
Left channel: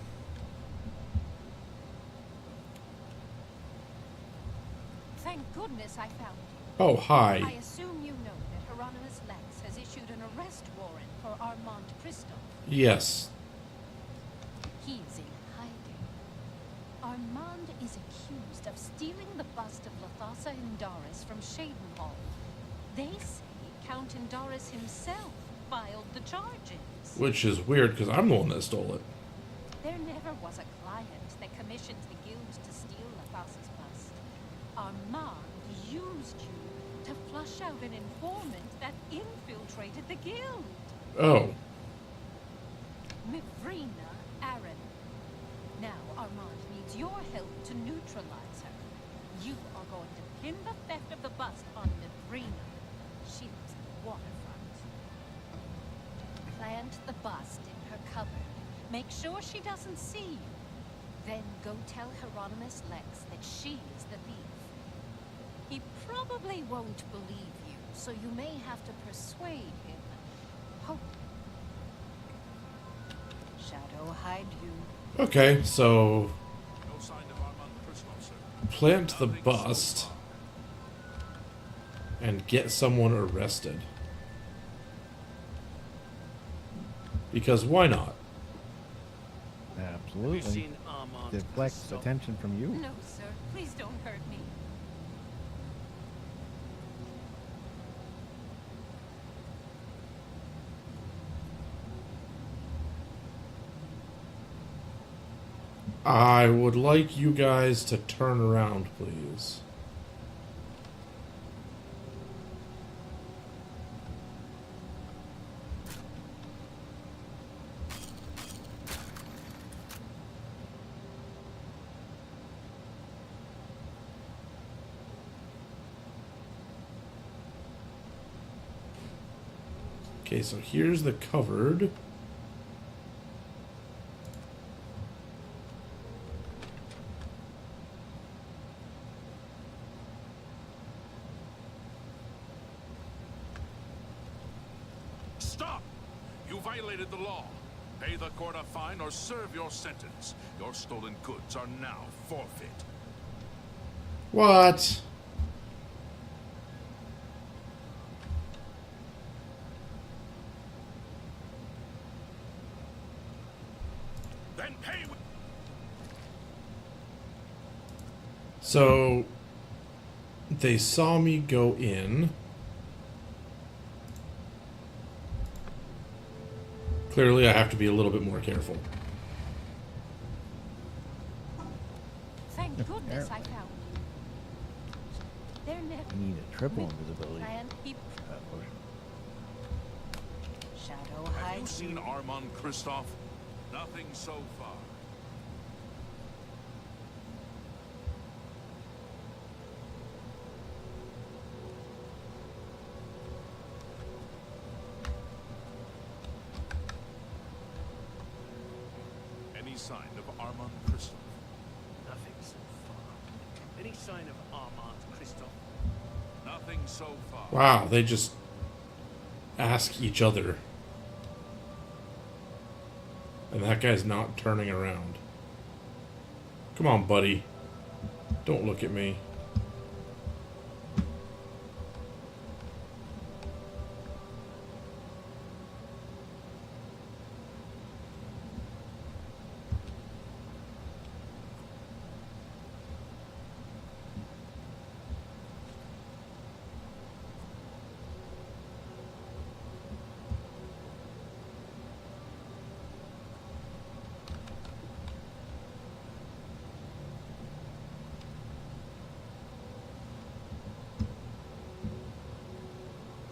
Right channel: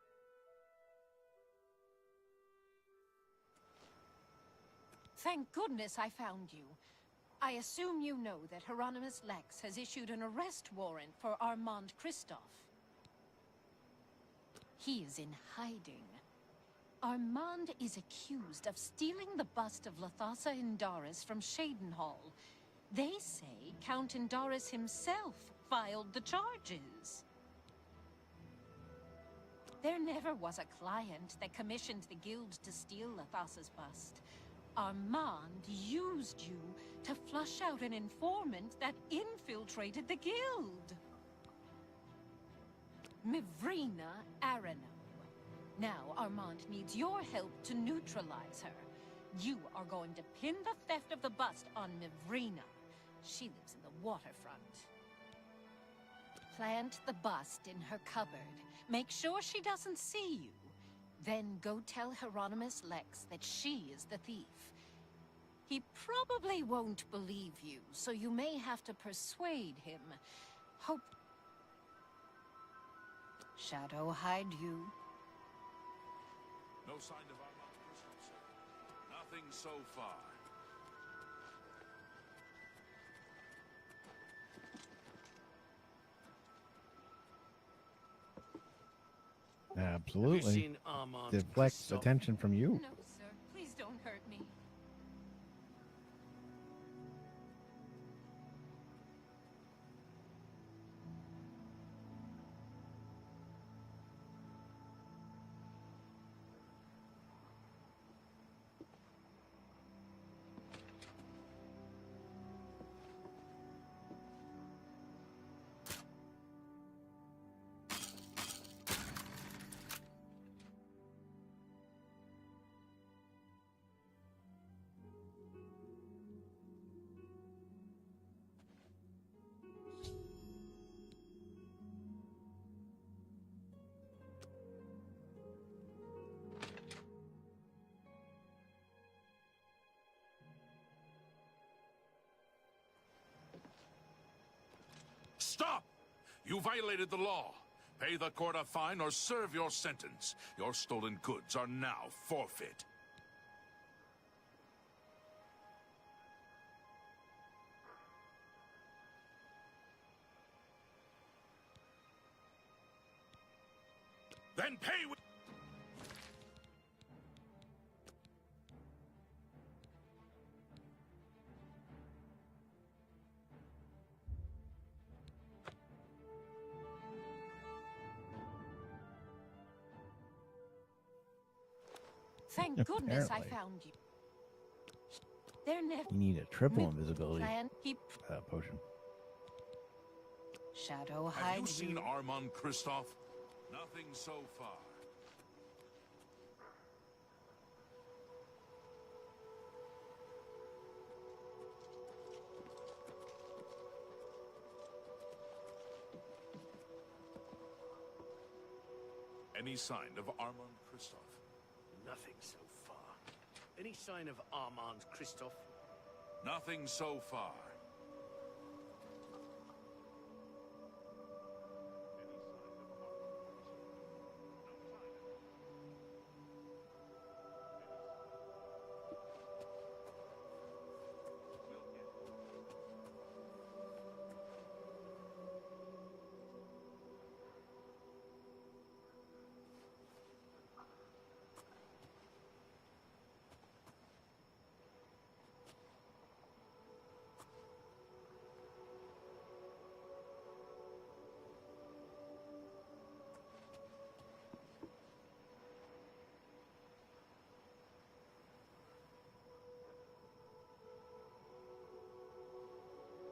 Thank goodness I found you. Oh, hi. I assume you know that Hieronymus Lex has issued an arrest warrant for Armand Christoph. Yes. He is in hiding. Armand is accused of stealing the bust of Lathasa Indaris from Shadenhall. They say Count Indaris himself filed the charges. Which is weird, because I'm the one that stole it. There never was a client that commissioned the guild to steal Lathasa's bust. Armand used you to flush out an informant that infiltrated the guild. Oh. Mivrina Arena. Now Armand needs your help to neutralize her. You are going to pin the theft of the bust on Mivrina. She lives in the waterfront. Plant the bust in her cupboard. Make sure she doesn't see you. Then go tell Hieronymus Lex that she is the thief. He probably won't believe you, so you may have to persuade him. Hope Shadow hide you. Okay, so No sign of Armand Christoph, sir. plant the Nothing bust so far. and get someone arrested. Because why not? Absolutely. Have you seen Armand Deflects Christoph? attention from you. No, sir. Please don't hurt me. I would like you guys to turn around, please. Okay, so here's the covered. Stop! You violated the law. Pay the court a fine or serve your sentence. Your stolen goods are now forfeit. What? Then pay with... So they saw me go in. Clearly, I have to be a little bit more careful. Thank goodness I Apparently. found you. They're never... You need a triple invisibility Plan he... potion. Shadow Have hide you seen Armand Christoph? Nothing so far. Any sign of Armand Christoph? Nothing so far. Any sign of Armand Christoph? Nothing so far. Wow, they just ask each other. And that guy's not turning around. Come on, buddy. Don't look at me.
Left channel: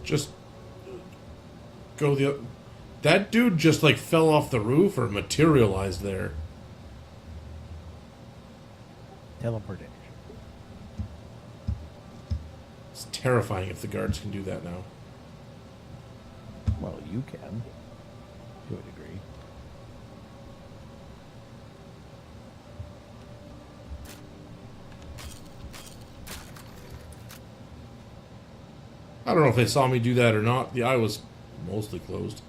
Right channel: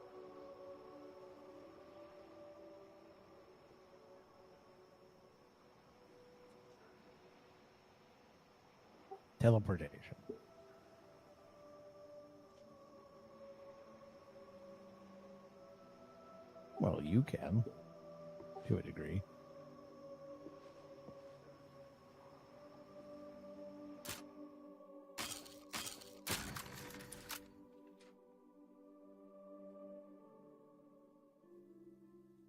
Just go the... That dude just like fell off the roof or materialized there. Teleportation. It's terrifying if the guards can do that now. Well, you can. To a degree. I don't know if they saw me do that or not. The eye was mostly closed.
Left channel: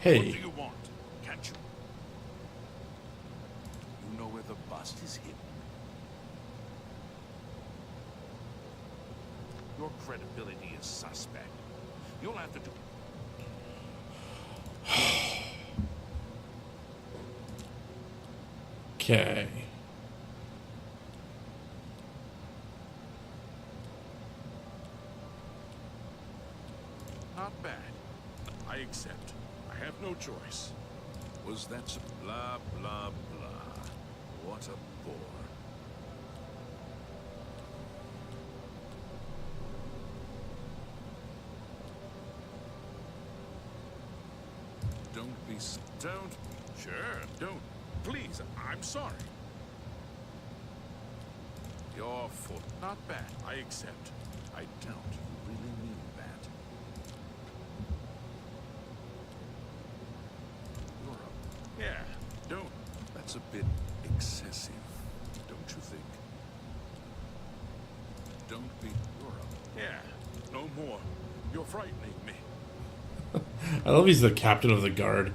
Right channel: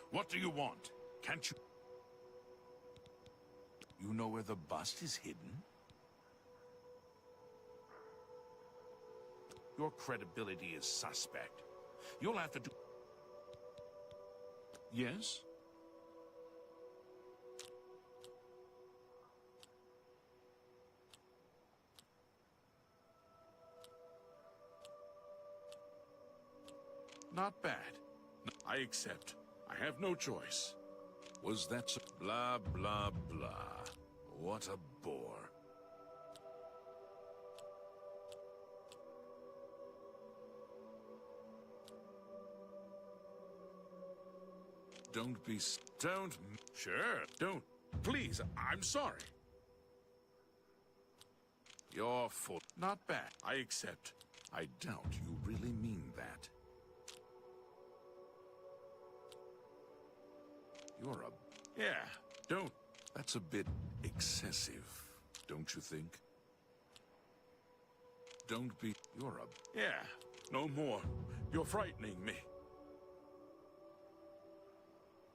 Hey. What do you want? Can't you? You know where the bust is hidden? Your credibility is suspect. You'll have to do... Yes. Okay. Not bad. I accept. I have no choice. Was that so? Blah, blah, blah. What a bore. Don't be... Don't... Sure, don't. Please, I'm sorry. Your fault. Not bad. I accept. I doubt you really mean that. You're a... Yeah, don't. That's a bit excessive, don't you think? Don't be... You're a... Yeah, no more. You're frightening me. I love he's the captain of the guard.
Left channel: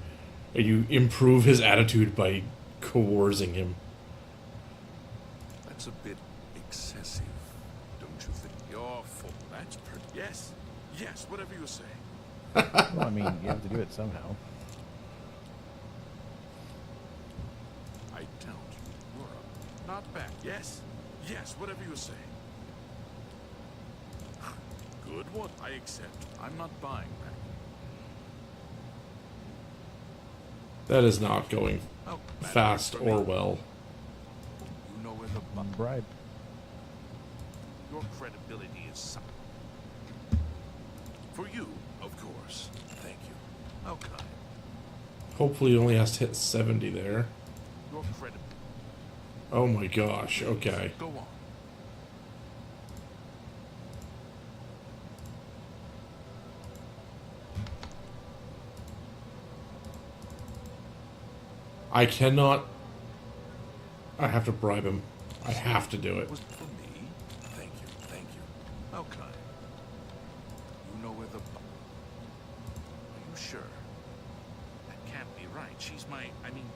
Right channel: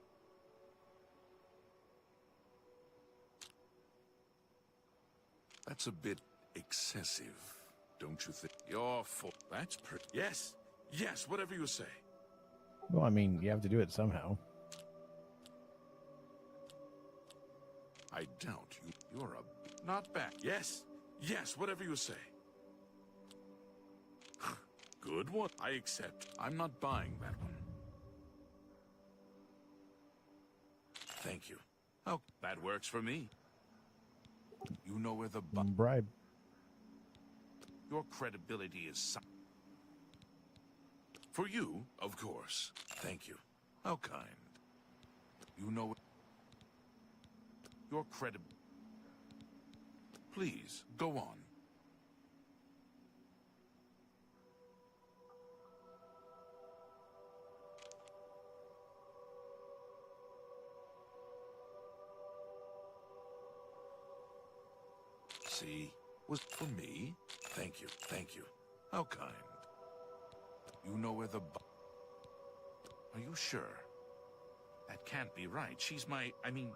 And you improve his attitude by coercing him. That's a bit excessive, don't you think? Your fault. That's pretty... Yes, yes, whatever you say. Well, I mean, you have to do it somehow. I doubt you. You're a... Not bad. Yes, yes, whatever you say. Good one. I accept. I'm not buying that one. That is not going Oh, that fast works for or me. well. You know where the... Bribe. Your credibility is... For you, of course. Thank you. How kind. Hopefully he only has to hit 70 there. Your credit... Oh my gosh, Please, okay. go on. I cannot... I have to bribe him. I have to do it. Was for me? Thank you, thank you. How kind. You know where the... Are you sure? That can't be right. She's my... I mean,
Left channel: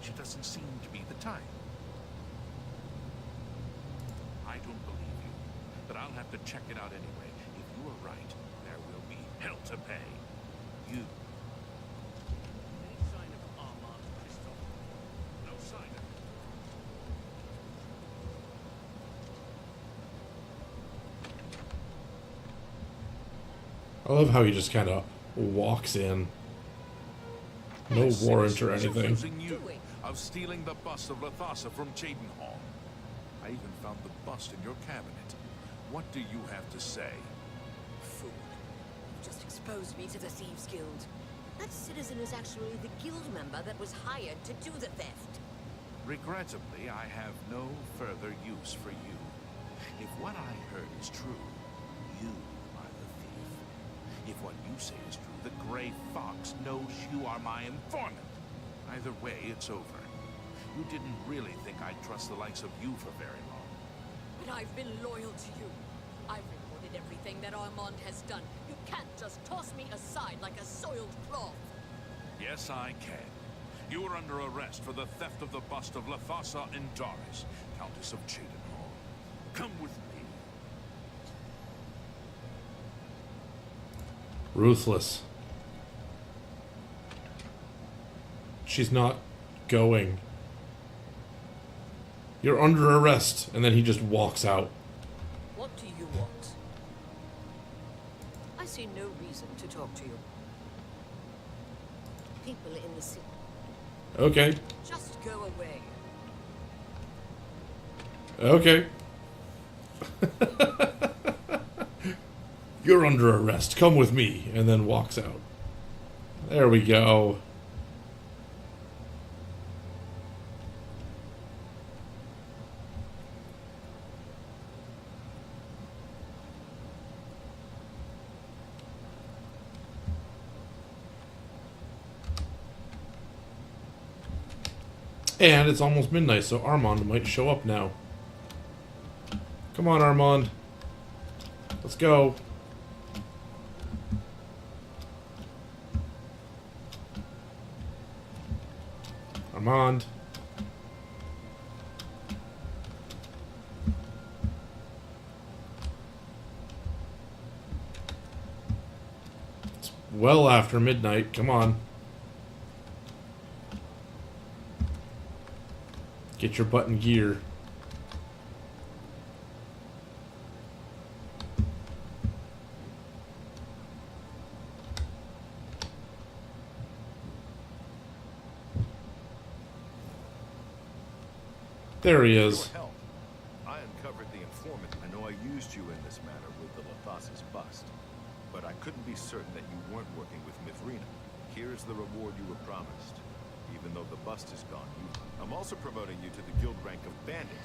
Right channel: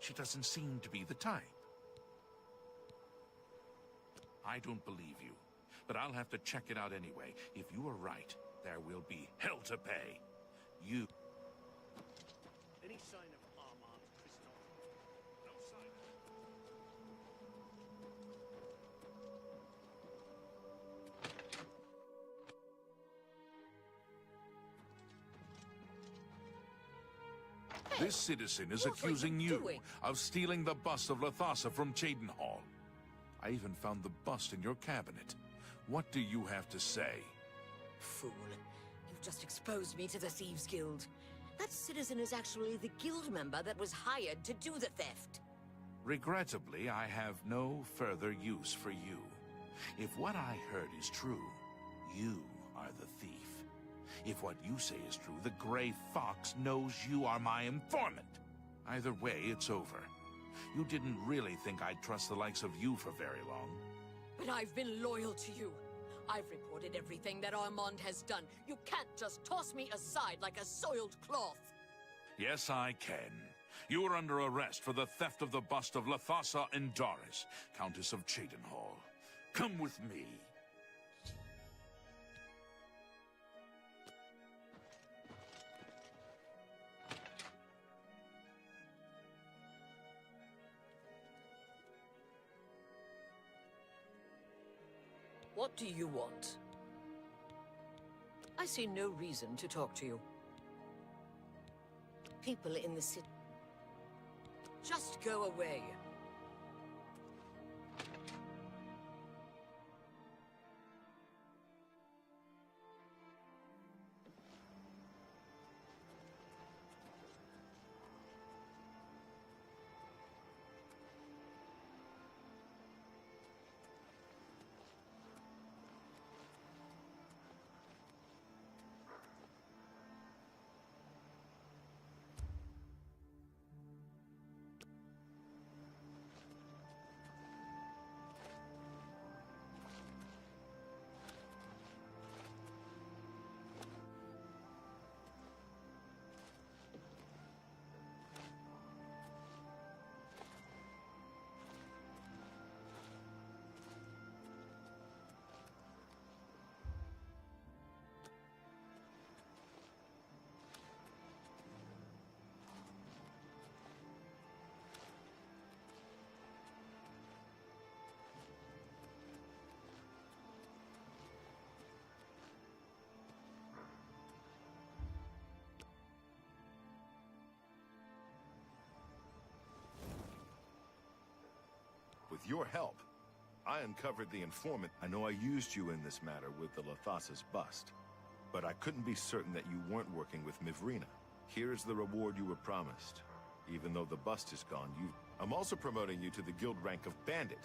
she doesn't seem to be the type. I don't believe you, but I'll have to check it out anyway. If you are right, there will be hell to pay. You... Any sign of Armand Christophe? No sign of... I love how he just kind of walks in. No warrant or Is anything. accusing you of stealing the bust of Lathasa from Cheydinhall. I even found the bust in your cabinet. What do you have to say? Fool. You've just exposed me to the Thieves Guild. That citizen is actually the guild member that was hired to do the theft. Regrettably, I have no further use for you. If what I heard is true, you are the thief. If what you say is true, the Grey Fox knows you are my informant. Either way, it's over. You didn't really think I'd trust the likes of you for very long. But I've been loyal to you. I've reported everything that Armand has done. You can't just toss me aside like a soiled cloth. Yes, I can. You are under arrest for the theft of the bust of Lathasa Indaris, Countess of Cheydinhall. Come with me. Ruthless. She's not going. You're under arrest. And then he just walks out. What do you want? I see no reason to talk to you. People in the city. Okay. Just go away. Okay. You're under arrest. Come with me. And then walks out. There we go. And it's almost midnight, so Armand might show up now. Come on, Armand. Let's go. Armand. It's well after midnight. Come on. Get your butt in gear. There he is. Your help. I uncovered the informant. I know I used you in this matter with the Lathas's bust, but I couldn't be certain that you weren't working with Mivrina. Here's the reward you were promised. Even though the bust is gone, I'm also promoting you to the guild rank of Bandit,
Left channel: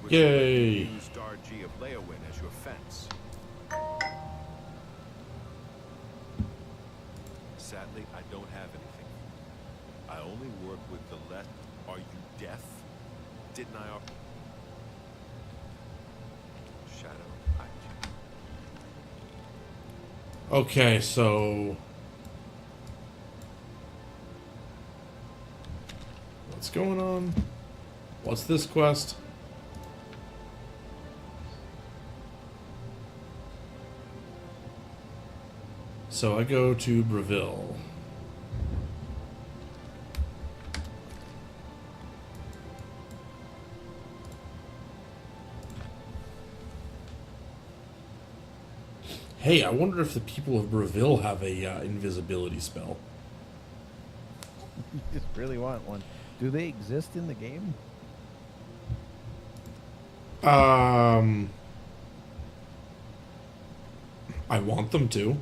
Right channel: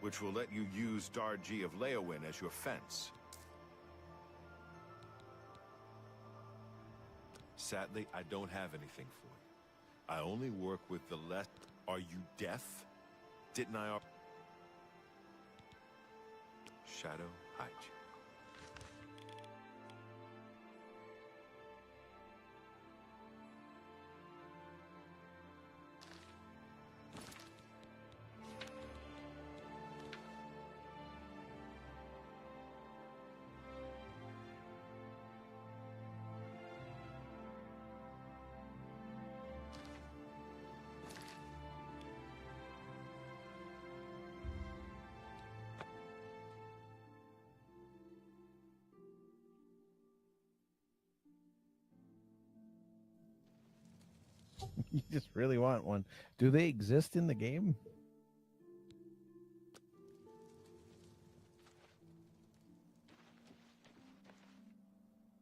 which will let you use Darji of Leowin as your fence. Sadly, I don't have anything for you. I only work with the less. Are you deaf? Didn't I? Shadow, hide you. Okay, so what's going on? What's this quest? So I go to Breville. Hey, I wonder if the people of Breville have a invisibility spell. You just really want one. Do they exist in the game? I want them to.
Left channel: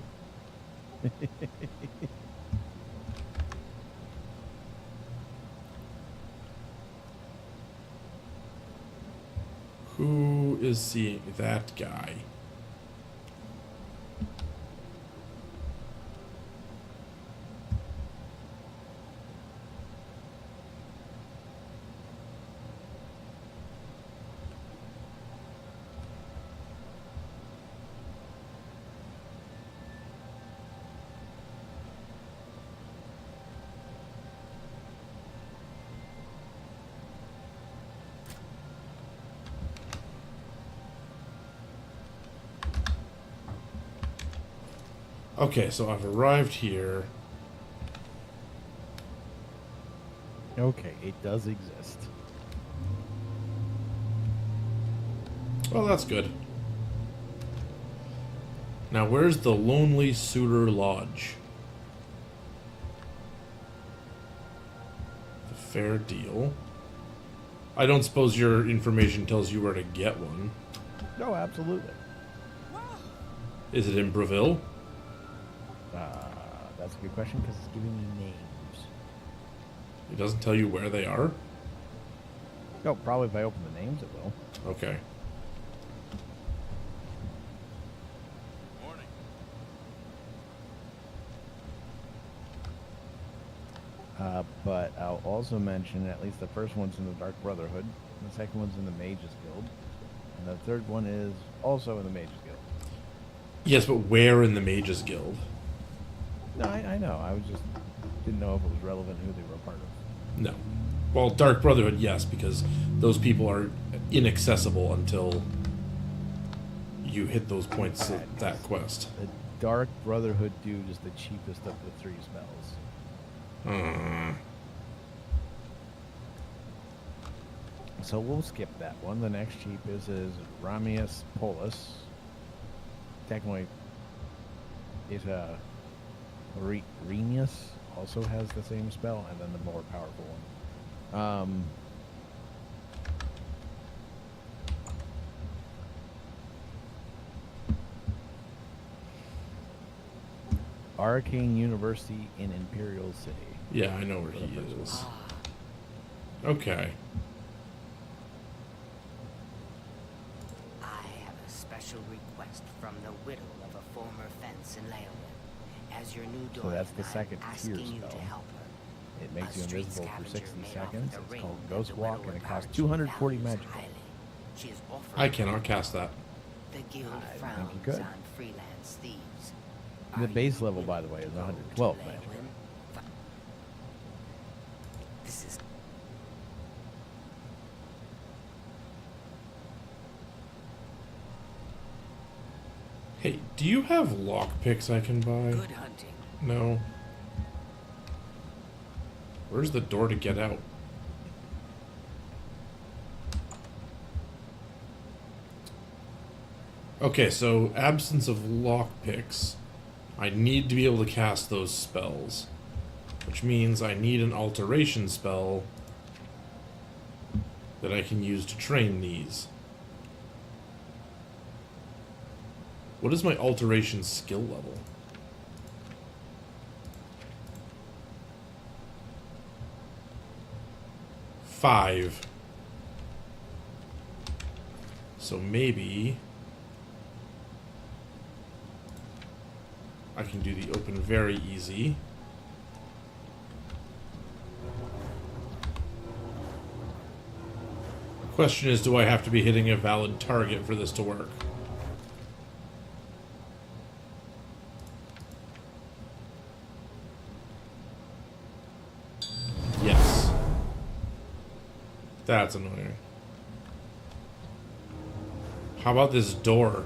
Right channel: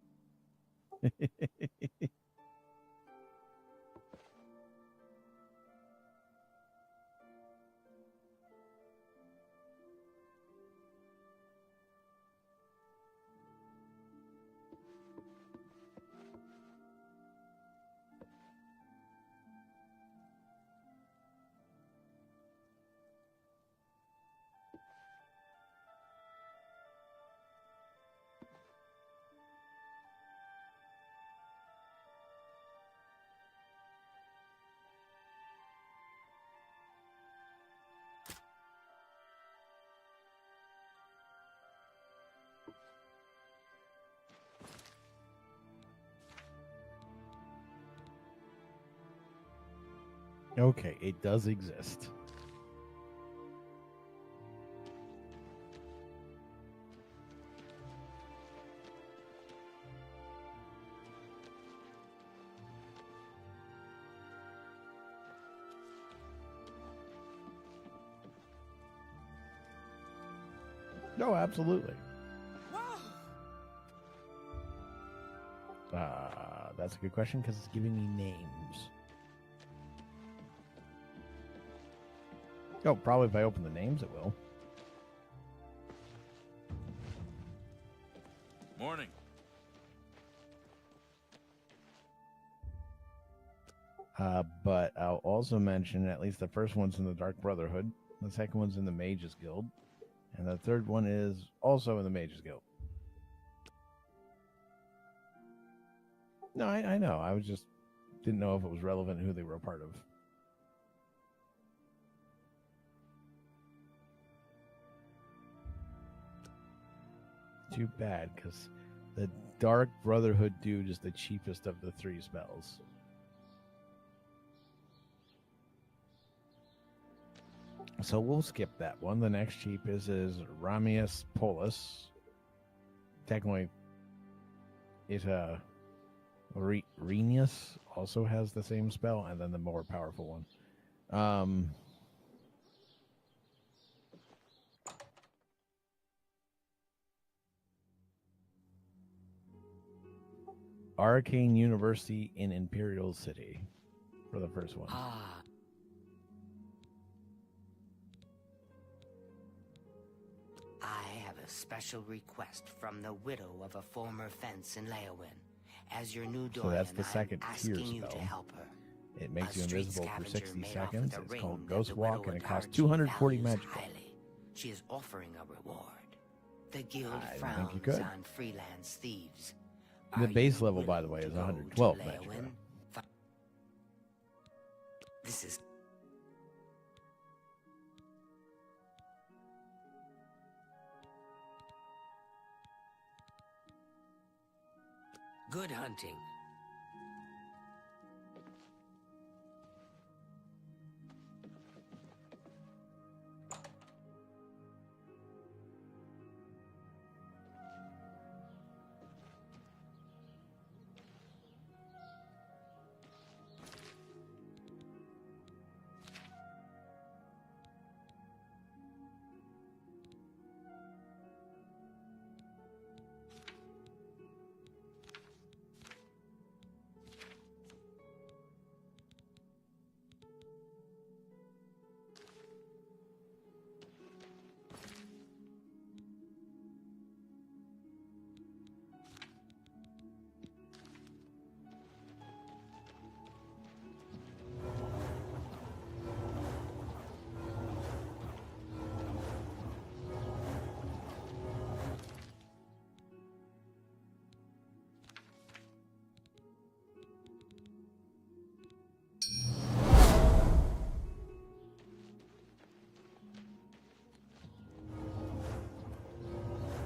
Who is seeing that guy? Okay, so I've arrived here. Okay, it does exist. Well, that's good. Now, where's the Lonely Suitor Lodge? The fair deal. I don't suppose your information tells you where to get one. No, absolutely. Is it in Breville? That's a good question because it's giving me names. It doesn't tell you where they are? No, probably if I open the names, it will. Okay. Morning. But I'll also mention at least the first one's in the Dark Brotherhood, the second one's in the Mages Guild, and the third one is also in the Mages Guild. Yes, but where in the Mages Guild? No, I know. I was just didn't know if it was relevant who they were a part of. No. Well, Dark Brotherhood, yes, because those people are inaccessible until you hit those points of that quest. The Dark Brotherhood dude is the cheapest of the three spells. So we'll skip that one. The next cheapest is Ramius Polus. Technically, it's Renius also has the same spell, and then the more powerful one. Arcane University in Imperial City. Yeah, I know where he is. Okay. I have a special request from the widow of a former fence in Leowin. As your new So doyen, that's the I'm second tier asking you to spell. help her. It makes A you street invisible for scavenger 60 made off seconds. the It's ring called that Ghost the Walk, widow and it of costs Barrington 240 values magic. highly. She is offered I cannot cast that. The guild I think you frowns could. on freelance thieves. The Are base you level, by the willing way, is to go 112 to magic. Leywin? This is Hey, do you have lockpicks I can buy? good hunting. No. Where's the door to get out? Okay, so absence of lockpicks. I need to be able to cast those spells. Which means I need an alteration spell that I can use to train these. What is my alteration skill level? Five. So maybe I can do the open very easy. The question is, do I have to be hitting a valid target for this to work? Yes. That's annoying. How about this door?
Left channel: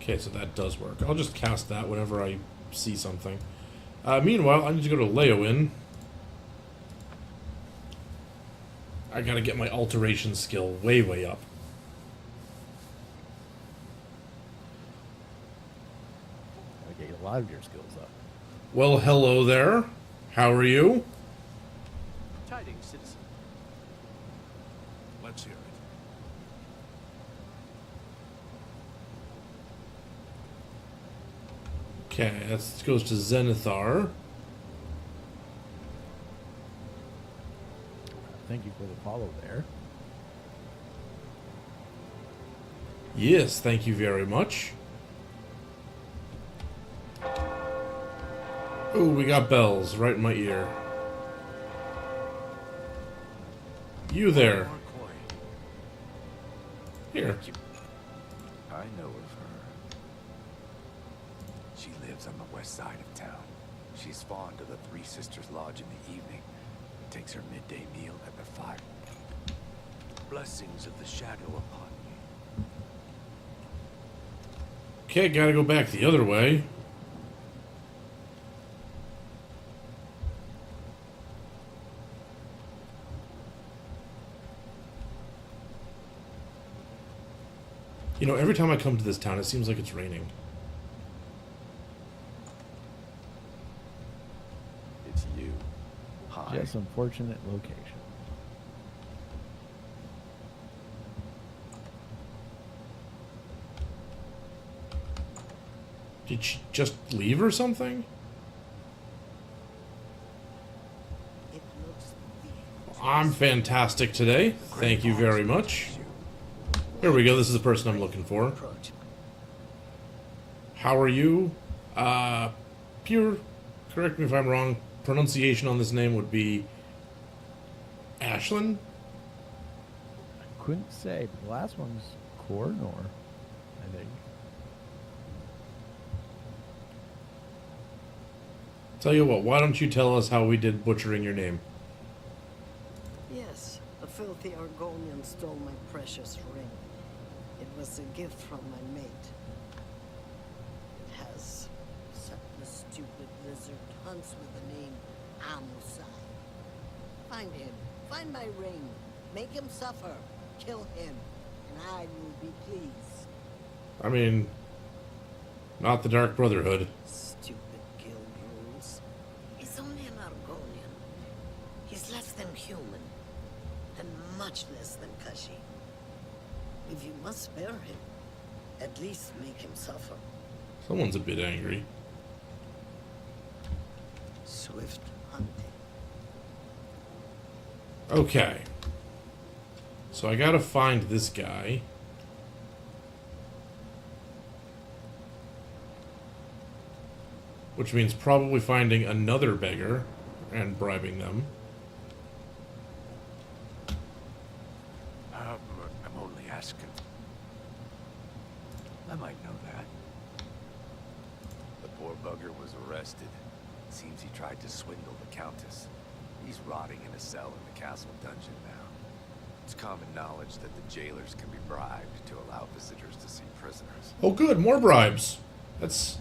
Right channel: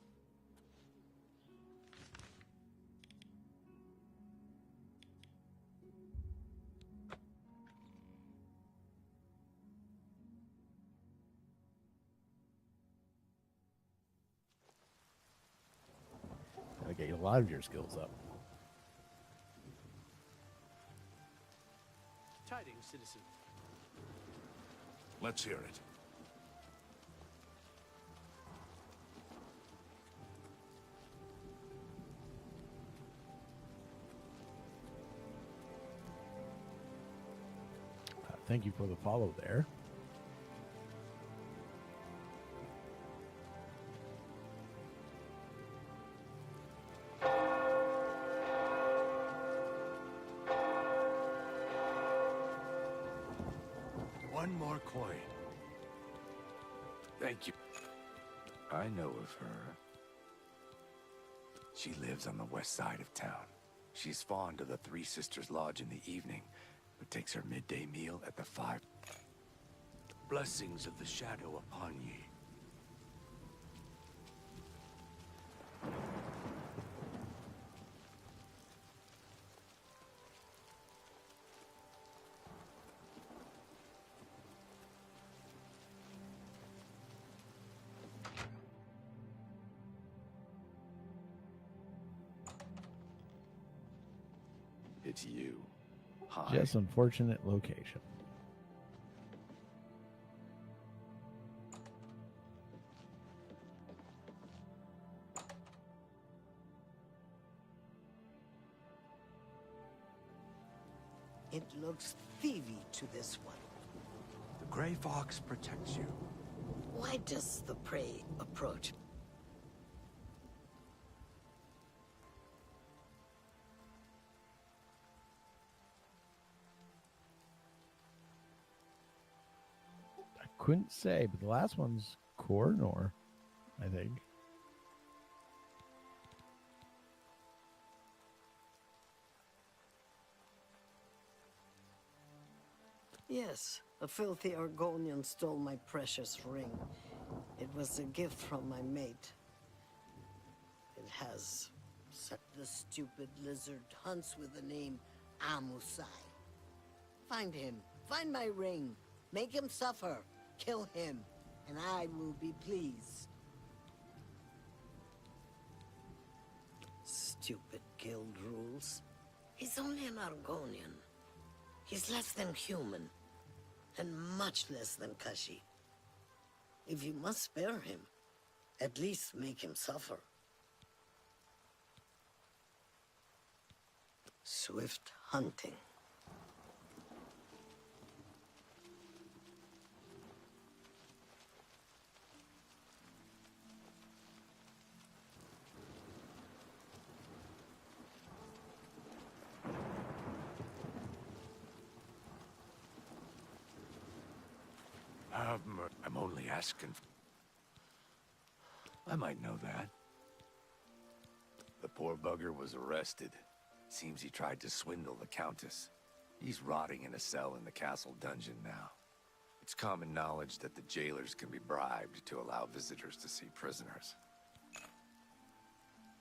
Okay, so that does work. I'll just cast that whenever I see something. Meanwhile, I need to go to Leywin. I gotta get my alteration skill way, way up. Gotta get a lot of your skills up. Well, hello there. How are you? Tidings, citizen. Let's hear it. Okay, that goes to Zenithar. Thank you for the follow there. Yes, thank you very much. Ooh, we got bells right in my ear. You there. One more coin. Here. Thank you. I know of her. She lives on the west side of town. She's fond of the Three Sisters Lodge in the evening, but takes her midday meal at the 5. Blessings of the shadow upon ye. Okay, gotta go back the other way. You know, every time I come to this town, it seems like it's raining. It's you. Hi. Just unfortunate location. Did she just leave or something? It looks thievy. I'm fantastic today. Thank you very much. There we go. This is the person I'm looking for. How are you? Pure, correct me if I'm wrong, pronunciation on this name would be Ashlyn? I couldn't say, but the last one's Cornor, I think. Tell you what, why don't you tell us how we did butchering your name? Yes, a filthy Argonian stole my precious ring. It was a gift from my mate. It has set the stupid lizard hunts with the name Amusai. Find him, find my ring, make him suffer, kill him, and I will be pleased. I mean, not the Dark Brotherhood. Stupid guild rules. He's only an Argonian. He's less than human, and much less than Kashi. If you must spare him, at least make him suffer. Someone's a bit angry. Swift hunting. Okay. So I gotta find this guy. which means probably finding another beggar and bribing them. I'm only asking. I might know that. The poor bugger was arrested. Seems he tried to swindle the Countess. He's rotting in a cell in the castle dungeon now. It's common knowledge that the jailers can be bribed to allow visitors to see prisoners. Oh good, more bribes. That's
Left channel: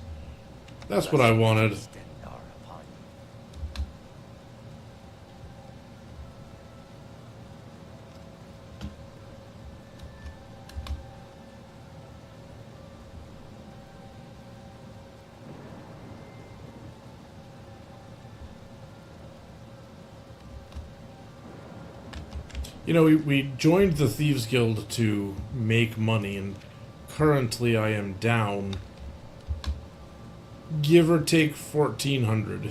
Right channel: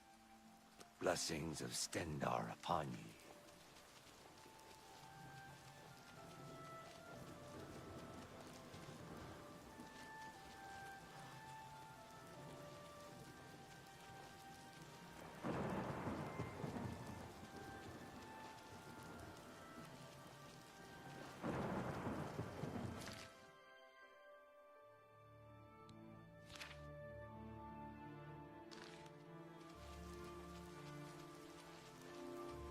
what I wanted. Stendar upon you. You know, we joined the Thieves Guild to make money, and currently I am down, give or take, 1,400.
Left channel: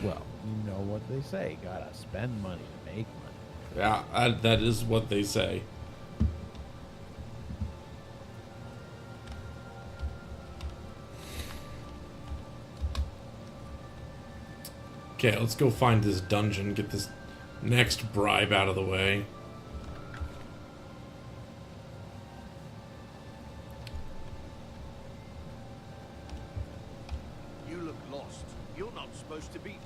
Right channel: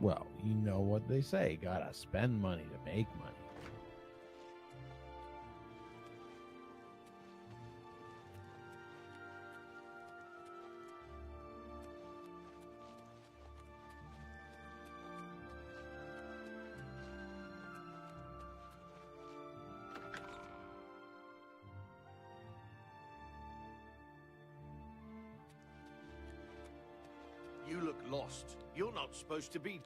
Well, you know what they say. Gotta spend money to make money. Yeah, that is what they say. Okay, let's go find this dungeon, get this next bribe out of the way. You look lost. You're not supposed to be...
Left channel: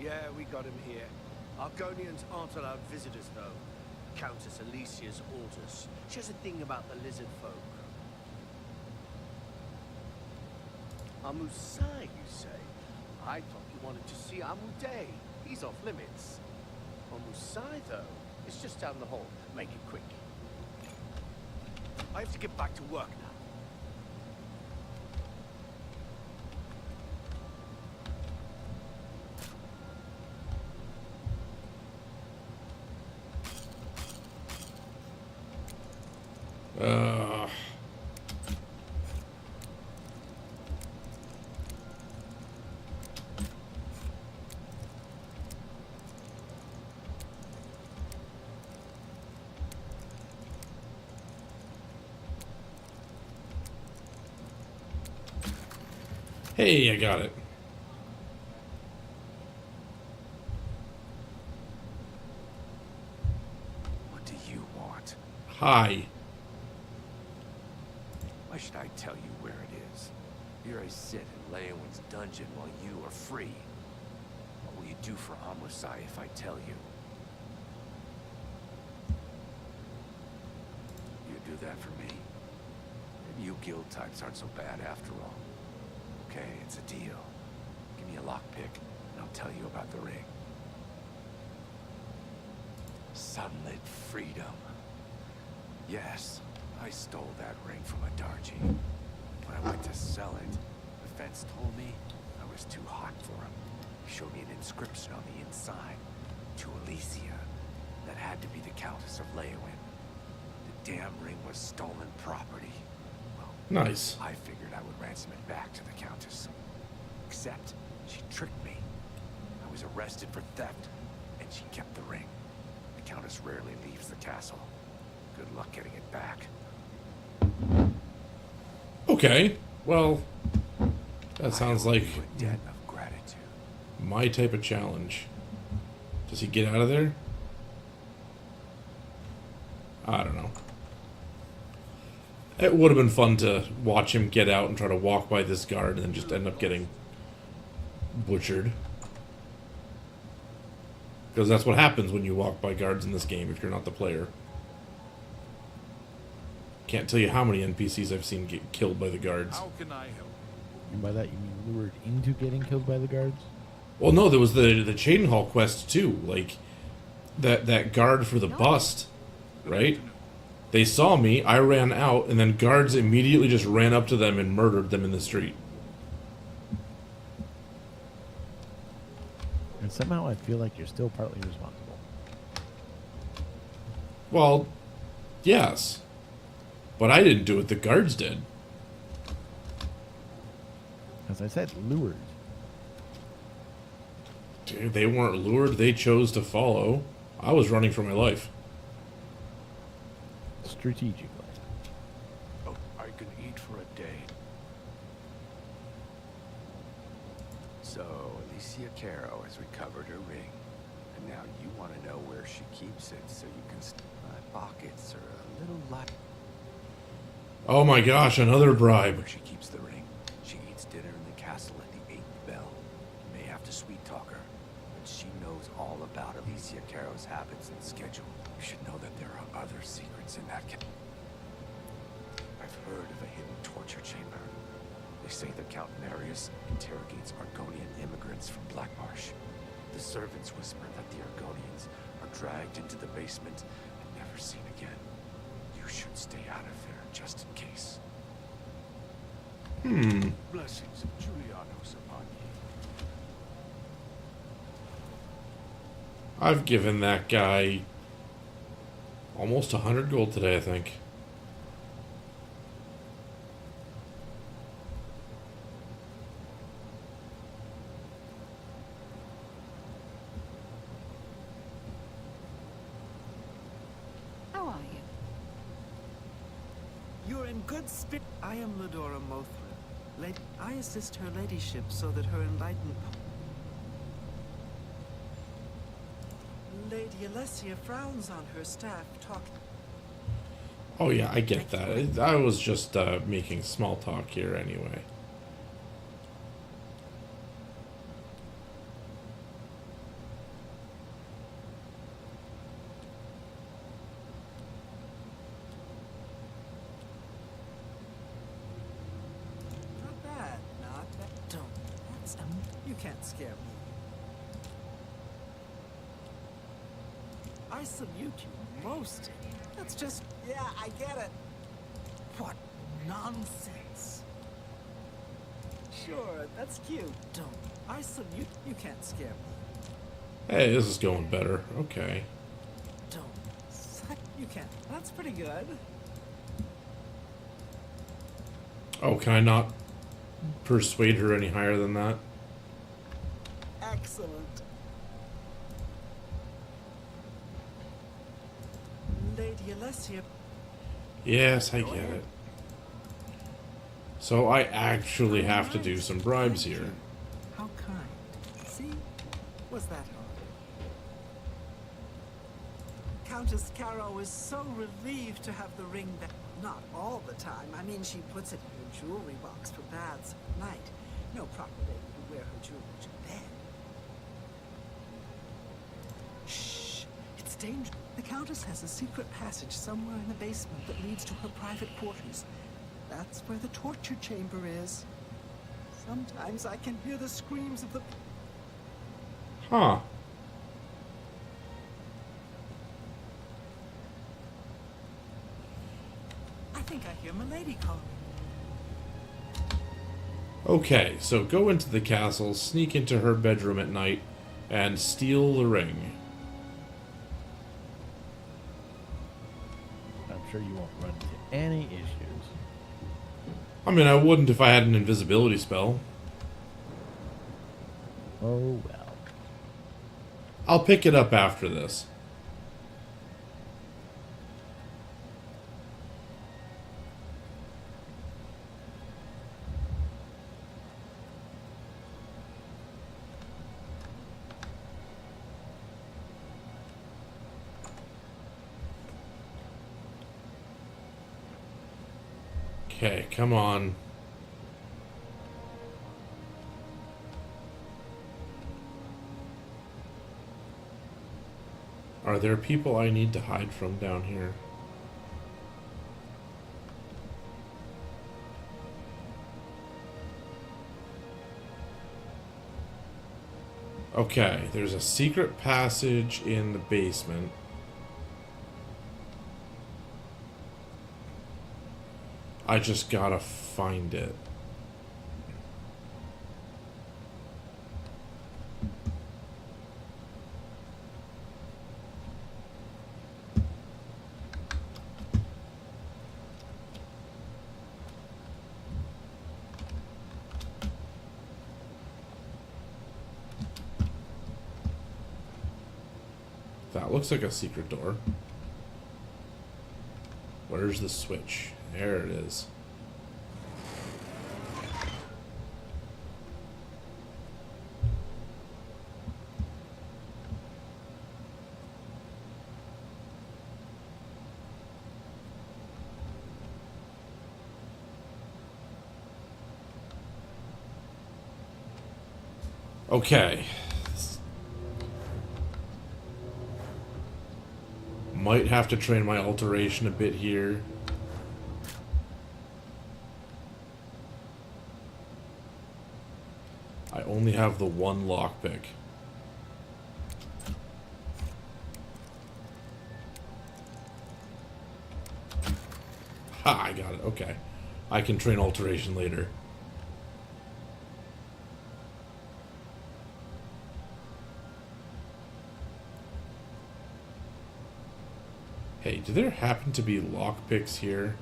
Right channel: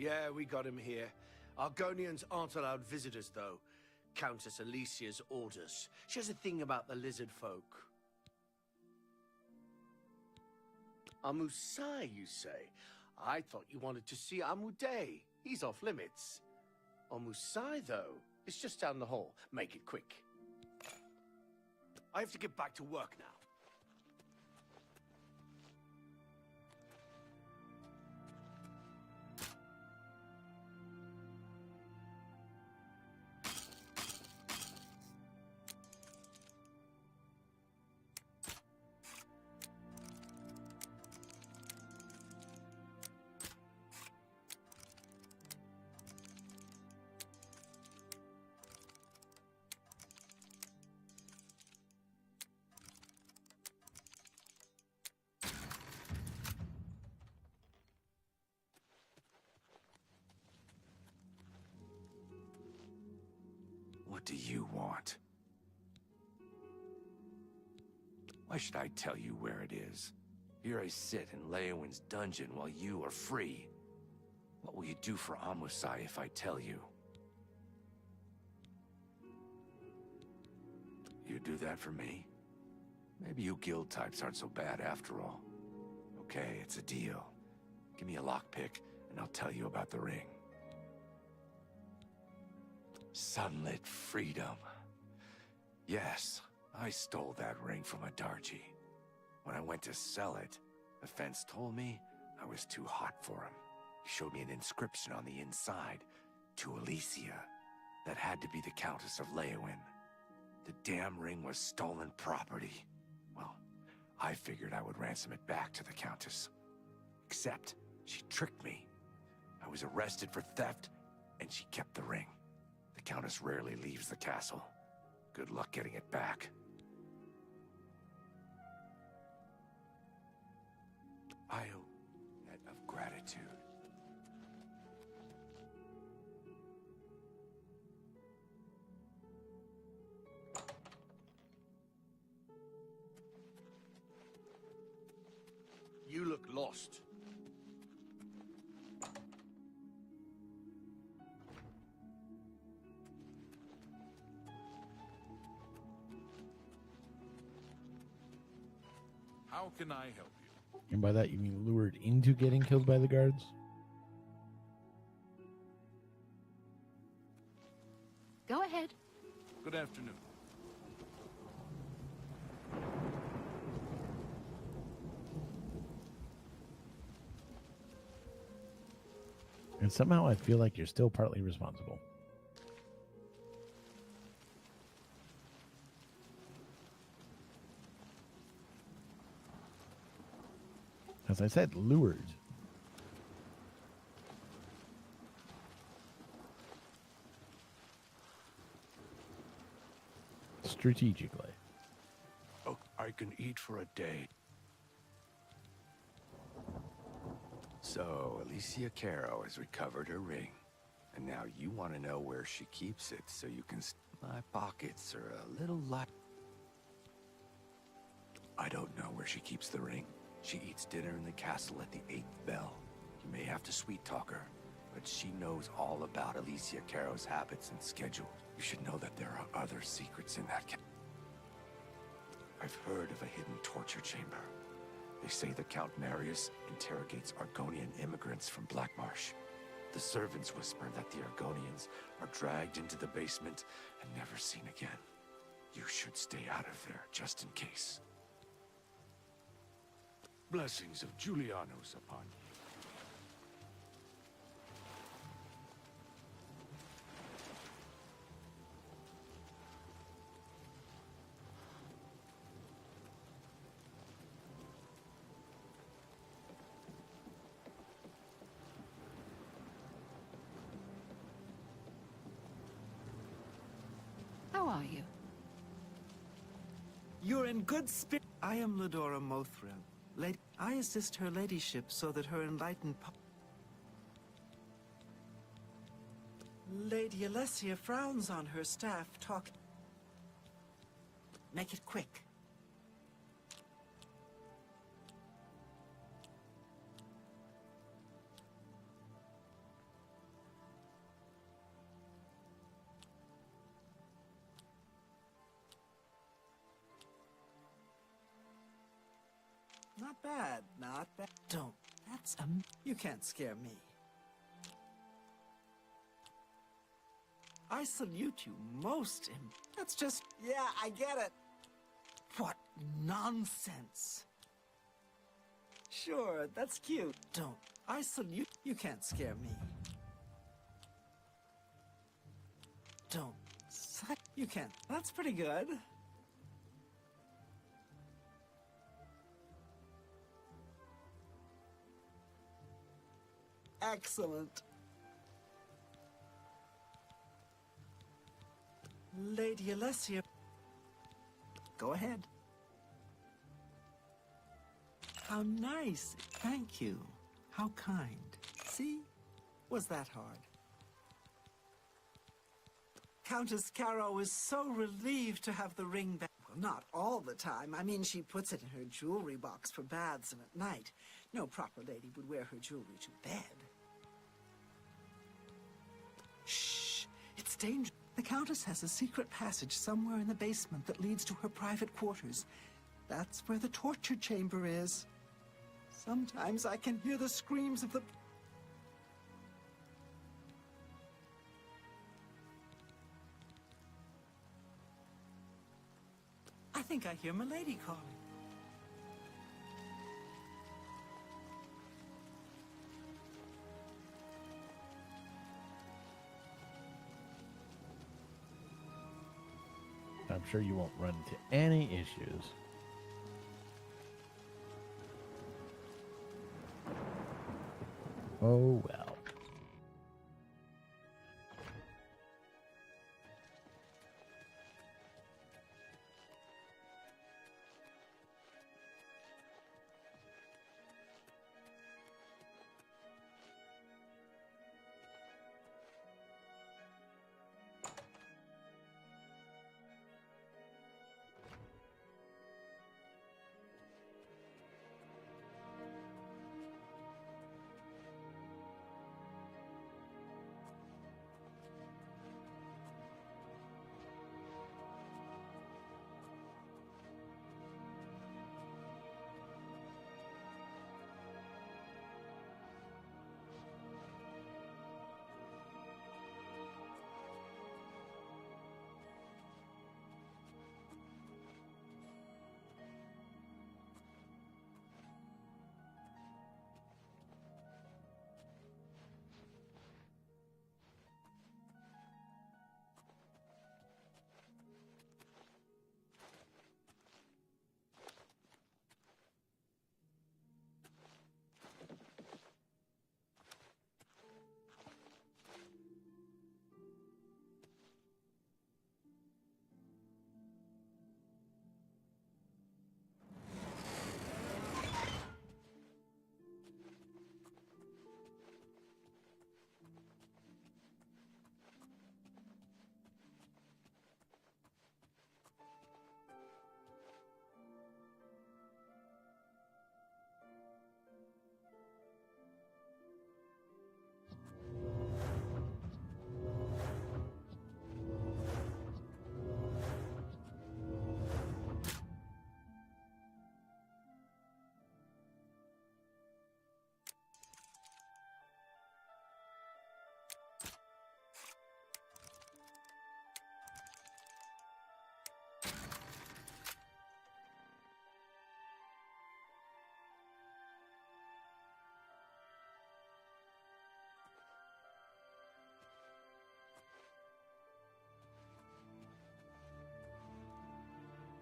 Yeah, we got him here. Argonians aren't allowed visitors, though. Countess Alicia's orders. She has a thing about the lizard folk. Amusai, you say? I thought you wanted to see Amuday. He's off limits. Amusai, though, is just down the hall. Make it quick. I have to get back to work now. Hey, I got it. What do you want? Hi. Why should I tell you where it is? Here I sit in Leowin's dungeon while you are free. What will you do for Amusai if I tell you? You do that for me? Maybe you guild types aren't so bad after all. Okay, it's a deal. Give me a lockpick, and I'll tell you about the ring. Sunlit freedom. Yes, I stole that ring from a Darji. When I went to sell it, the fence told me I was too hot for him. He showed me an inscription on the inside, to Alicia. That had to be the Countess of Leowin. The damn ring was stolen property. Well, nice. I figured I would ransom it back to the Countess. Except, she tricked me. I was arrested for theft, and she kept the ring. The Countess rarely leaves the castle. Good luck getting it back. Okay, well, that sounds like a debt of gratitude. My type of challenge. Does he get out of there? I don't know. It would have been fun to watch him get out and try to walk by this guard and then just end up getting butchered. Because that's what happens when you walk by guards in this game if you're not the player. Can't tell you how many NPCs I've seen get killed by the guards. How can I help? And by that you mean lured into getting killed by the guards? Well, no, there was the Chadenhall quest too. Like that guard for the bust, right? They saw me, I ran out, and then guards immediately just ran up to them and murdered them in the street. And somehow I feel like you're still partly responsible. Well, yes. But I didn't do it, the guards did. As I said, lured. Dude, they weren't lured, they chose to follow. I was running for my life. Strategically. Oh, are I can eat for a day. So, Alicia Caro has recovered her ring. And now you want to know where she keeps it so you can... My pockets are a little light. Oh my gosh, another bribe. Where she keeps the ring. She eats dinner in the castle at the 8th bell. You may have to sweet talk her, but she knows all about Alicia Caro's habits and schedule. You should know that there are other secrets in that I've heard of a hidden torture chamber. They say the Count Marius interrogates Argonian immigrants from Blackmarsh. The servants whisper that the Argonians are dragged into the basement and never seen again. You should stay out of there, just in case. Blessings of Julianos upon you. I've given that guy almost 100 gold today, I think. How are you? You're in good spirit. I am Ladora Mothra. I assist her ladyship so that her enlightened... Lady Alessia frowns on her staff Oh yeah, I get that. I was just making small talk here anyway. Not bad, not bad. Don't. That's you can't scare me. I salute you most. That's just... Yeah, I get it. What nonsense. Sure, that's cute. Don't. I salute... You can't scare me. Hey, this is going better. Okay. Don't. You can't. That's pretty good. Oh, can I not persuade her any higher than that? Excellent. Lady Alessia. Yes, I Go get ahead. it. So I actually How have to do nice. some bribes Thank here. you. How kind. See? Was that hard? Countess Caro is so relieved to have the ring back. Not all the time. I mean, she puts it in her jewelry box for baths at night. No proper lady would wear her jewelry to bed. Shh! It's dangerous. The Countess has a secret passage somewhere in the basement that leads to her private quarters. That's where the torture chamber is. Sometimes I can hear the screams of the... Huh. I think I hear Milady calling. Okay, so go into the castle, sneak into her bedroom at night, and steal the ring. I'm sure you won't run into any issues. I mean, I wouldn't if I had an invisibility spell. Oh well. I'll pick it up after this. Okay, come on. Are there people I need to hide from down here? Okay, there's a secret passage in the basement. I just gotta find it. That looks like a secret door. Where's the switch? There it is. Okay. Might have to train my alteration a bit here. I only have the one lockpick. Ha, I got it. Okay. I can train alteration later. Hey, do there happen to be lockpicks here?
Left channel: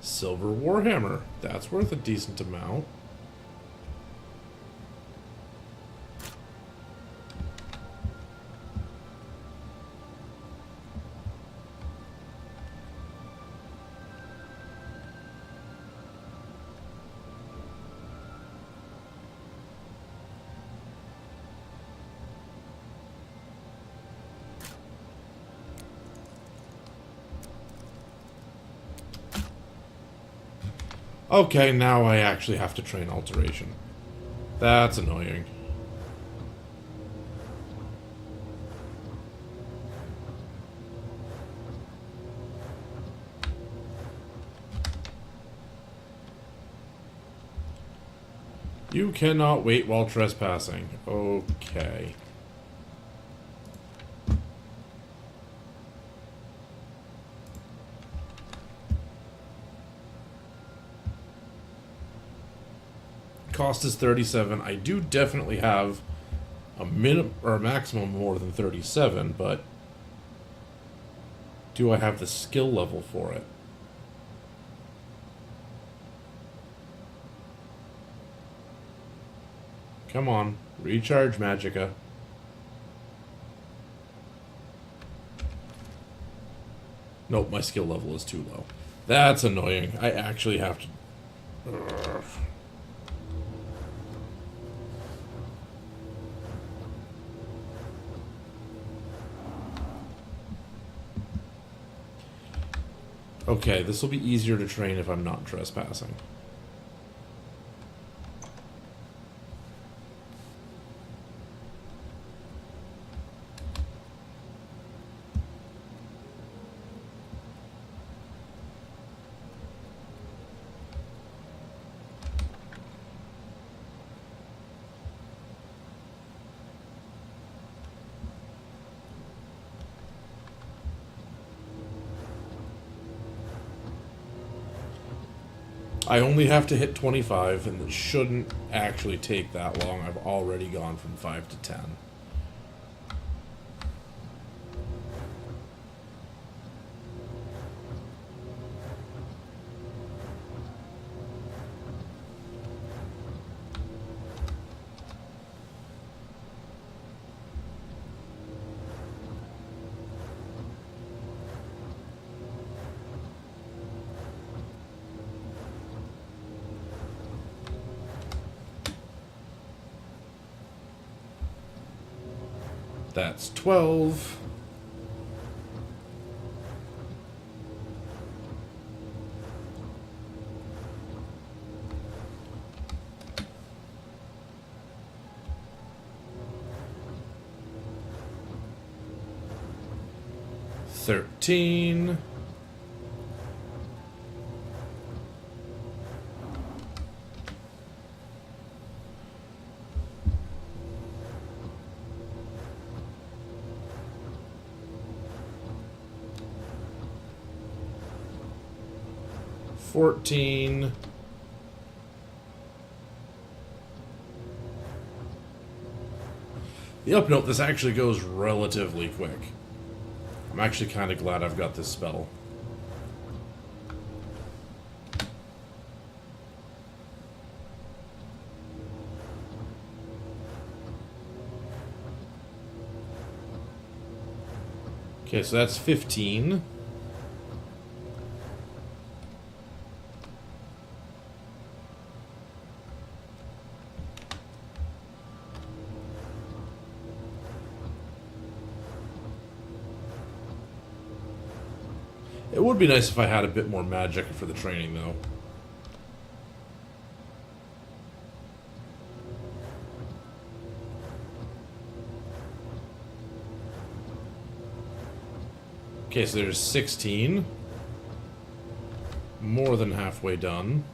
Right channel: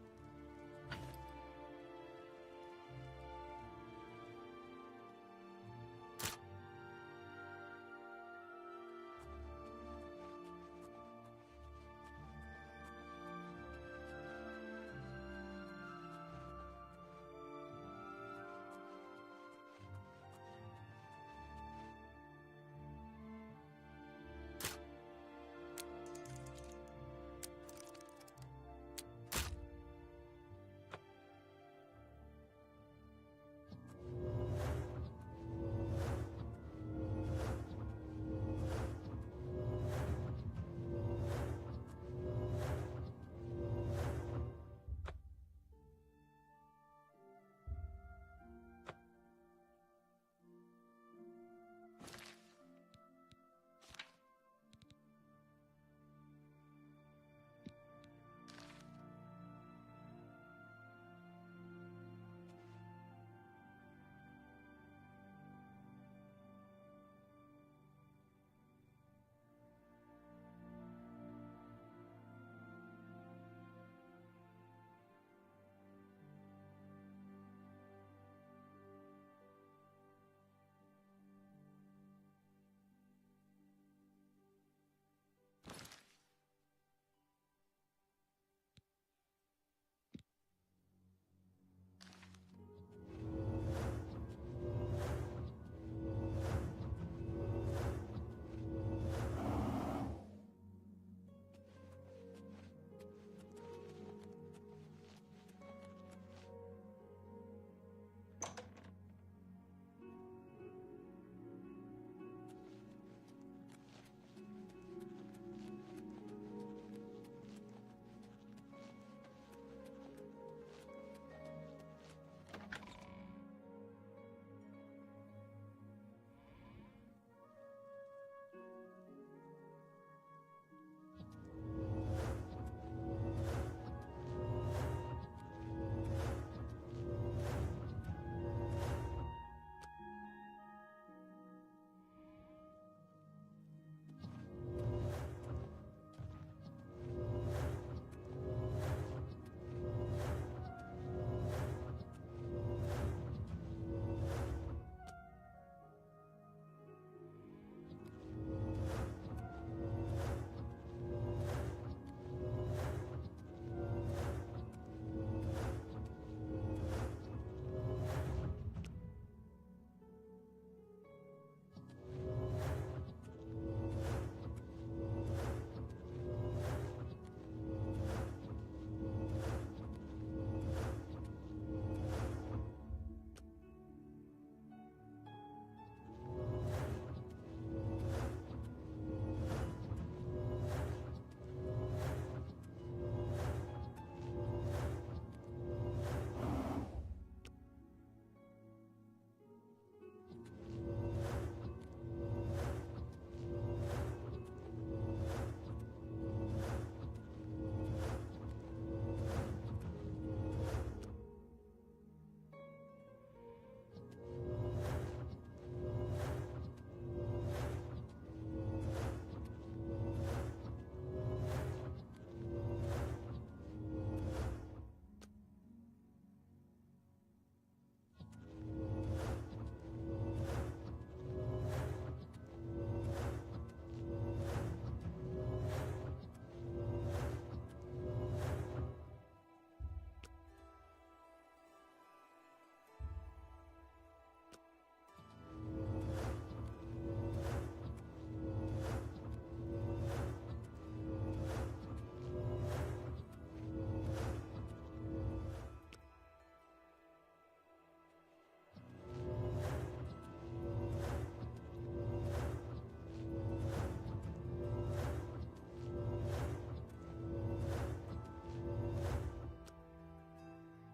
Silver Warhammer. That's worth a decent amount. Okay, now I actually have to train alteration. That's annoying. You cannot wait while trespassing. Okay. Cost is 37. I do definitely have a minimum or a maximum more than 37, but do I have the skill level for it? Come on, recharge Magicka. Nope, my skill level is too low. That's annoying. I actually have to... Ugh. Okay, this will be easier to train if I'm not trespassing. I only have to hit 25, and it shouldn't actually take that long. I've already gone from 5 to 10. That's 12. $13. $14. Yep, nope, this actually goes relatively quick. I'm actually kind of glad I've got this spell. Okay, so that's 15. It would be nice if I had a bit more magic for the training, though. Okay, so there's 16. More than halfway done.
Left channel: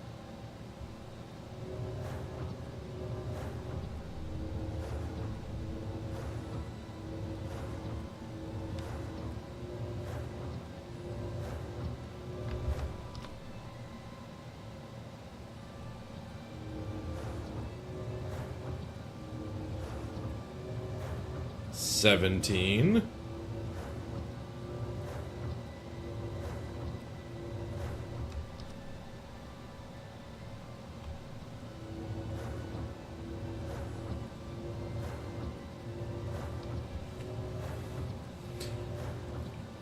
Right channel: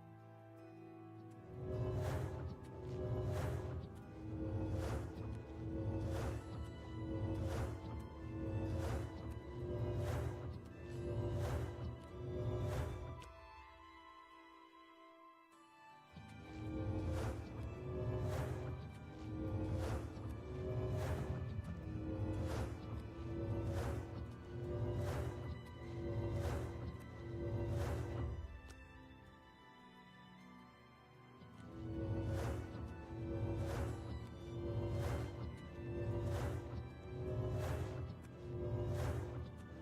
$17.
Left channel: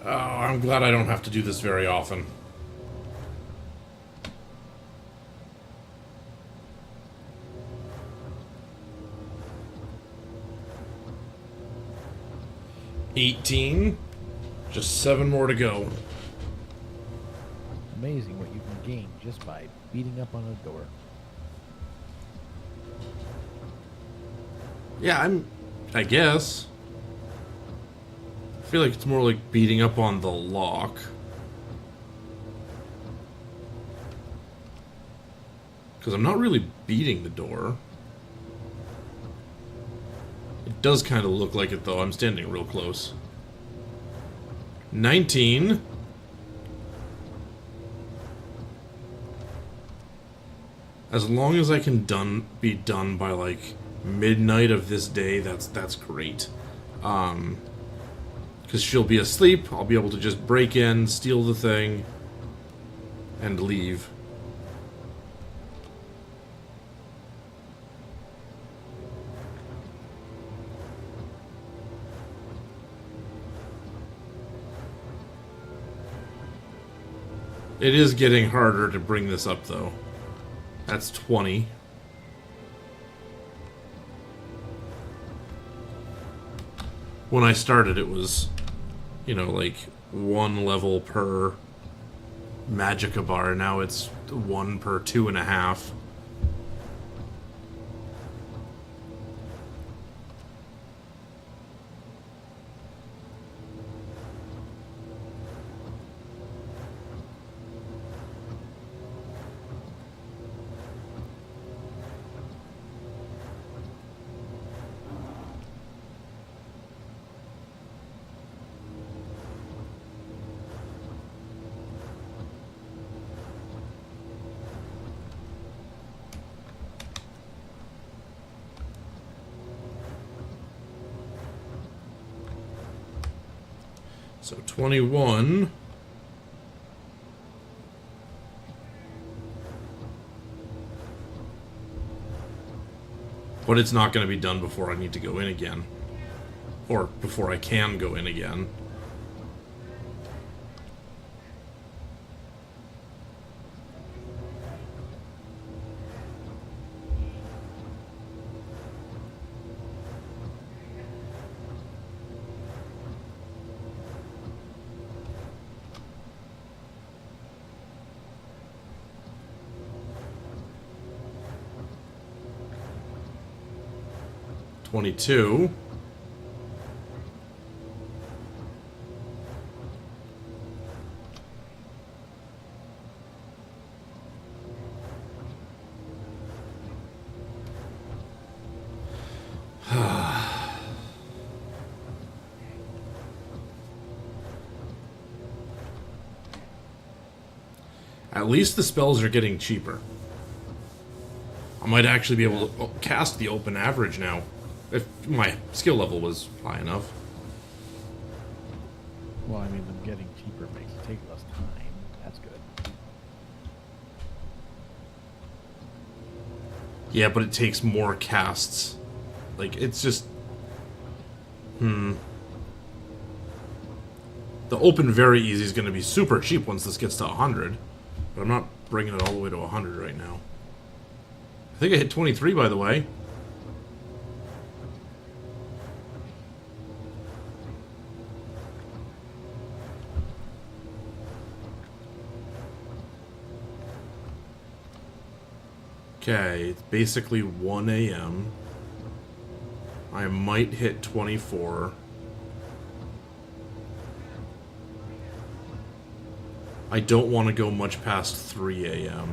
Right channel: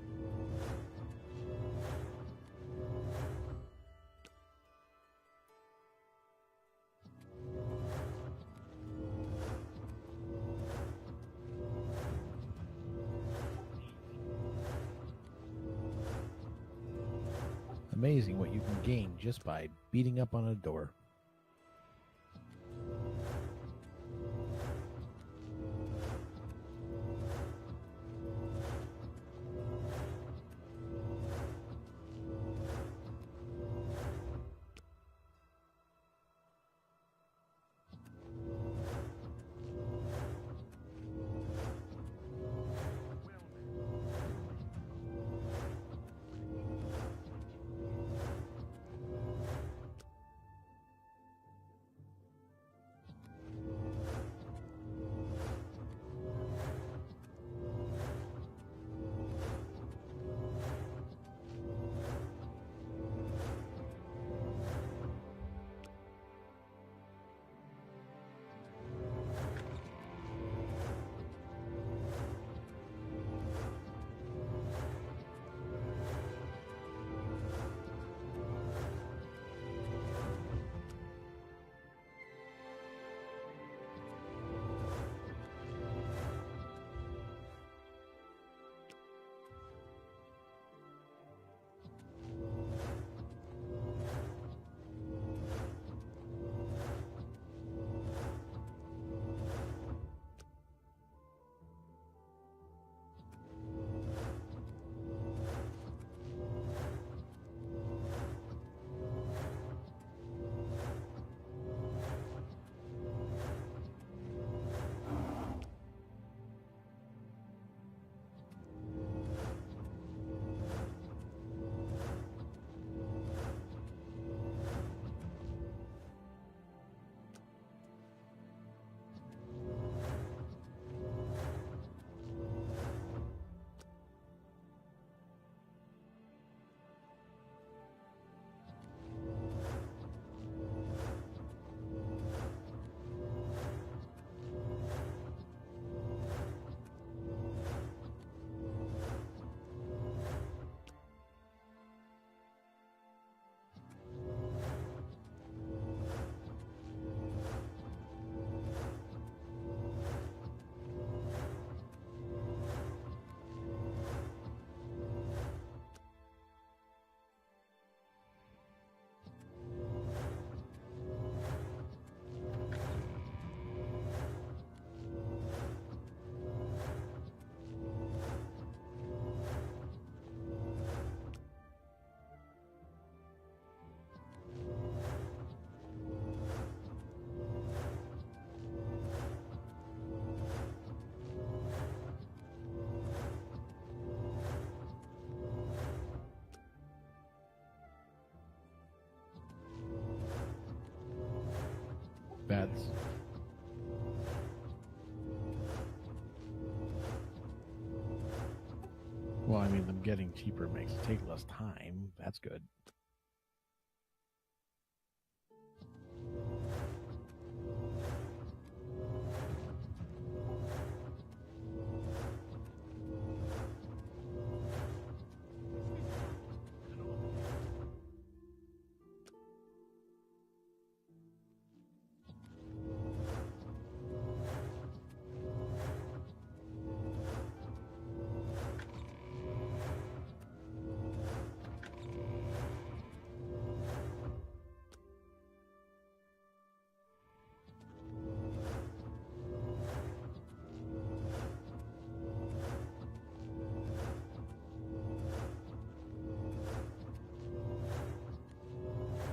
Oh, I'm glad I don't have to do this very often. $18. Just 7 more to go. Amazing what you can gain just by beating up on a door. Yeah, I guess. I feel like it's more like beating up on the lock. Because I'm not really beating the door. It does kind of look like it, though. I'm standing real close. 19. As long as I can be done by, like, midnight of this day, that's great. Because she'll be asleep, I'll be able to just break in, steal the thing, and leave. It is getting harder to bring this up, though. That's 20. When I started, it was, you know, like 1 level per Magicka bar. Now it's 1 per 2.5. So 21. But it's not going to be done before I need to go in again. Or before I can go in again. $22. At least the spells are getting cheaper. I might actually be able to cast the open average now. If my skill level was high enough. Well, I mean, them getting cheaper makes it take less time. That's good. Yeah, but it takes more casts. Like, it's just... The open very easy is going to be super cheap once this gets to 100. But I'm not bringing it all the way to 100 right now. I think I hit 23, by the way. Okay, it's basically 1 a.m. I might hit 24. I don't want to go much past 3 a.m.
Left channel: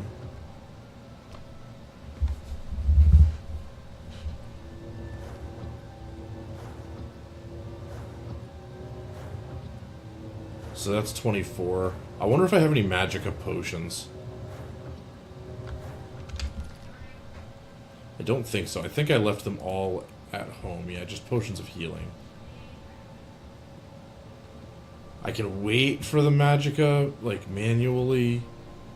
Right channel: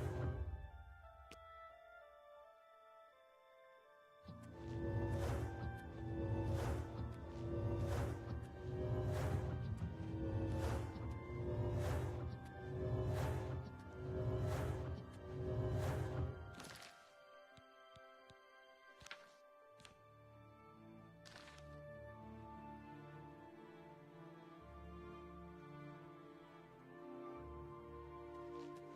So that's 24. I wonder if I have any magicka potions. I don't think so. I think I left them all at home. Yeah, just potions of healing. I can wait for the magicka, like, manually.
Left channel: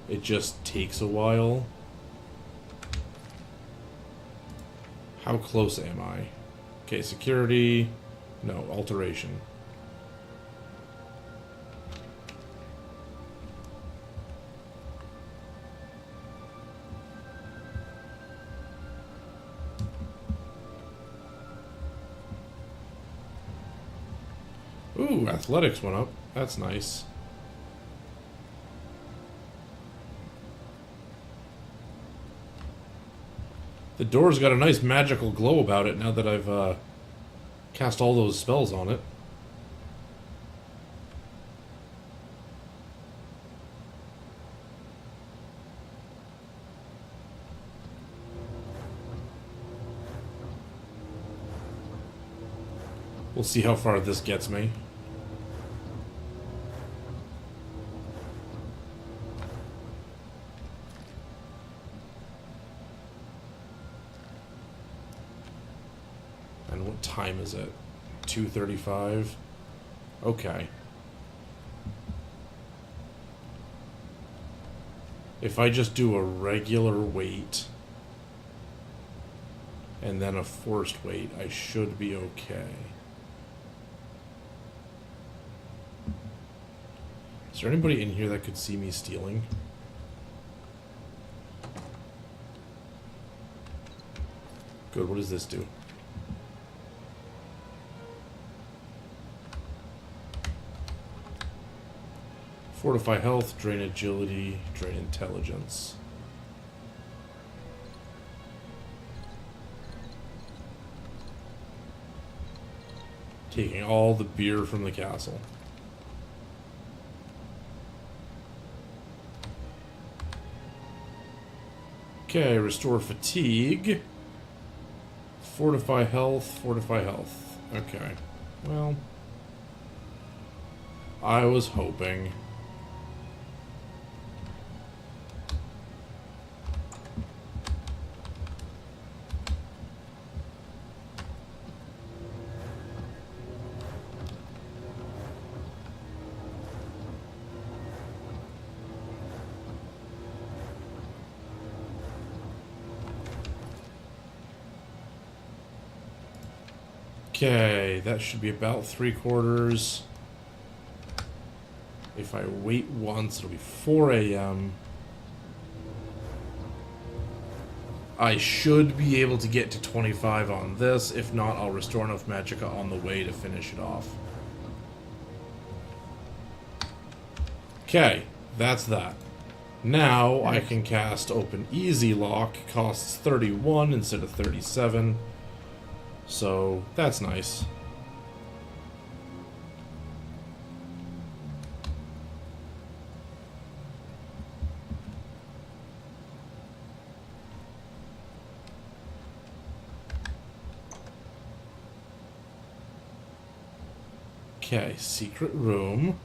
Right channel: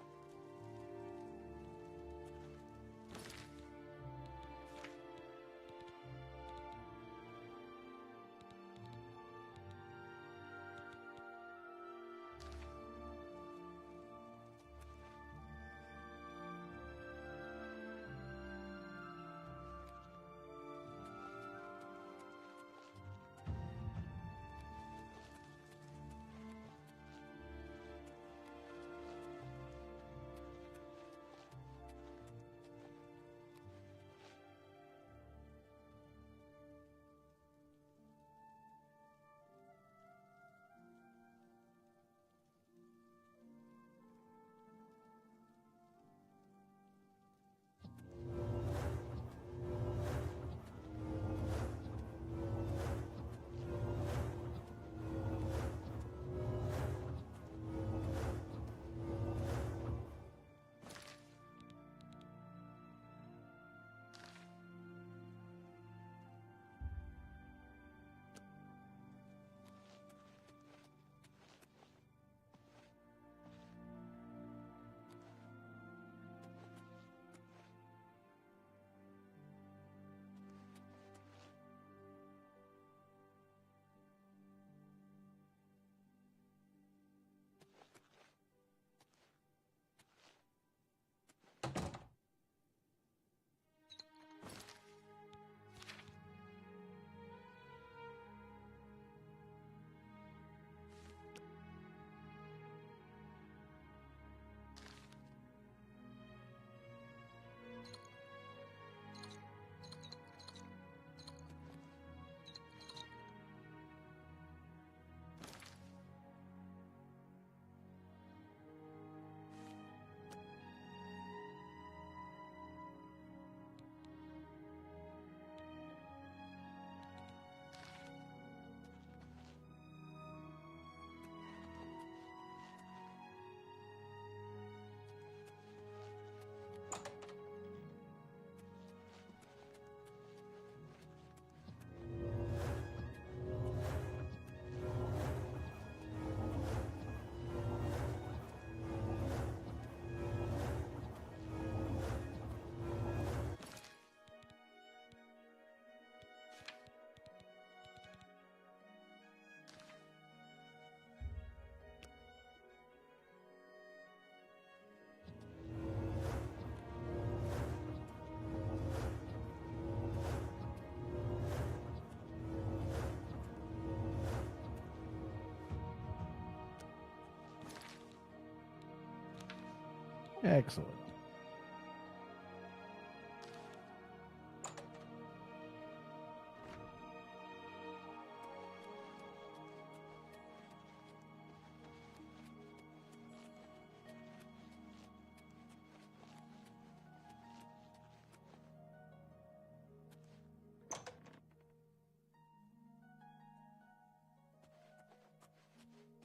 It just takes a while. How close am I? Okay, security. No, alteration. Ooh, athletics went up. That's nice. The door's got a nice magical glow about it now that I've cast all those spells on it. We'll see how far this gets me. And what time is it? 2:35? Okay. If I just do a regular wait and then a forced wait, I should be okay. Is there anybody in here that could see me stealing? Good, what does this do? Fortify health, drain agility, drain intelligence. Taking all the beer from the castle. Okay, restore fatigue. Fortify health, fortify health. Okay. Well, I was hoping. Okay, that should be about 3/4. If I wait once, it'll be 4 a.m. I should be able to get to 25 on this. If not, I'll restore enough magicka on the way to finish it off. Okay, that's that. Now I can cast Open Easy Lock. Costs 31 instead of 37. So, that's nice. Okay, secret room.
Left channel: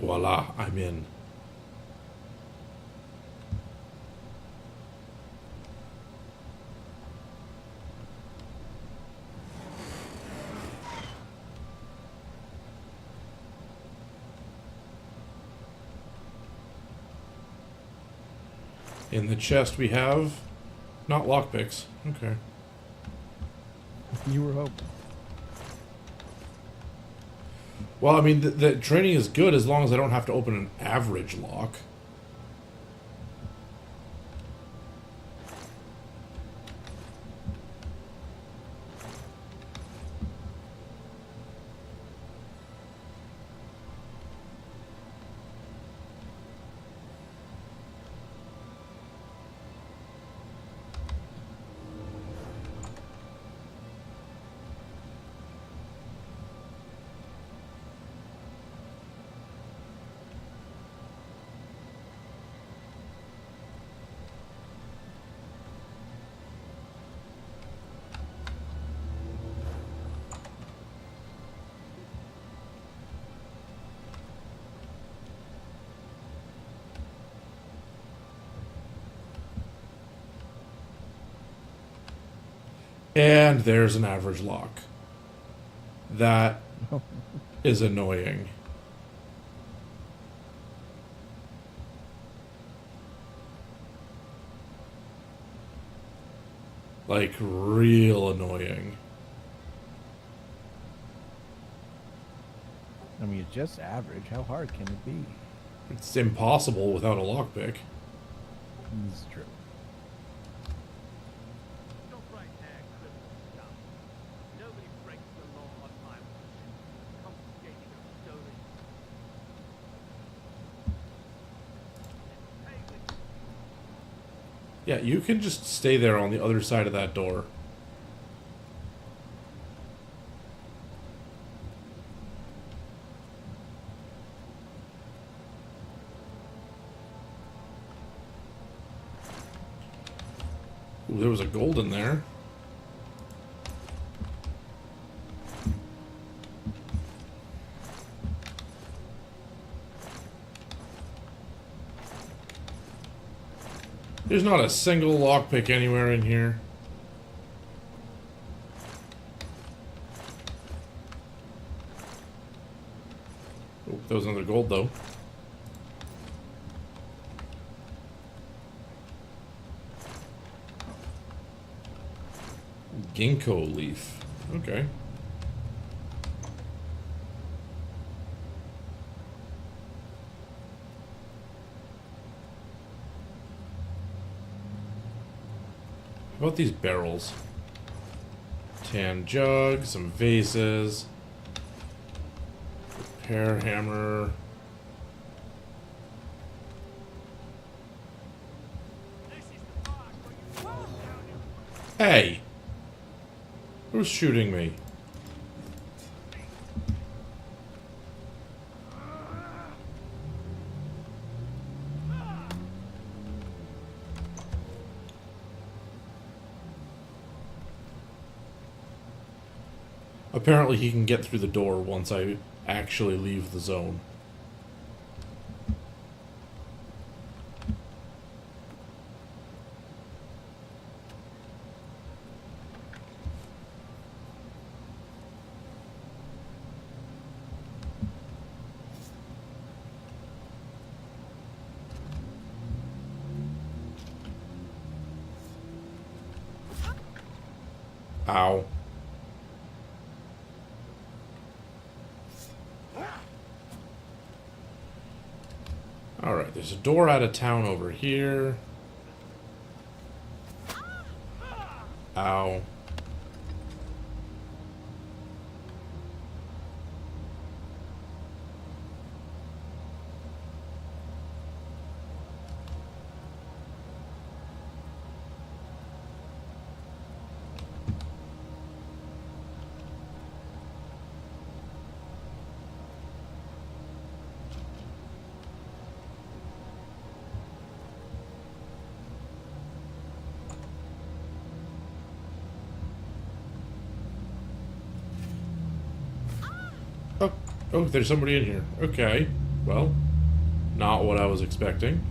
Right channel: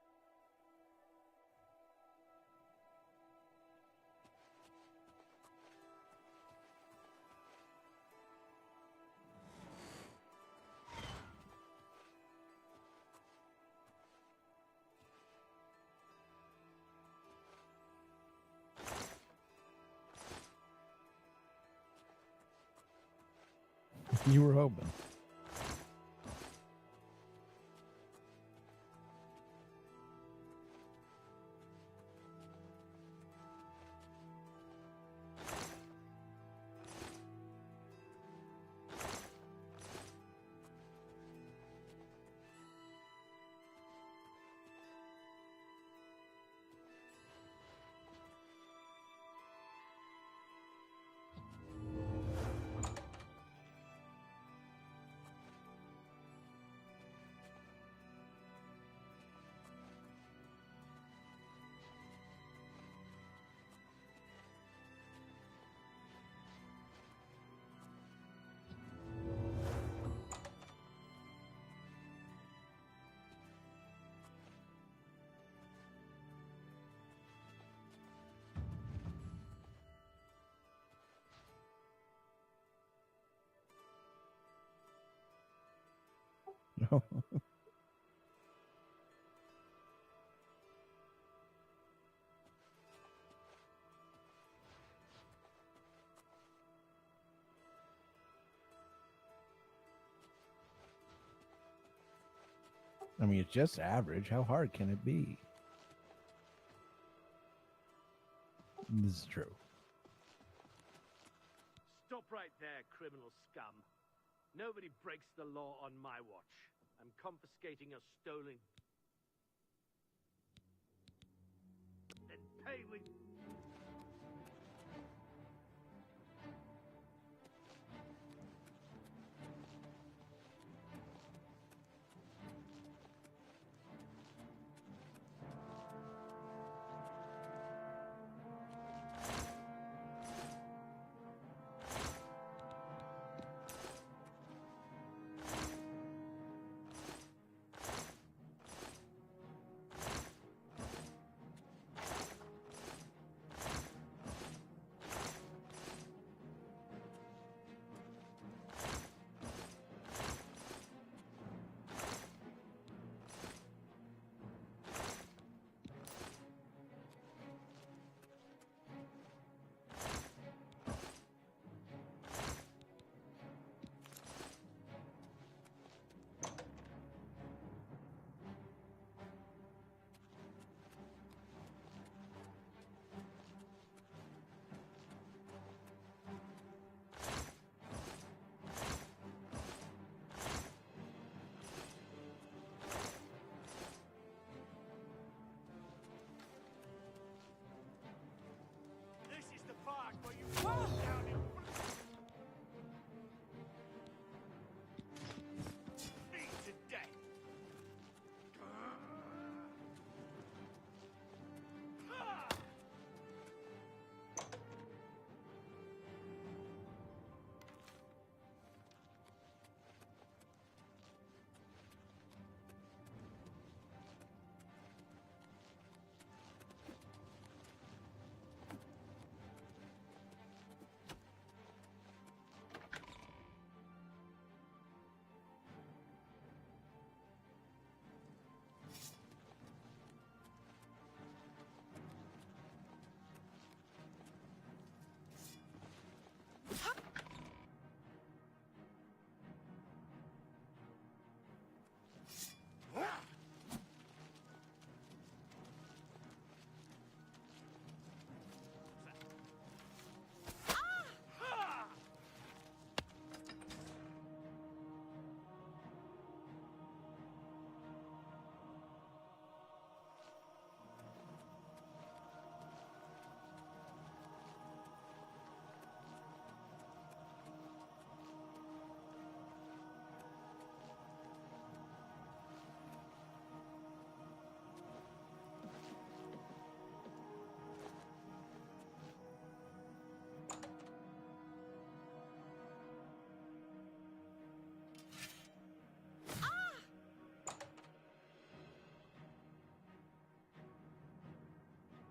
Voila, I'm in. In the chest we have not lockpicks. Okay. You were hoping. Well, I mean, the training is good as long as I don't have to open an average lock. And there's an average lock. That is annoying. Like, real annoying. I mean, it's just average. How hard can it be? It's impossible without a lockpick. This is true. Stop right there, criminal scum. Nobody breaks the law on my watch. Confiscating of stolen. Let's pay with... Yeah, you can just stay there on the other side of that door. Ooh, there was a gold in there. There's not a single lockpick anywhere in here. Oh, that was another gold though. Ginkgo leaf. Okay. How about these barrels? Tan jug, some vases, repair hammer. Hey! Who's shooting me? Apparently he can get through the door once I actually leave the zone. Ow. Alright, there's a door out of town over here. Ow. Oh, there's somebody in here. Okay. Well, not what I was expecting.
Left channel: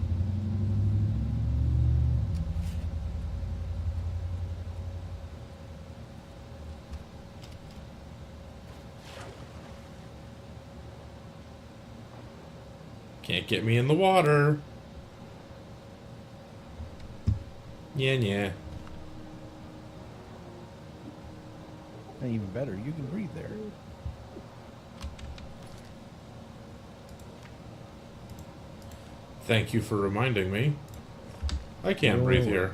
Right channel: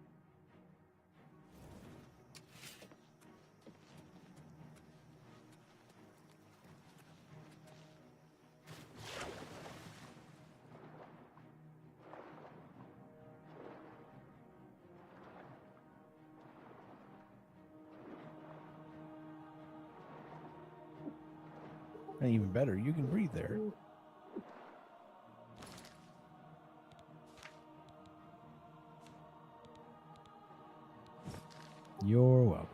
Can't get me in the water. Yeah. And even better, you can breathe there. Thank you for reminding me. I can't breathe here.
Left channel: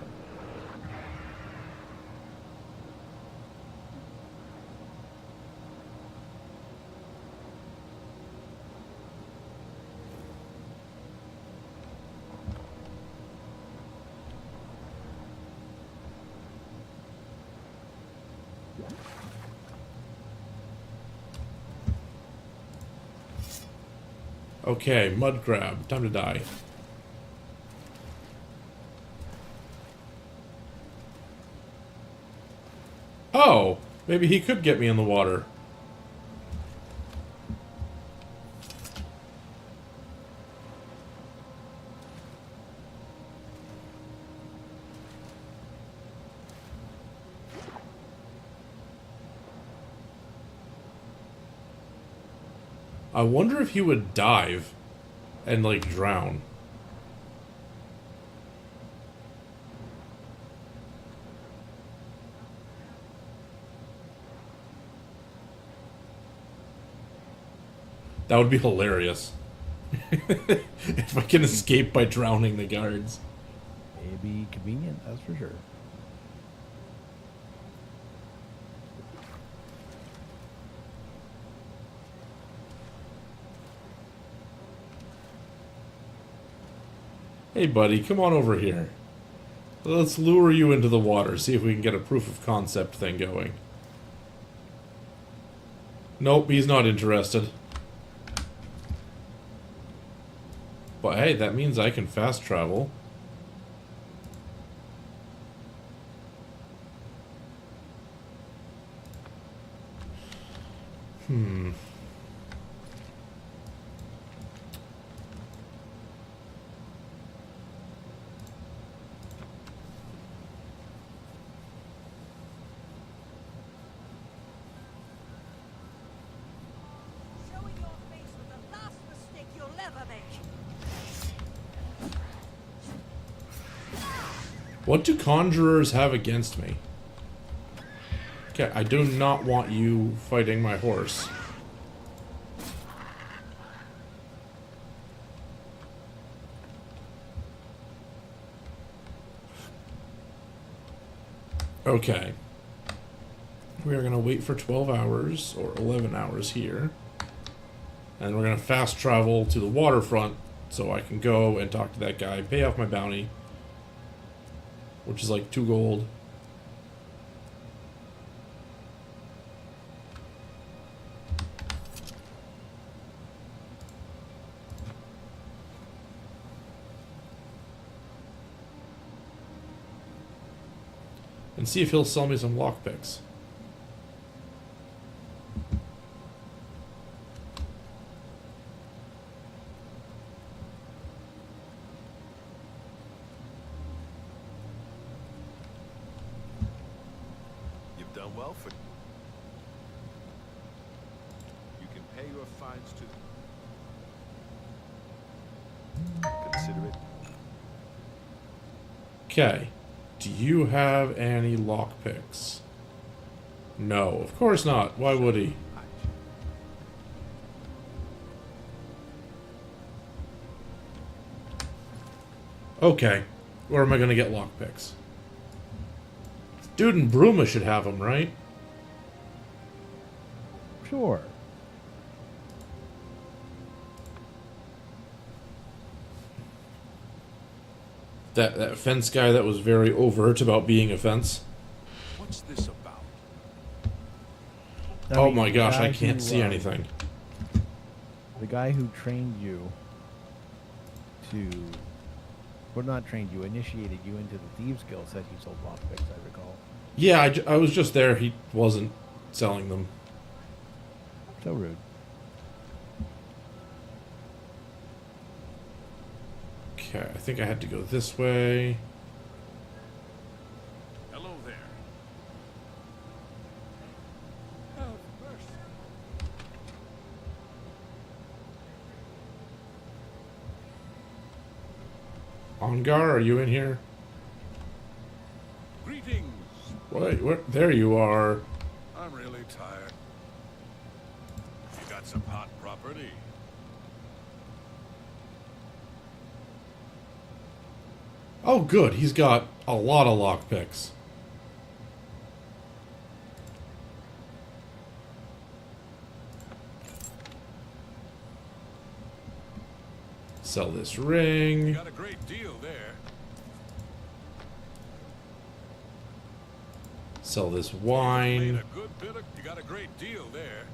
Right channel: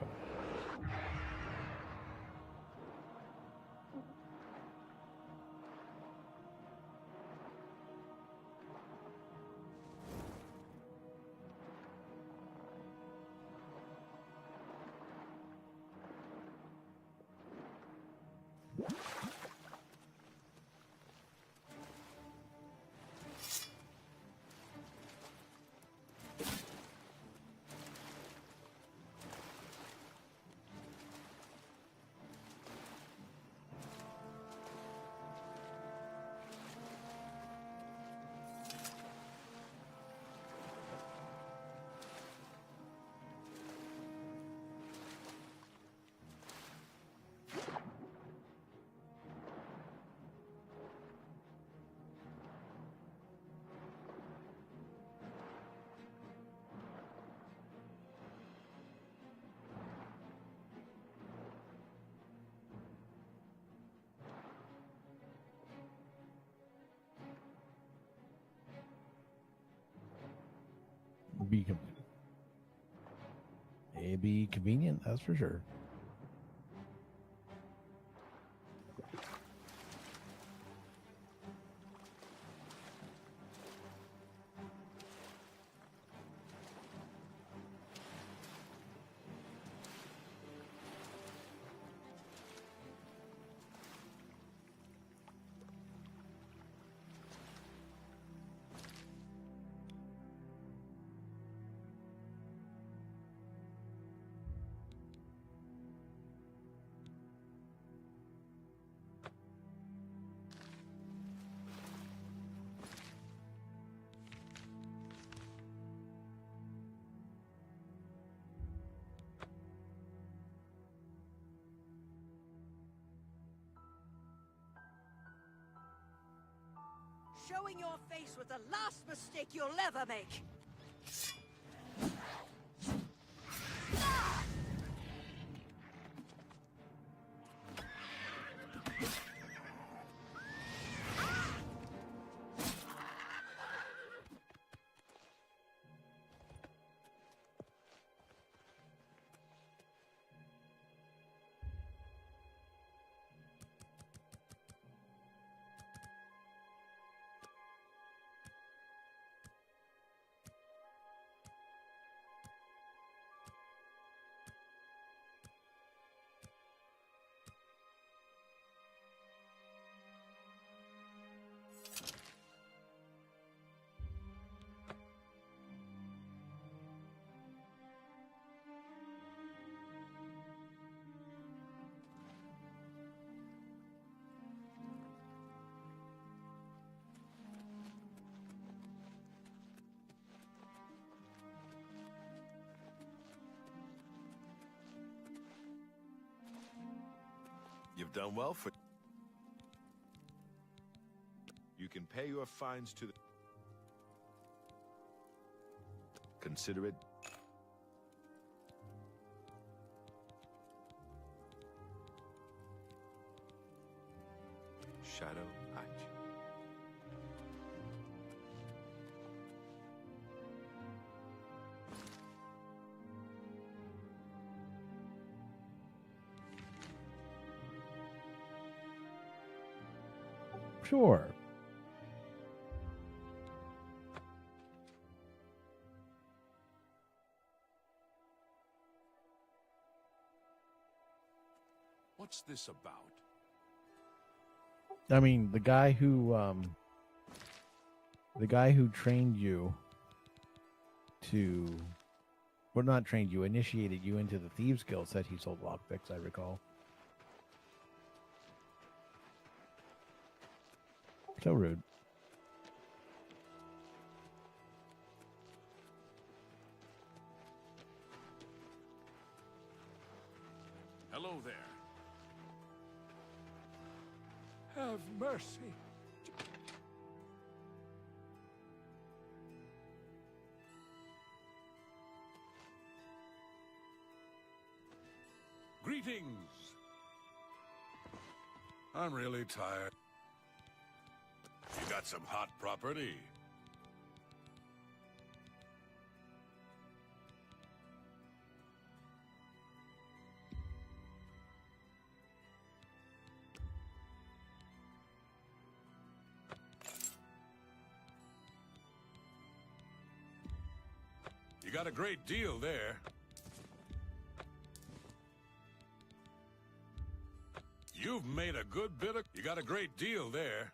Okay, mud crab. Time to die. Oh, maybe he could get me in the water. I wonder if he would dive and, like, drown. That would be hilarious. If I can escape by drowning the guards. It'd be convenient, that's for sure. Hey buddy, come on over here. Let's lure you into the water, see if we can get a proof of concept thing going. Nope, he's not interested. But hey, that means I can fast travel. Showing your face was the last mistake you'll ever make. What do conjurers have against me? Okay, I do not want you fighting my horse. Okay. We are going to wait for 12 hours, or 11 hours here. And we're going to fast travel to the waterfront so I can go and talk to that guy, pay off my bounty, which is like 2 gold. And see if he'll sell me some lockpicks. You've done well for... You can pay your fines to the... Consider it. Okay. Do you have any lockpicks? No, of course not. Why would he? Okay. Where am I going to get lockpicks? Dude in Bruma should have them, right? Sure. That fence guy that was very overt about being a fence. What's this about? I Oh mean, my the gosh, guy I can't who, see anything. The guy who trained you to... Well, not trained you, initiated you into the Thieves Guild said he sold lockpicks, I recall. Yeah, I was just there. He wasn't selling them. So rude. Okay, I think I had to go this way. Hello there. Have mercy. Ongar, are you in here? Greetings. Wait, where? There you are. I'm really tired. You got some hot property? Oh, good. He's got a lot of lockpicks. Sell this ring. You got a great deal there. Sell this You've wine. made a good bit of... You got a great deal there.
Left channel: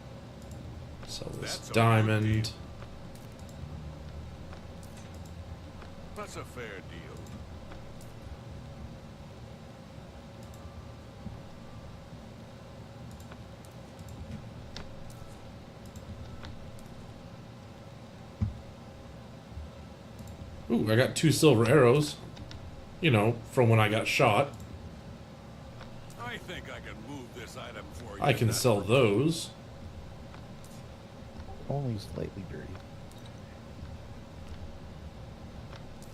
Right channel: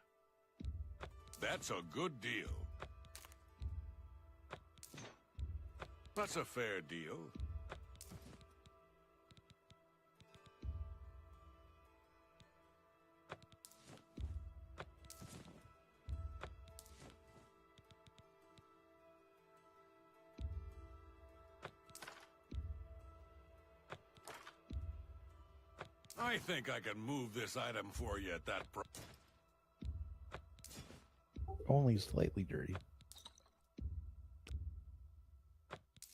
Sell this That's a good diamond. deal. That's a fair deal. Ooh, I got 2 silver arrows. You know, from when I got shot. I think I can move this item for you. I can sell those. only slightly dirty.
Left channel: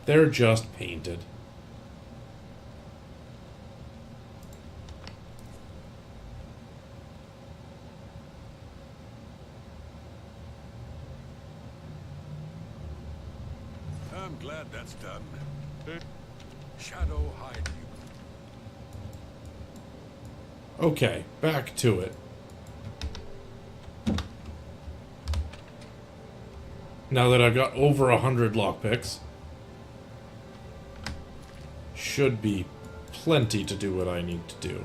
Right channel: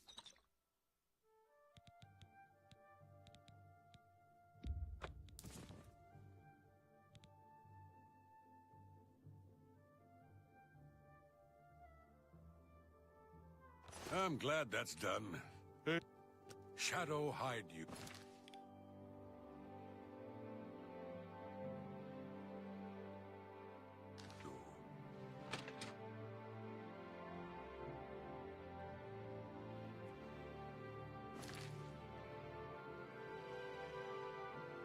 They're just painted. I'm glad that's done. Shadow hide you. Okay, back to it. Now that I've got over 100 lockpicks, should be plenty to do what I need to do.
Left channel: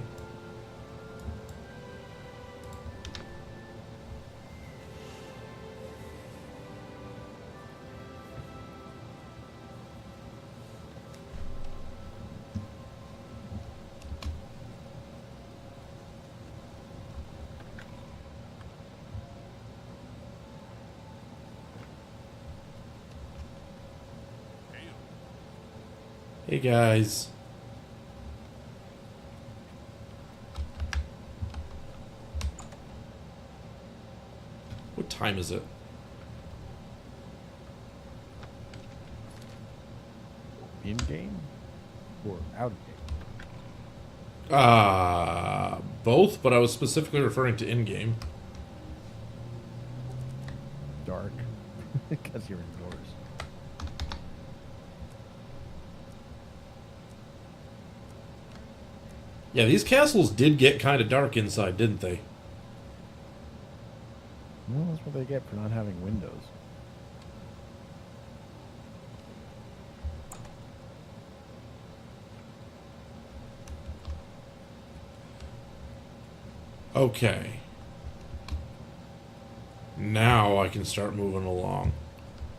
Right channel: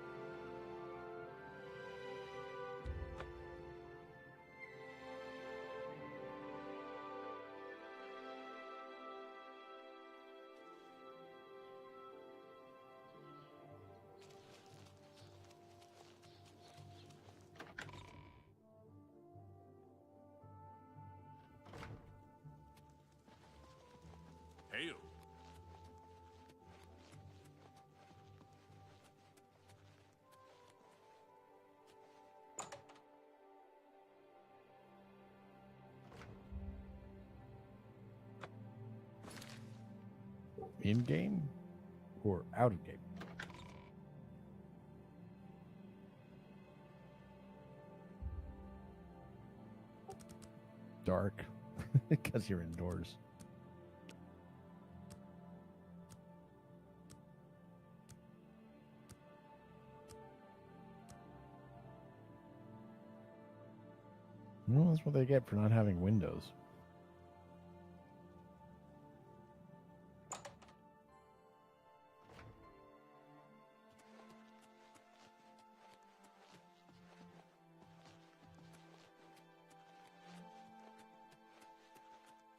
Hey guys. What time is it? In game or out of game? Both, but I was specifically referring to in-game. Dark, because you're indoors. Yeah, these castles did get kind of dark inside, didn't they? Well, that's what they get for not having windows. Okay. Now I can start moving along.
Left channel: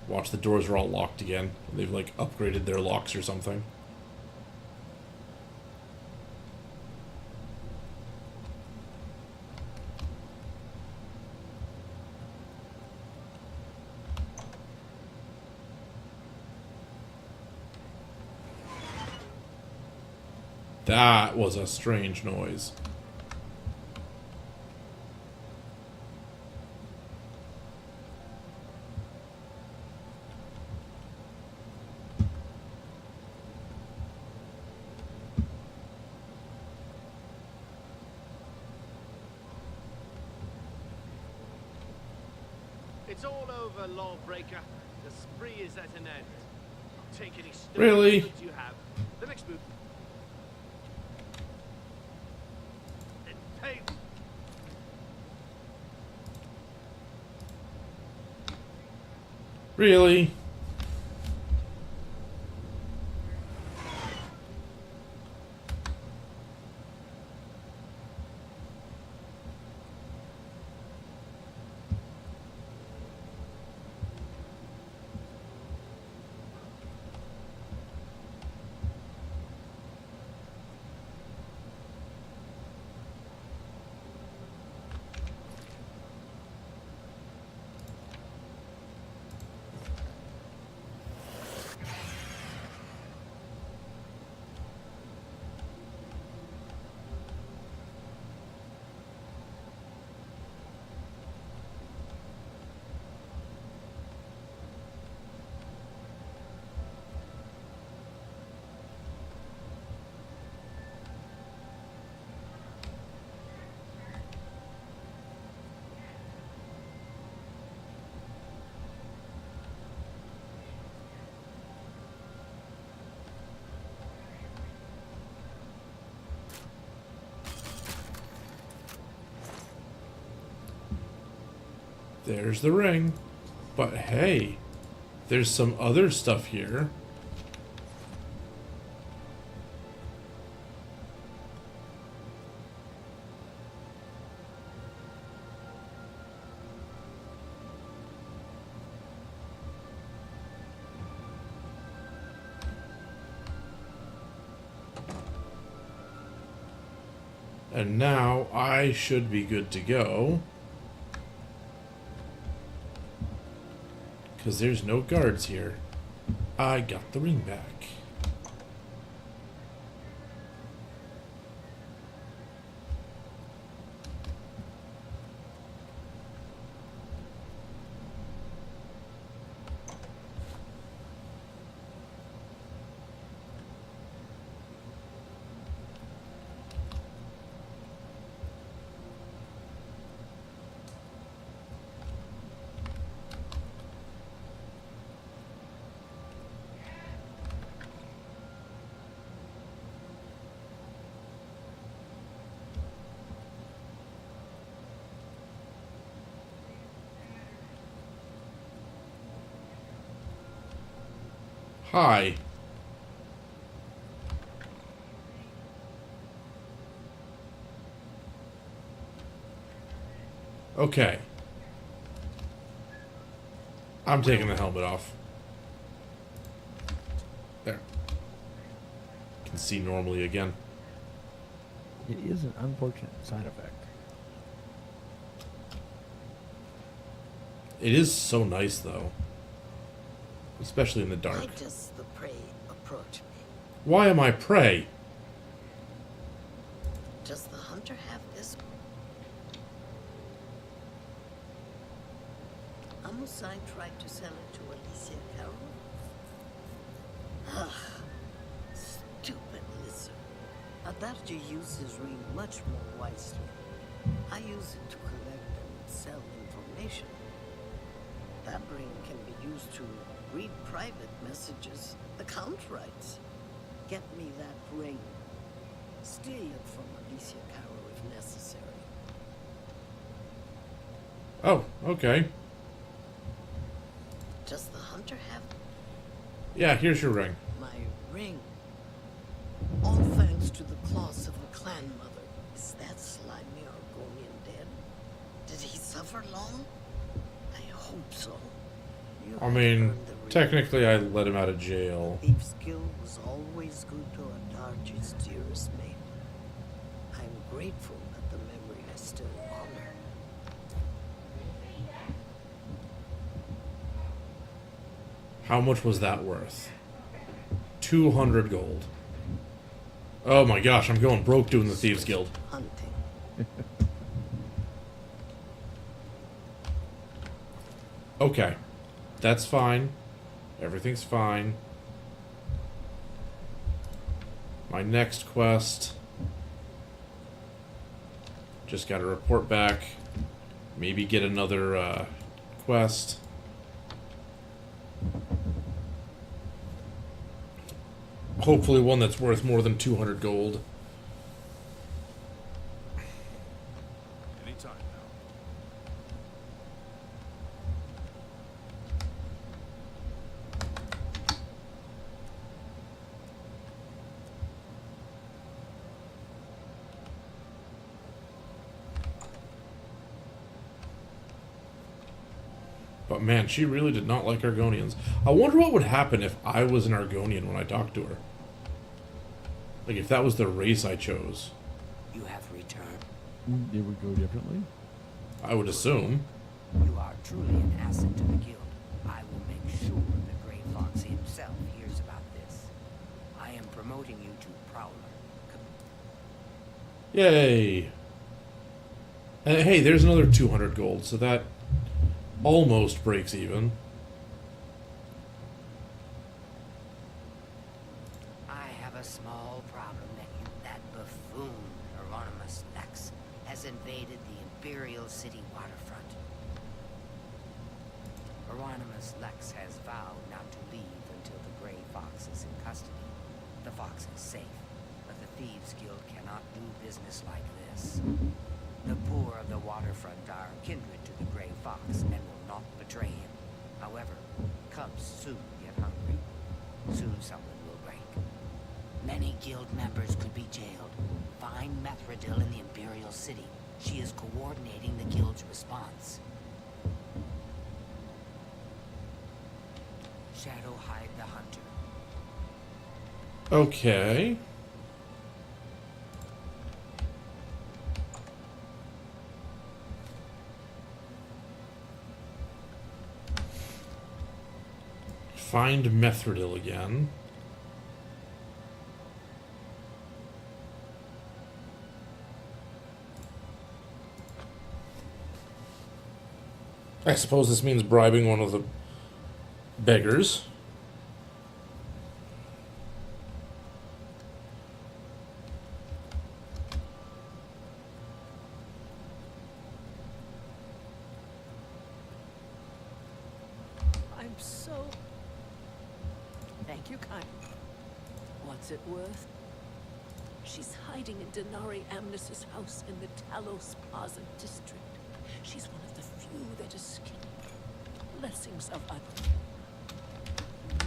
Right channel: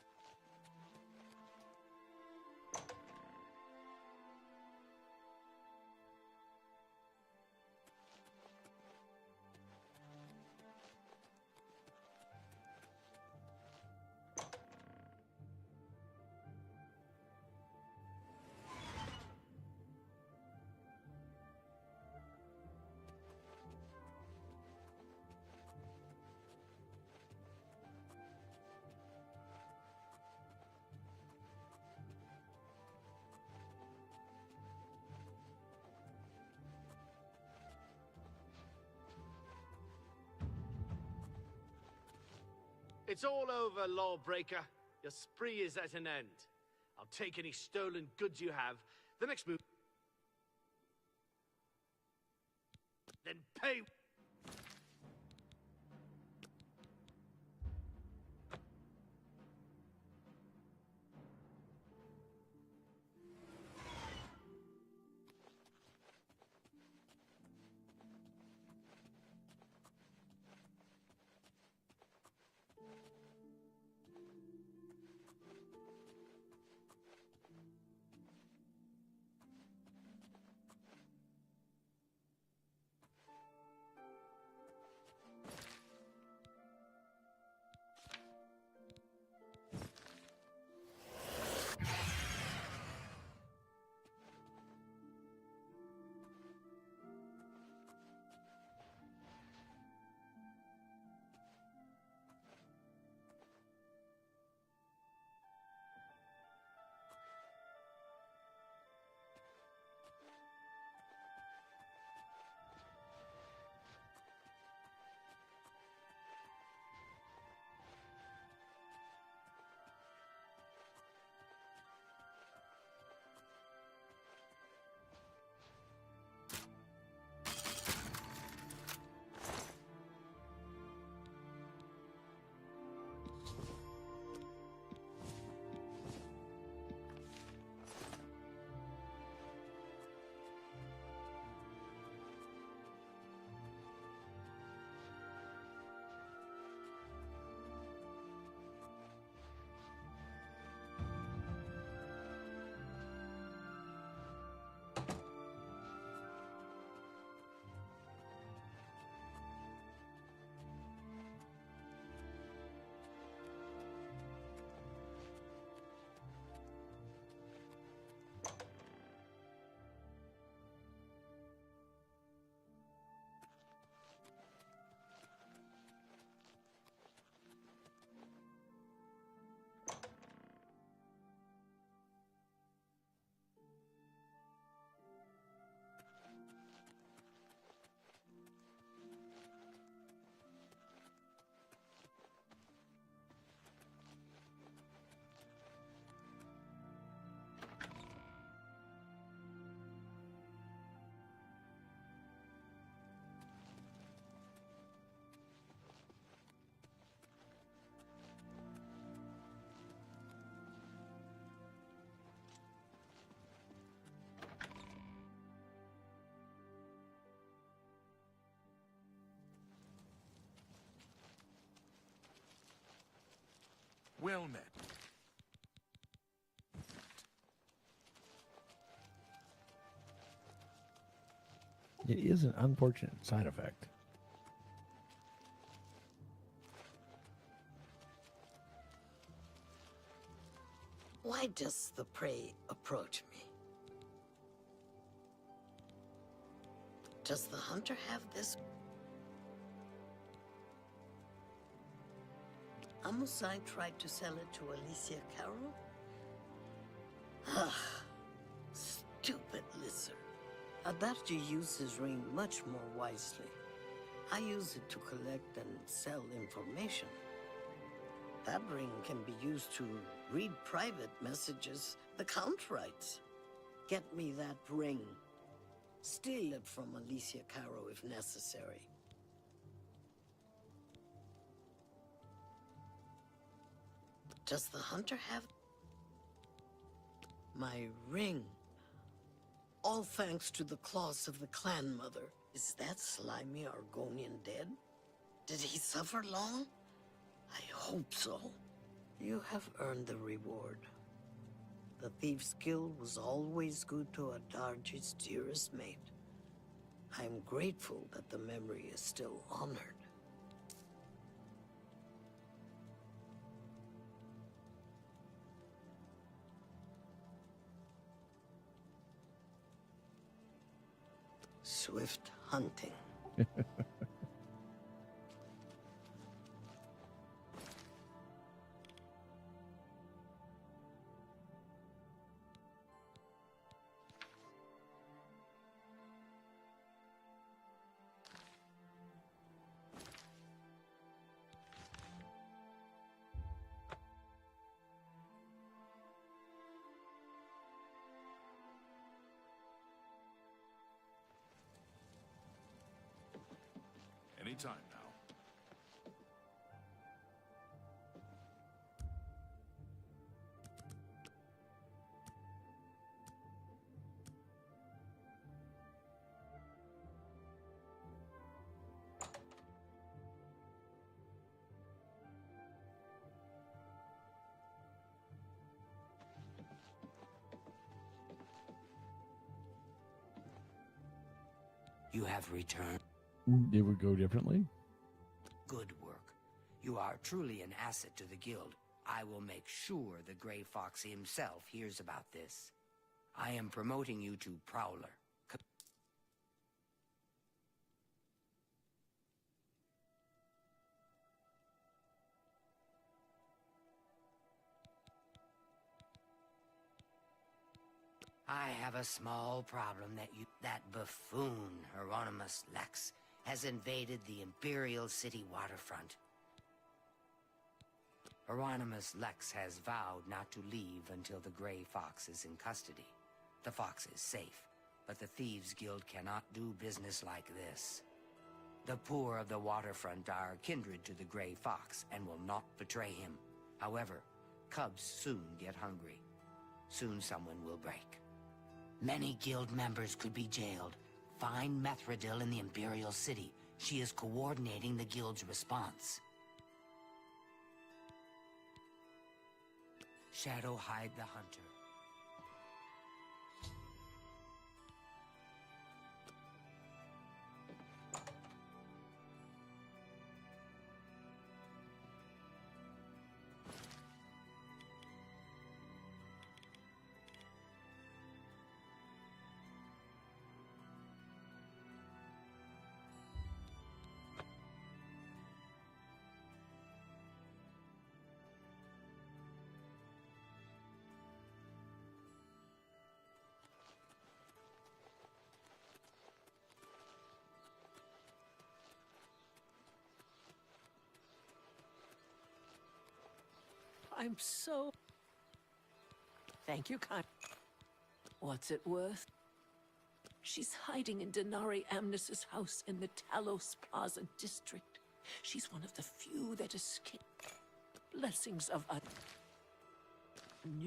Watch, the doors are all locked again. They've like upgraded their locks or something. That was a strange noise. It's all over, lawbreaker. The spree is at an end. I'll take any stolen Really? goods you have. The next move. Then pay. Really? There's the ring. But hey, there's some other stuff here. And now I should be good to go. Because there's no guards here. I got the ring back. Hi. Okay. I'm taking the helmet off. There. Can see normally again. It is an unfortunate side effect. It is so nice, though. Especially in the dark. Why does the prey approach me? Why am I prey? Does the hunter have this? Amusai tried to sell it to Alicia Carroll? Ah, stupid lizard. Adachi used his ring much more wisely. I use it to collect and sell information. That ring can be used to read private messages the Count writes. Get me that ring. Steal it from Alicia Carroll if necessary. Oh, okay. Does the hunter have... Yeah, here's your ring. My ring. All thanks to the claws of the clan mother. Is that slimy Argonian dead? Did he suffer long? I hope so. You I have mean, earned the reward. technically I let him out of jail. The thief's guild was always good to Adarchi's dearest mate. I'm grateful that the memory is still honored. How much was that worth? 200 gold. Oh my gosh, I'm going broke doing the Thieves Guild. Hunting. Okay. That's fine. Everything's fine. My next quest. Just gotta report back. Maybe get another quest. Hopefully one that's worth more than 200 gold. Anytime now. But man, she really did not like Argonians. I wonder what would happen if I was an Argonian when I talked to her. Like, if that was the race I chose. You have returned. It would go differently? I would assume. You are truly an asset to the guild. I will make sure the Grey Fox himself hears about this. I am promoting you to Prowler. Yay! And hey, there's another 200 gold, so that almost breaks even. I have a small problem that buffoon, Hieronymus Lex, has invaded the Imperial City waterfront. Hieronymus Lex has vowed not to leave until the Grey Fox is in custody. The fox is safe, but the Thieves Guild cannot do business like this. The poor of the waterfront are kindred to the Grey Fox and will not betray him. However, cubs soon get hungry. Soon someone will break. Many guild members could be jailed. Find Methredil in the Imperial City. She is coordinating the guild's response. Shadowhide the Hunter. Okay. Find Methredil again. I suppose this means bribing one of the beggars. I'm so... Thank you, kind. What's it worth? She's hiding in Denari Amnes's house in the Talos Plaza district. She's one of the few that escaped. Blessings of a...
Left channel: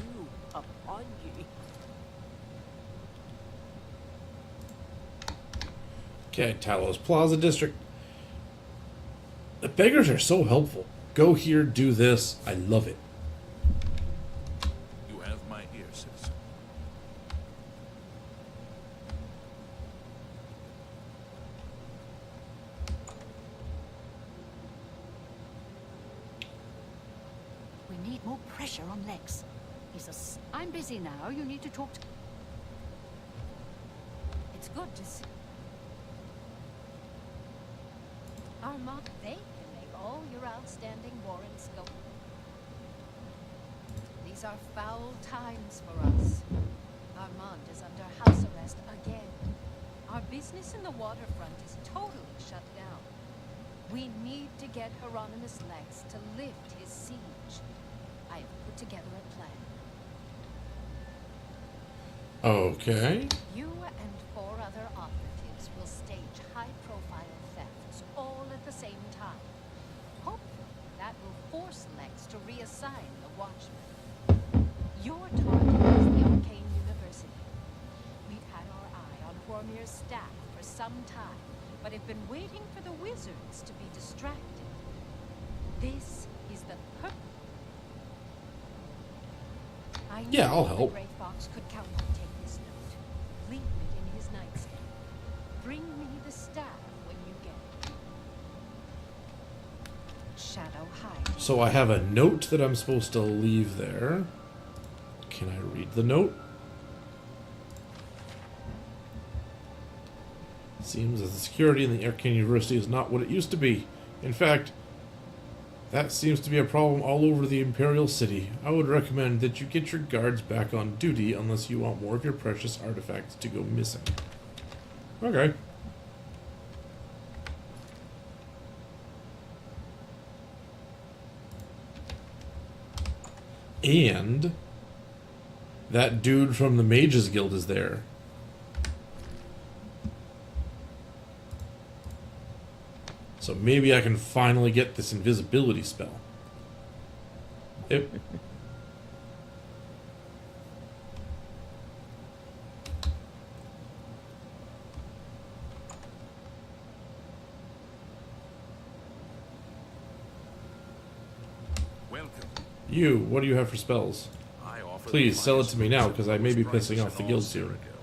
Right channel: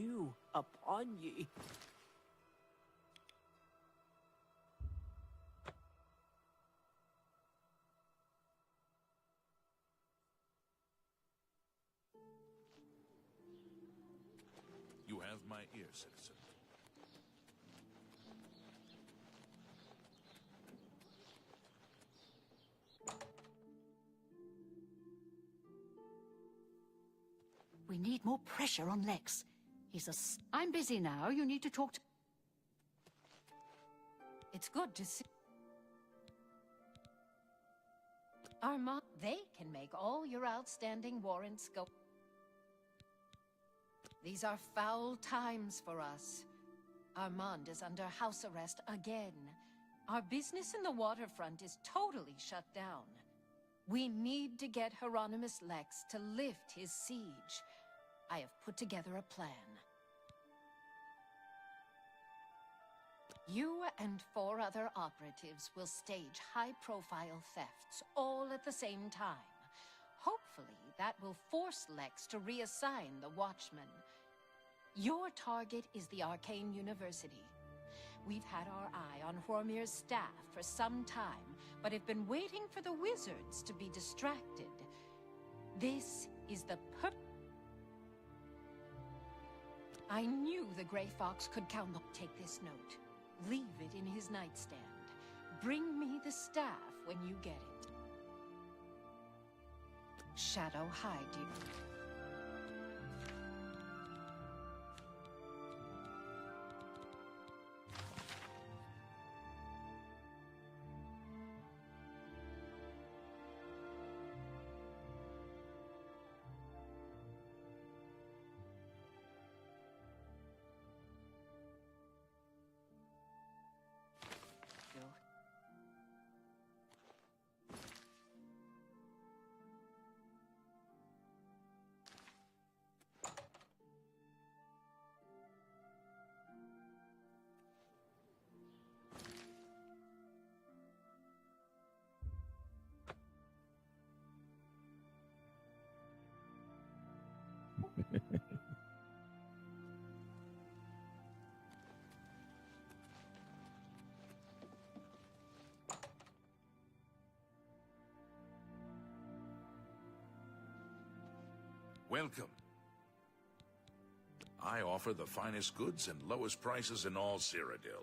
You upon ye. Okay, Talos Plaza District. The beggars are so helpful. Go here, do this. I love it. You have my ear, citizen. We need more pressure on Lex. I'm busy now. You need to talk to... It's good to see. Armand, they can make all your outstanding warrants go. These are foul times for us. Armand is under house arrest again. Our business in the waterfront is totally shut down. We need to get Hieronymus Lex to lift his siege. I have put together a plan. Okay. You and 4 other operatives will stage high-profile thefts all at the same time. Hopefully, that will force Lex to reassign the Watchmen. Your target is the Arcane University. We've had our eye on Hormir's staff for some time, but have been waiting for the wizards to be distracted. This is the I knew I'll the help. Grey Fox could count on. Take this note. Leave it in his nightstand. Bring me the staff when you get it. Shadow hide. So I have a note that I'm supposed to leave there. Can I read the note? Seems that the security in the Arcane University is not what it used to be. In fact, that seems to be a problem all over the Imperial City. I would recommend that you get your guards back on duty unless you want more of your precious artifacts to go missing. Okay. And that dude from the Mages Guild is there. So maybe I can finally get this invisibility spell. Yep. Welcome. You, what do you have for spells? I offer Please the sell it finest to me goods now, at because I may be lowest pissing prices off the in all guild soon. Cyrodiil.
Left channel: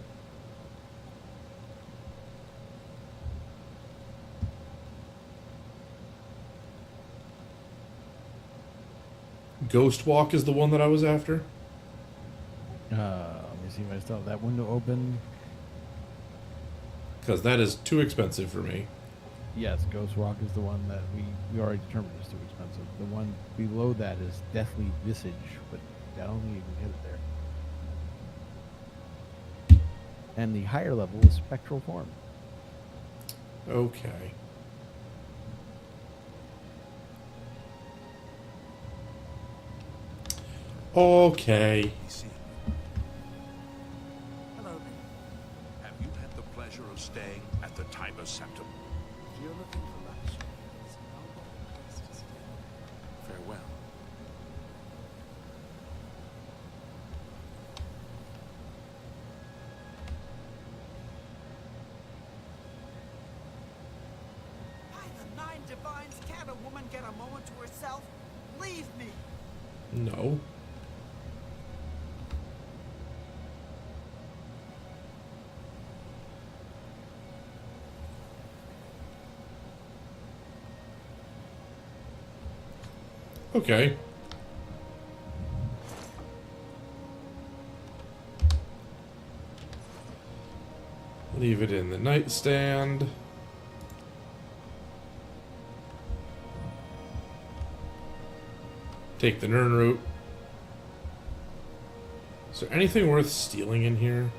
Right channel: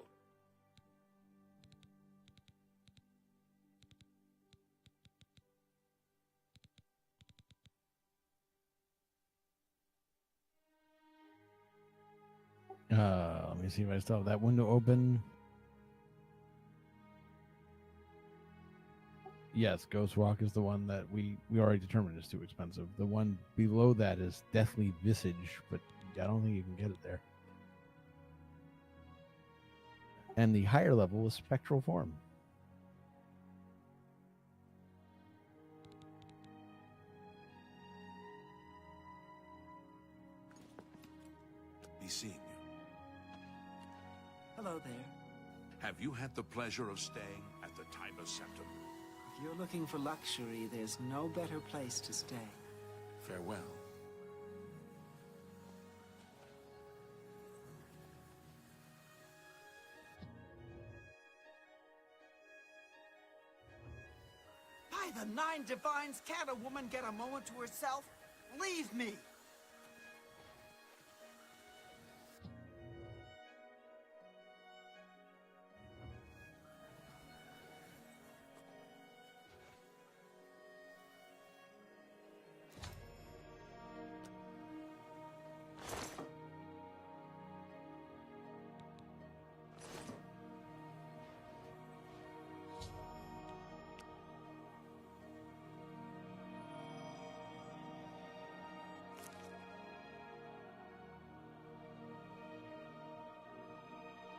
Ghost Walk is the one that I was after. Let me see if I still have that window open. Because that is too expensive for me. Yes, Ghost Walk is the one that we already determined is too expensive. The one below that is Deathly Visage, but I don't think you can get it there. And the higher level is Spectral Form. Okay. Okay. Be seeing you. Hello there. Have you had the pleasure of staying at the Tiber Septum? If you're looking for luxury, there's no better place to stay. Farewell. By the 9 divines, can't a woman get a moment to herself? Leave me! No. Okay. Leave it in the nightstand. Take the Nern route. Is there anything worth stealing in here?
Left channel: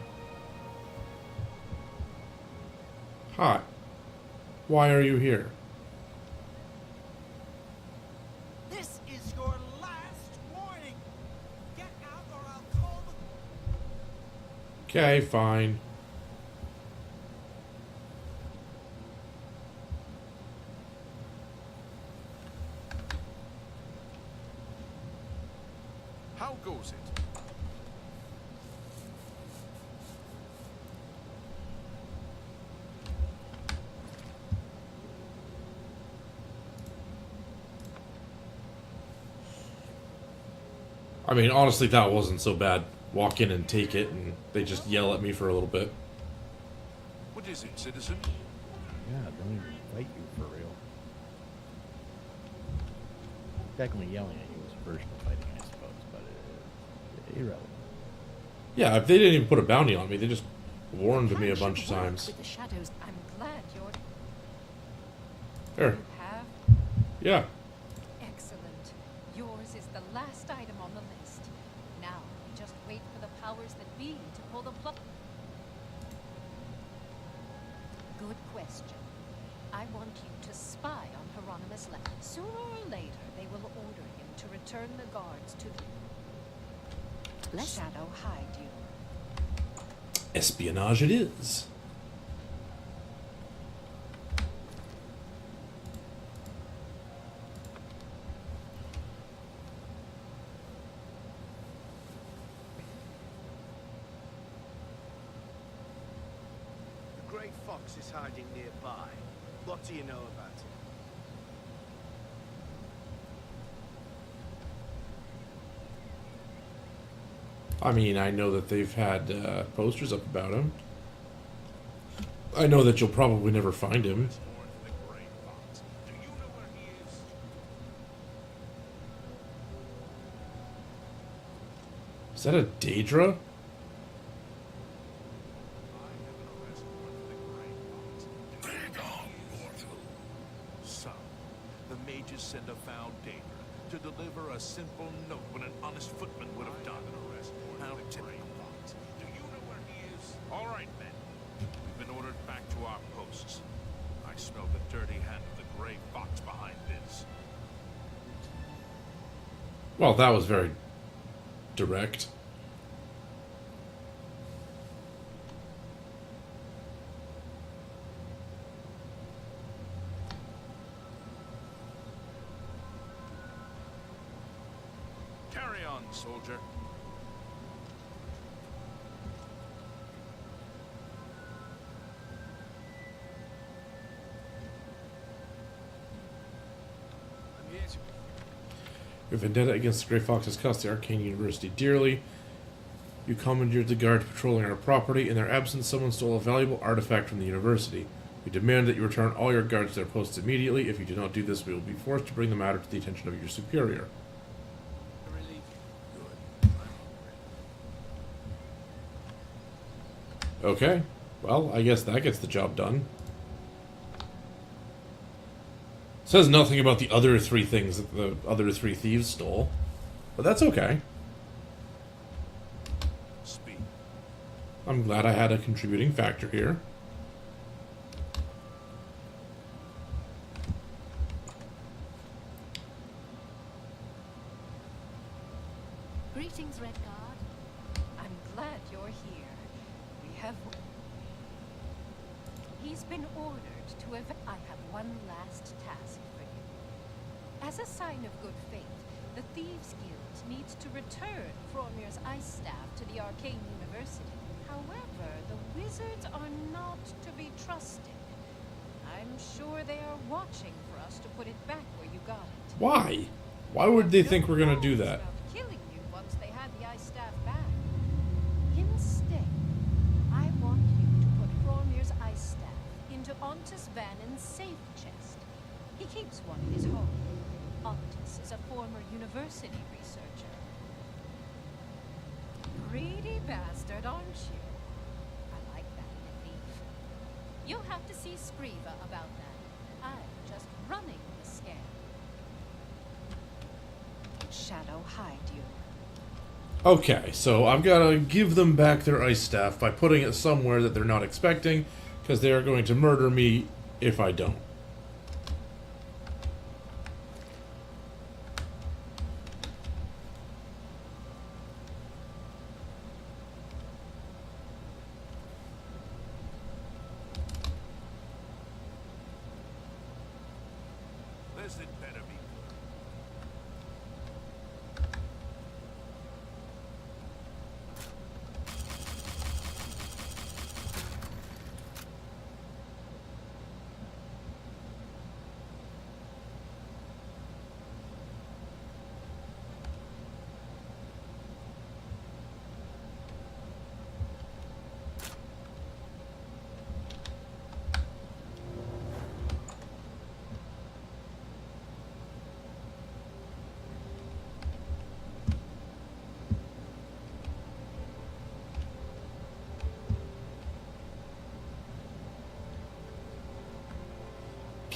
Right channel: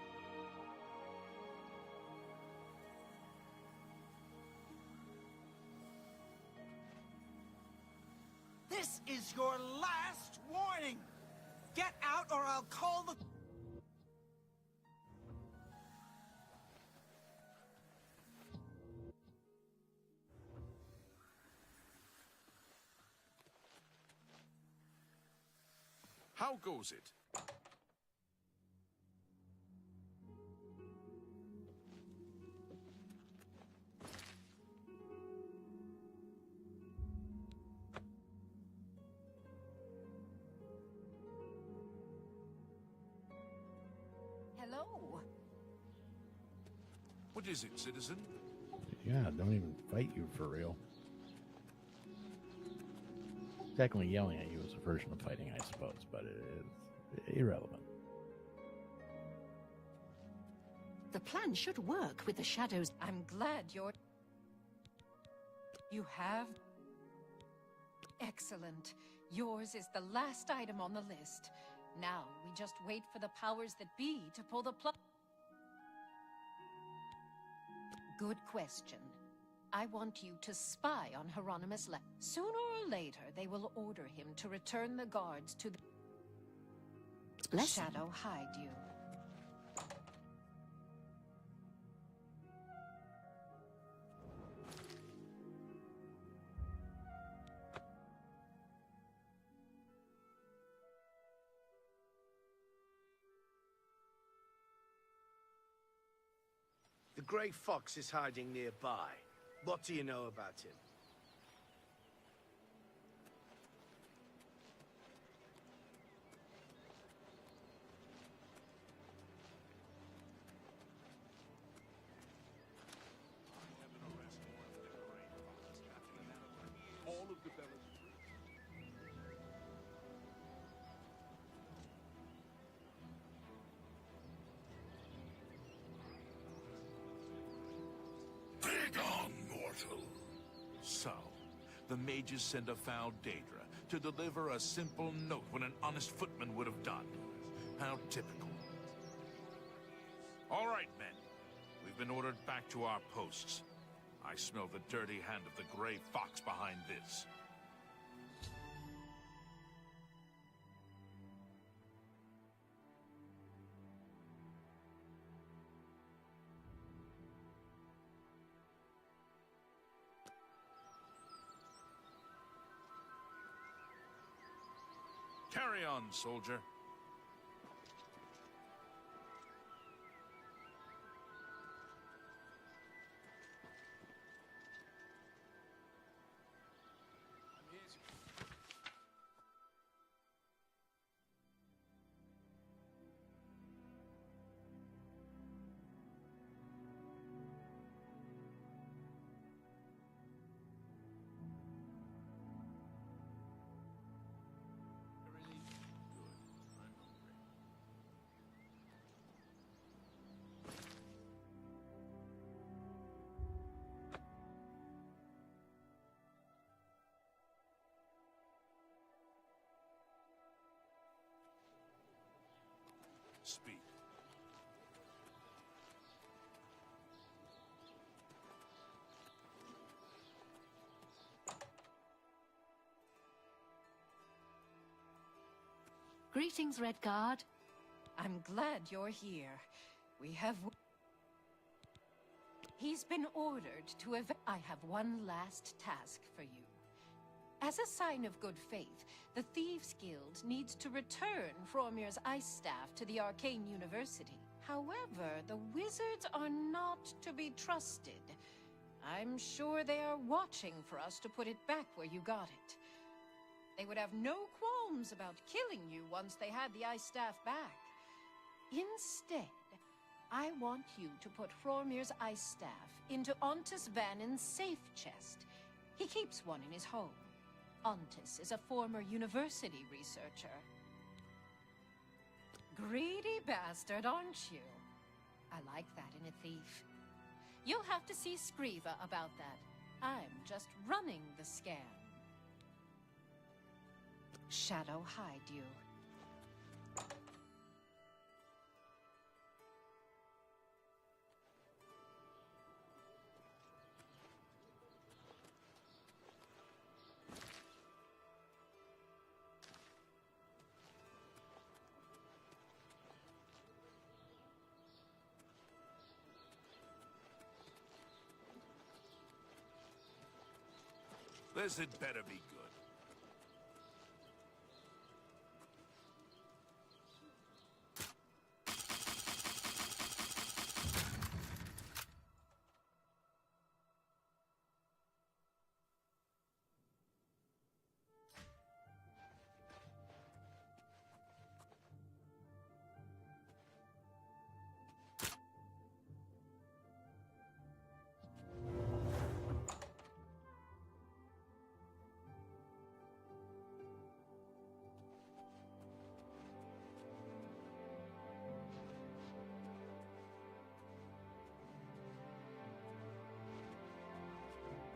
Hi. Why are you here? This is your last warning! Get out or I'll call the... Okay, fine. How goes it? I mean, honestly, that wasn't so bad. Walk in and take it, and they just yell at me for a little bit. What is it, citizen? Yeah, don't even fight you for real. Technically, yelling at you is a version of fighting, I suppose, but it's irrelevant. Yeah, if they didn't even put a bounty on me, they just warned me a bunch of times. With the shadows. I'm glad you're... There. You have? Yeah. Excellent. Yours is the last item on the list. Now, we just wait for the powers that be to pull the plug. Good question. I want you to spy on Hieronymus Lex. Sooner or later, they will order him to return the guards to the... Shadow hide you. Espionage it is. The Grey Fox is hiding nearby. What do you know about him? I mean, I know that they've had posters up about him. I know that you'll probably never find him. Is that a Daedra? So, the mages send a foul Daedra to deliver a simple note when an honest footman would have done. How typical. All right, men. We've been ordered back to our posts. I smell the dirty hand of the Grey Fox behind this. Well, that was very direct. Carry on, soldier. Your vendetta against the Grey Foxes cost the Arcane University dearly. You commandeered the guard patrolling our property. In their absence, someone stole a valuable artifact from the university. We demand that you return all your guards to their posts immediately. If you do not do this, we will be forced to bring the matter to the attention of your superior. Okay. Well, I guess that gets the job done. Says nothing about the other three things that the other three thieves stole. But that's okay. Speak. I'm glad I had a contributing factor here. Greetings, Red Guard. I'm glad you're here. We have... He's been ordered to I have one last task for you. As a sign of good faith, the Thieves Guild needs to return Fromir's ice staff to the Arcane University. However, the wizards are not to be trusted. I'm sure they are watching for us to put it back where you got it. Why? Why would they think we're gonna do that? About killing you once they had the ice staff back. Instead, I want you to put Fromir's ice staff into Ontis Vannin's safe chest. He keeps one in his home. Ontis is a former university researcher. Greedy bastard, aren't you? I like that in a thief. You'll have to see Scriva about that. I'm just running the scam. Shadow hide you. Okay, so I've got to give them back their ice staff by putting it somewhere that they're not expecting, because they are going to murder me if I don't. This had better be good.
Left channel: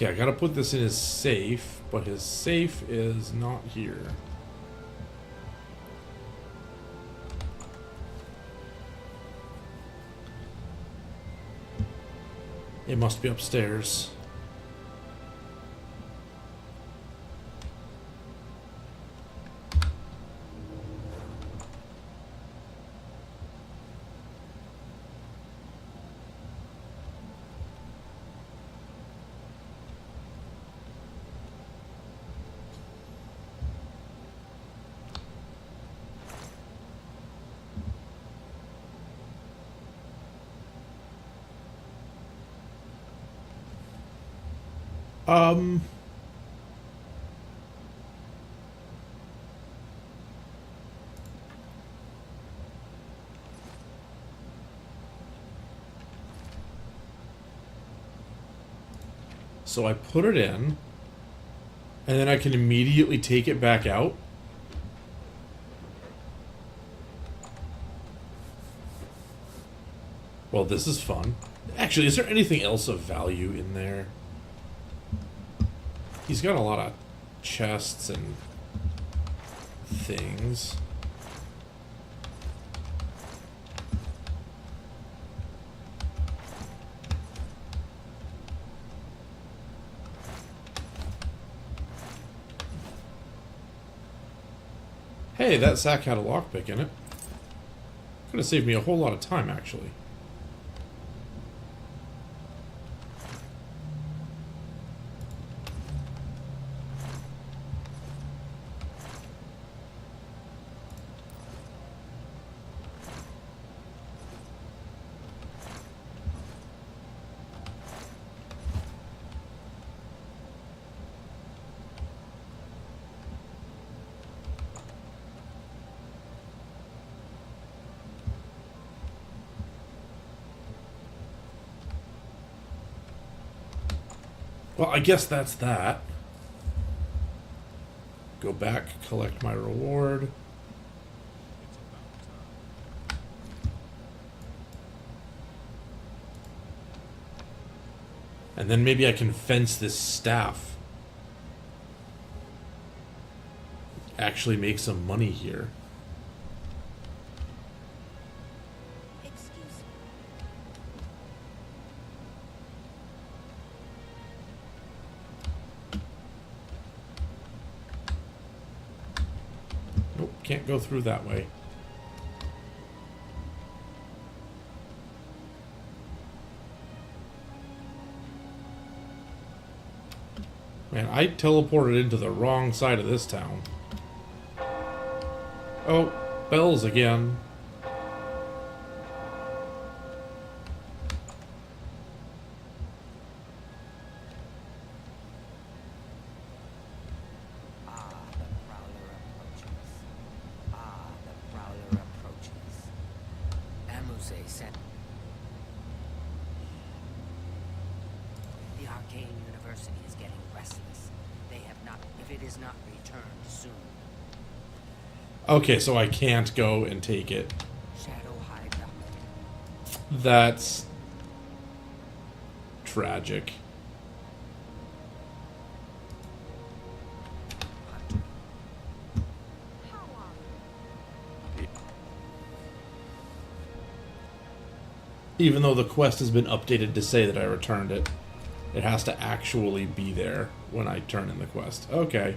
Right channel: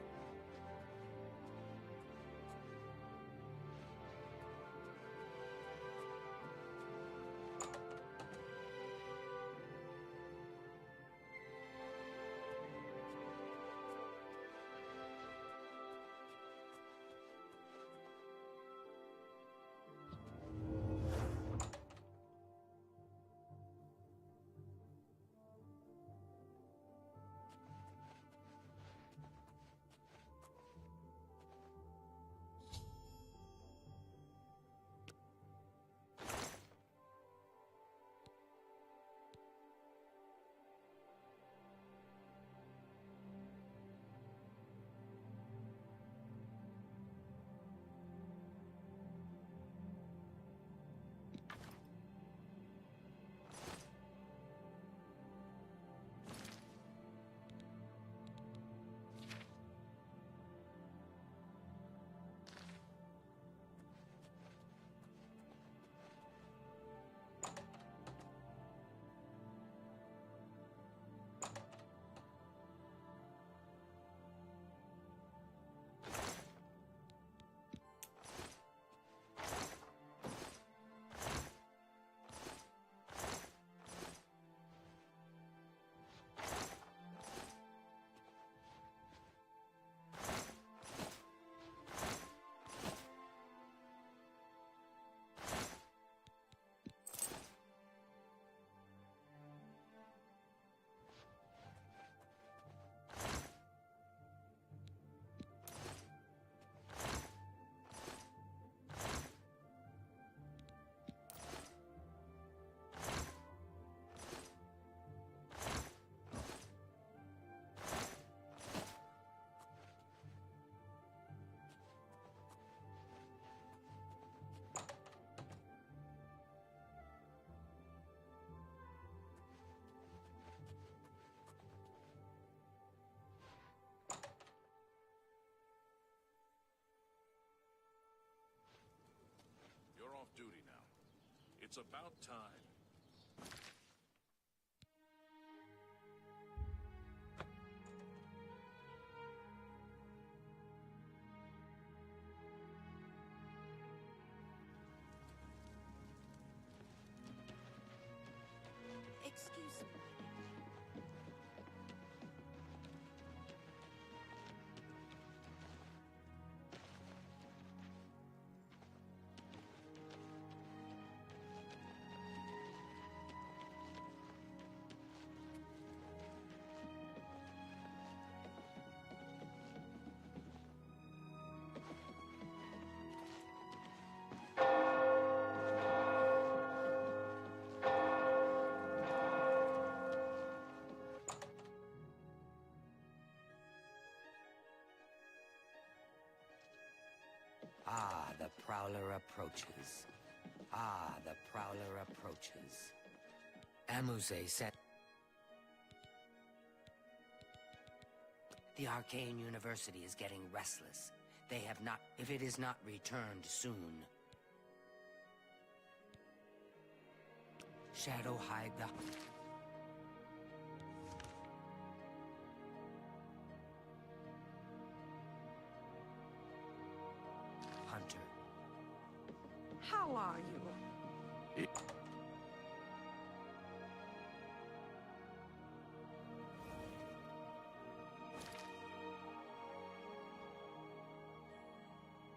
Okay, I gotta put this in his safe, but his safe is not here. It must be upstairs. Um, so I put it in, and then I can immediately take it back out. Well, this is fun. Actually, is there anything else of value in there? He's got a lot of chests and things. Hey, that sack had a lockpick in it. Could have saved me a whole lot of time, actually. Well, I guess that's that. Go back, collect my reward. It's about time. And then maybe I can fence this staff. Actually make some money here. Excuse me. Nope, can't go through that way. Man, I teleported into the wrong side of this town. Oh, bells again. Ah, the Prowler approaches. Ah, the Prowler approaches. Amuse sent... The Arcane University is getting restless. They have not... If it is not returned soon... Okay, so I can't go and take it. Shadow hide the... That's tragic. Hunter. How are you? Even though the quest has been updated to say that I returned it, it has to actually be there when I turn in the quest. Okay.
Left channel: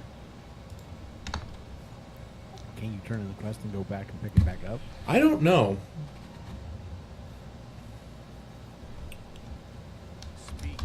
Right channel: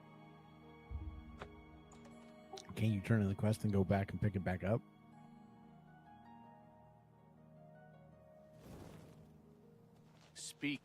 Can you turn in the quest and go back and pick it back up? I don't know. Speak.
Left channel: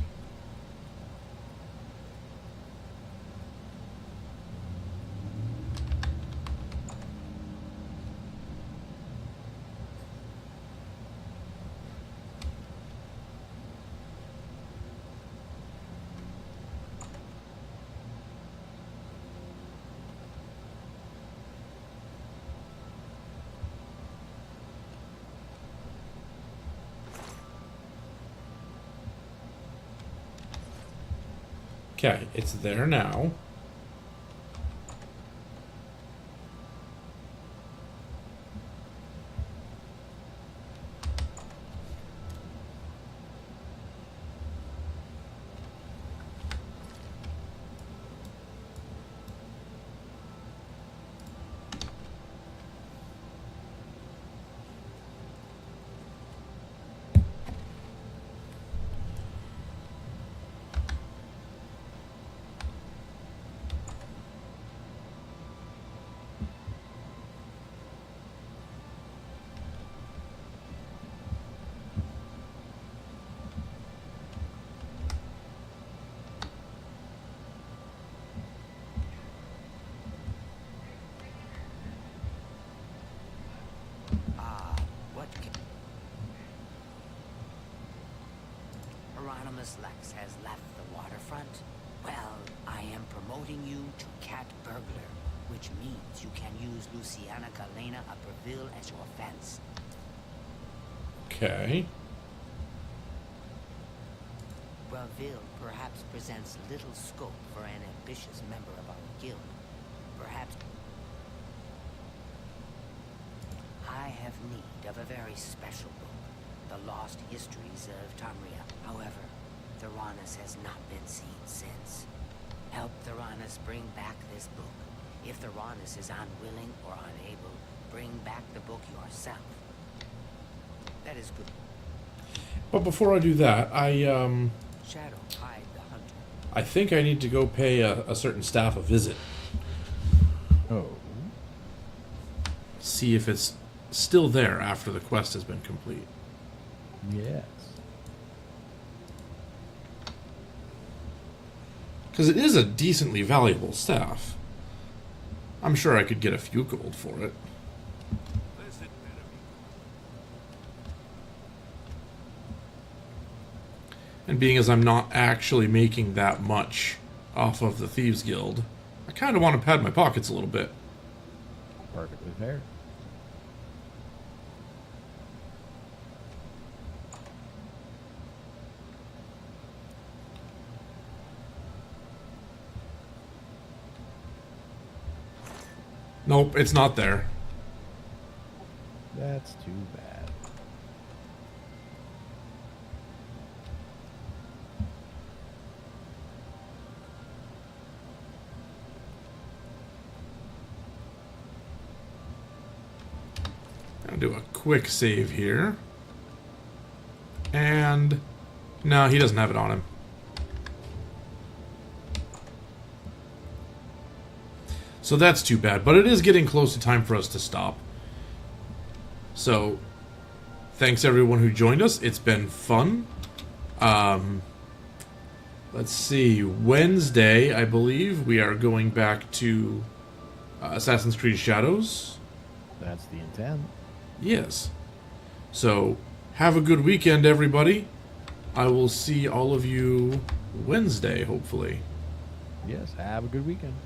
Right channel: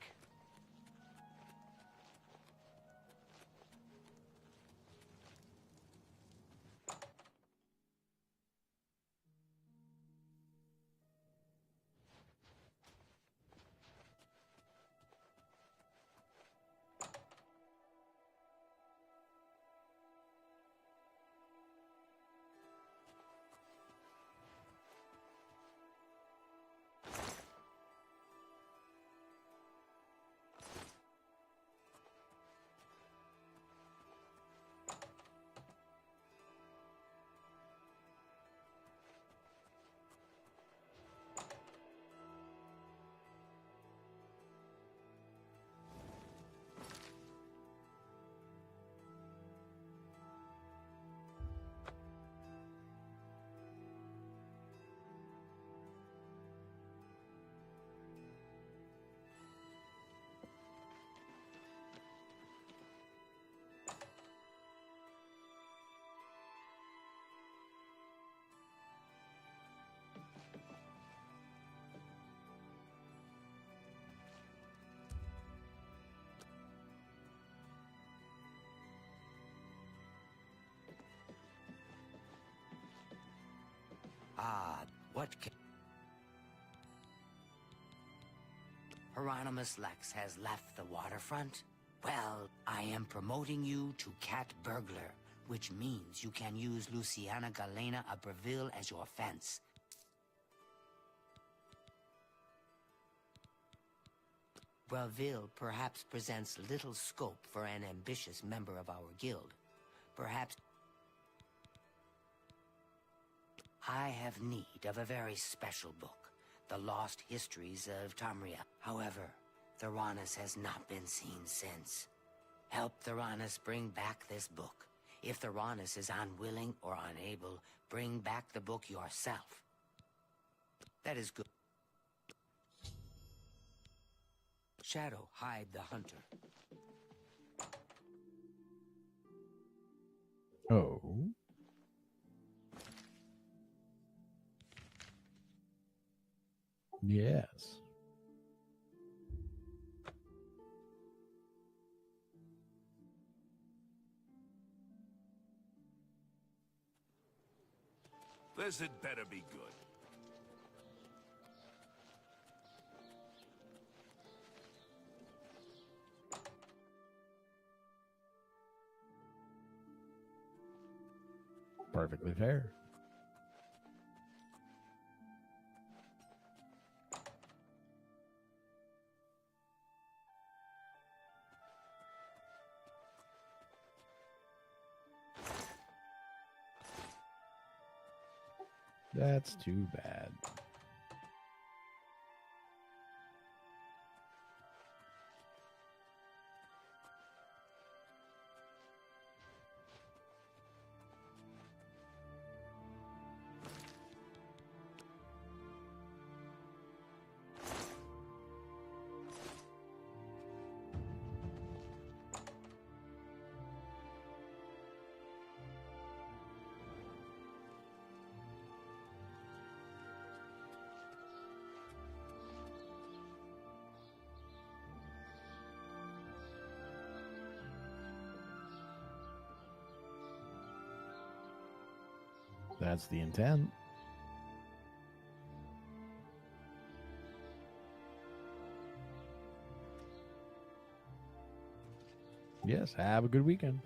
Okay, it's there now. What Hieronymus Lex has left the waterfront? Well, I am promoting you to Cat Burglar, which means you can use Luciana Galena Upperville as your fence. Okay. Breville perhaps presents little scope for an ambitious member of our guild. Perhaps I have need of a very special book, The Lost Histories of Tamria. However, Theranos has not been seen since. Help Theranos bring back this book. If Theranos is unwilling or unable, bring back the book yourself. That is good. But before I do that, Shadow Hide the Hunter. I think I need to go pay a certain staff a visit. Oh. See if it's still there after the quest has been complete. Yes. Because it is a decently valuable staff. I'm sure I could get a few gold for it. This had better be good. And being as I'm not actually making that much off of the Thieves Guild, I kind of want to pad my pockets a little bit. Perfectly fair. Nope, it's not there. That's too bad. I'll do a quick save here. And no, he doesn't have it on him. So that's too bad, but it is getting close to time for us to stop. So, thanks everyone who joined us. It's been fun. Let's see. Wednesday, I believe, we are going back to Assassin's Creed Shadows. That's the intent. Yes. So, have a good weekend, everybody. I will see all of you Wednesday, hopefully. Yes, have a good weekend.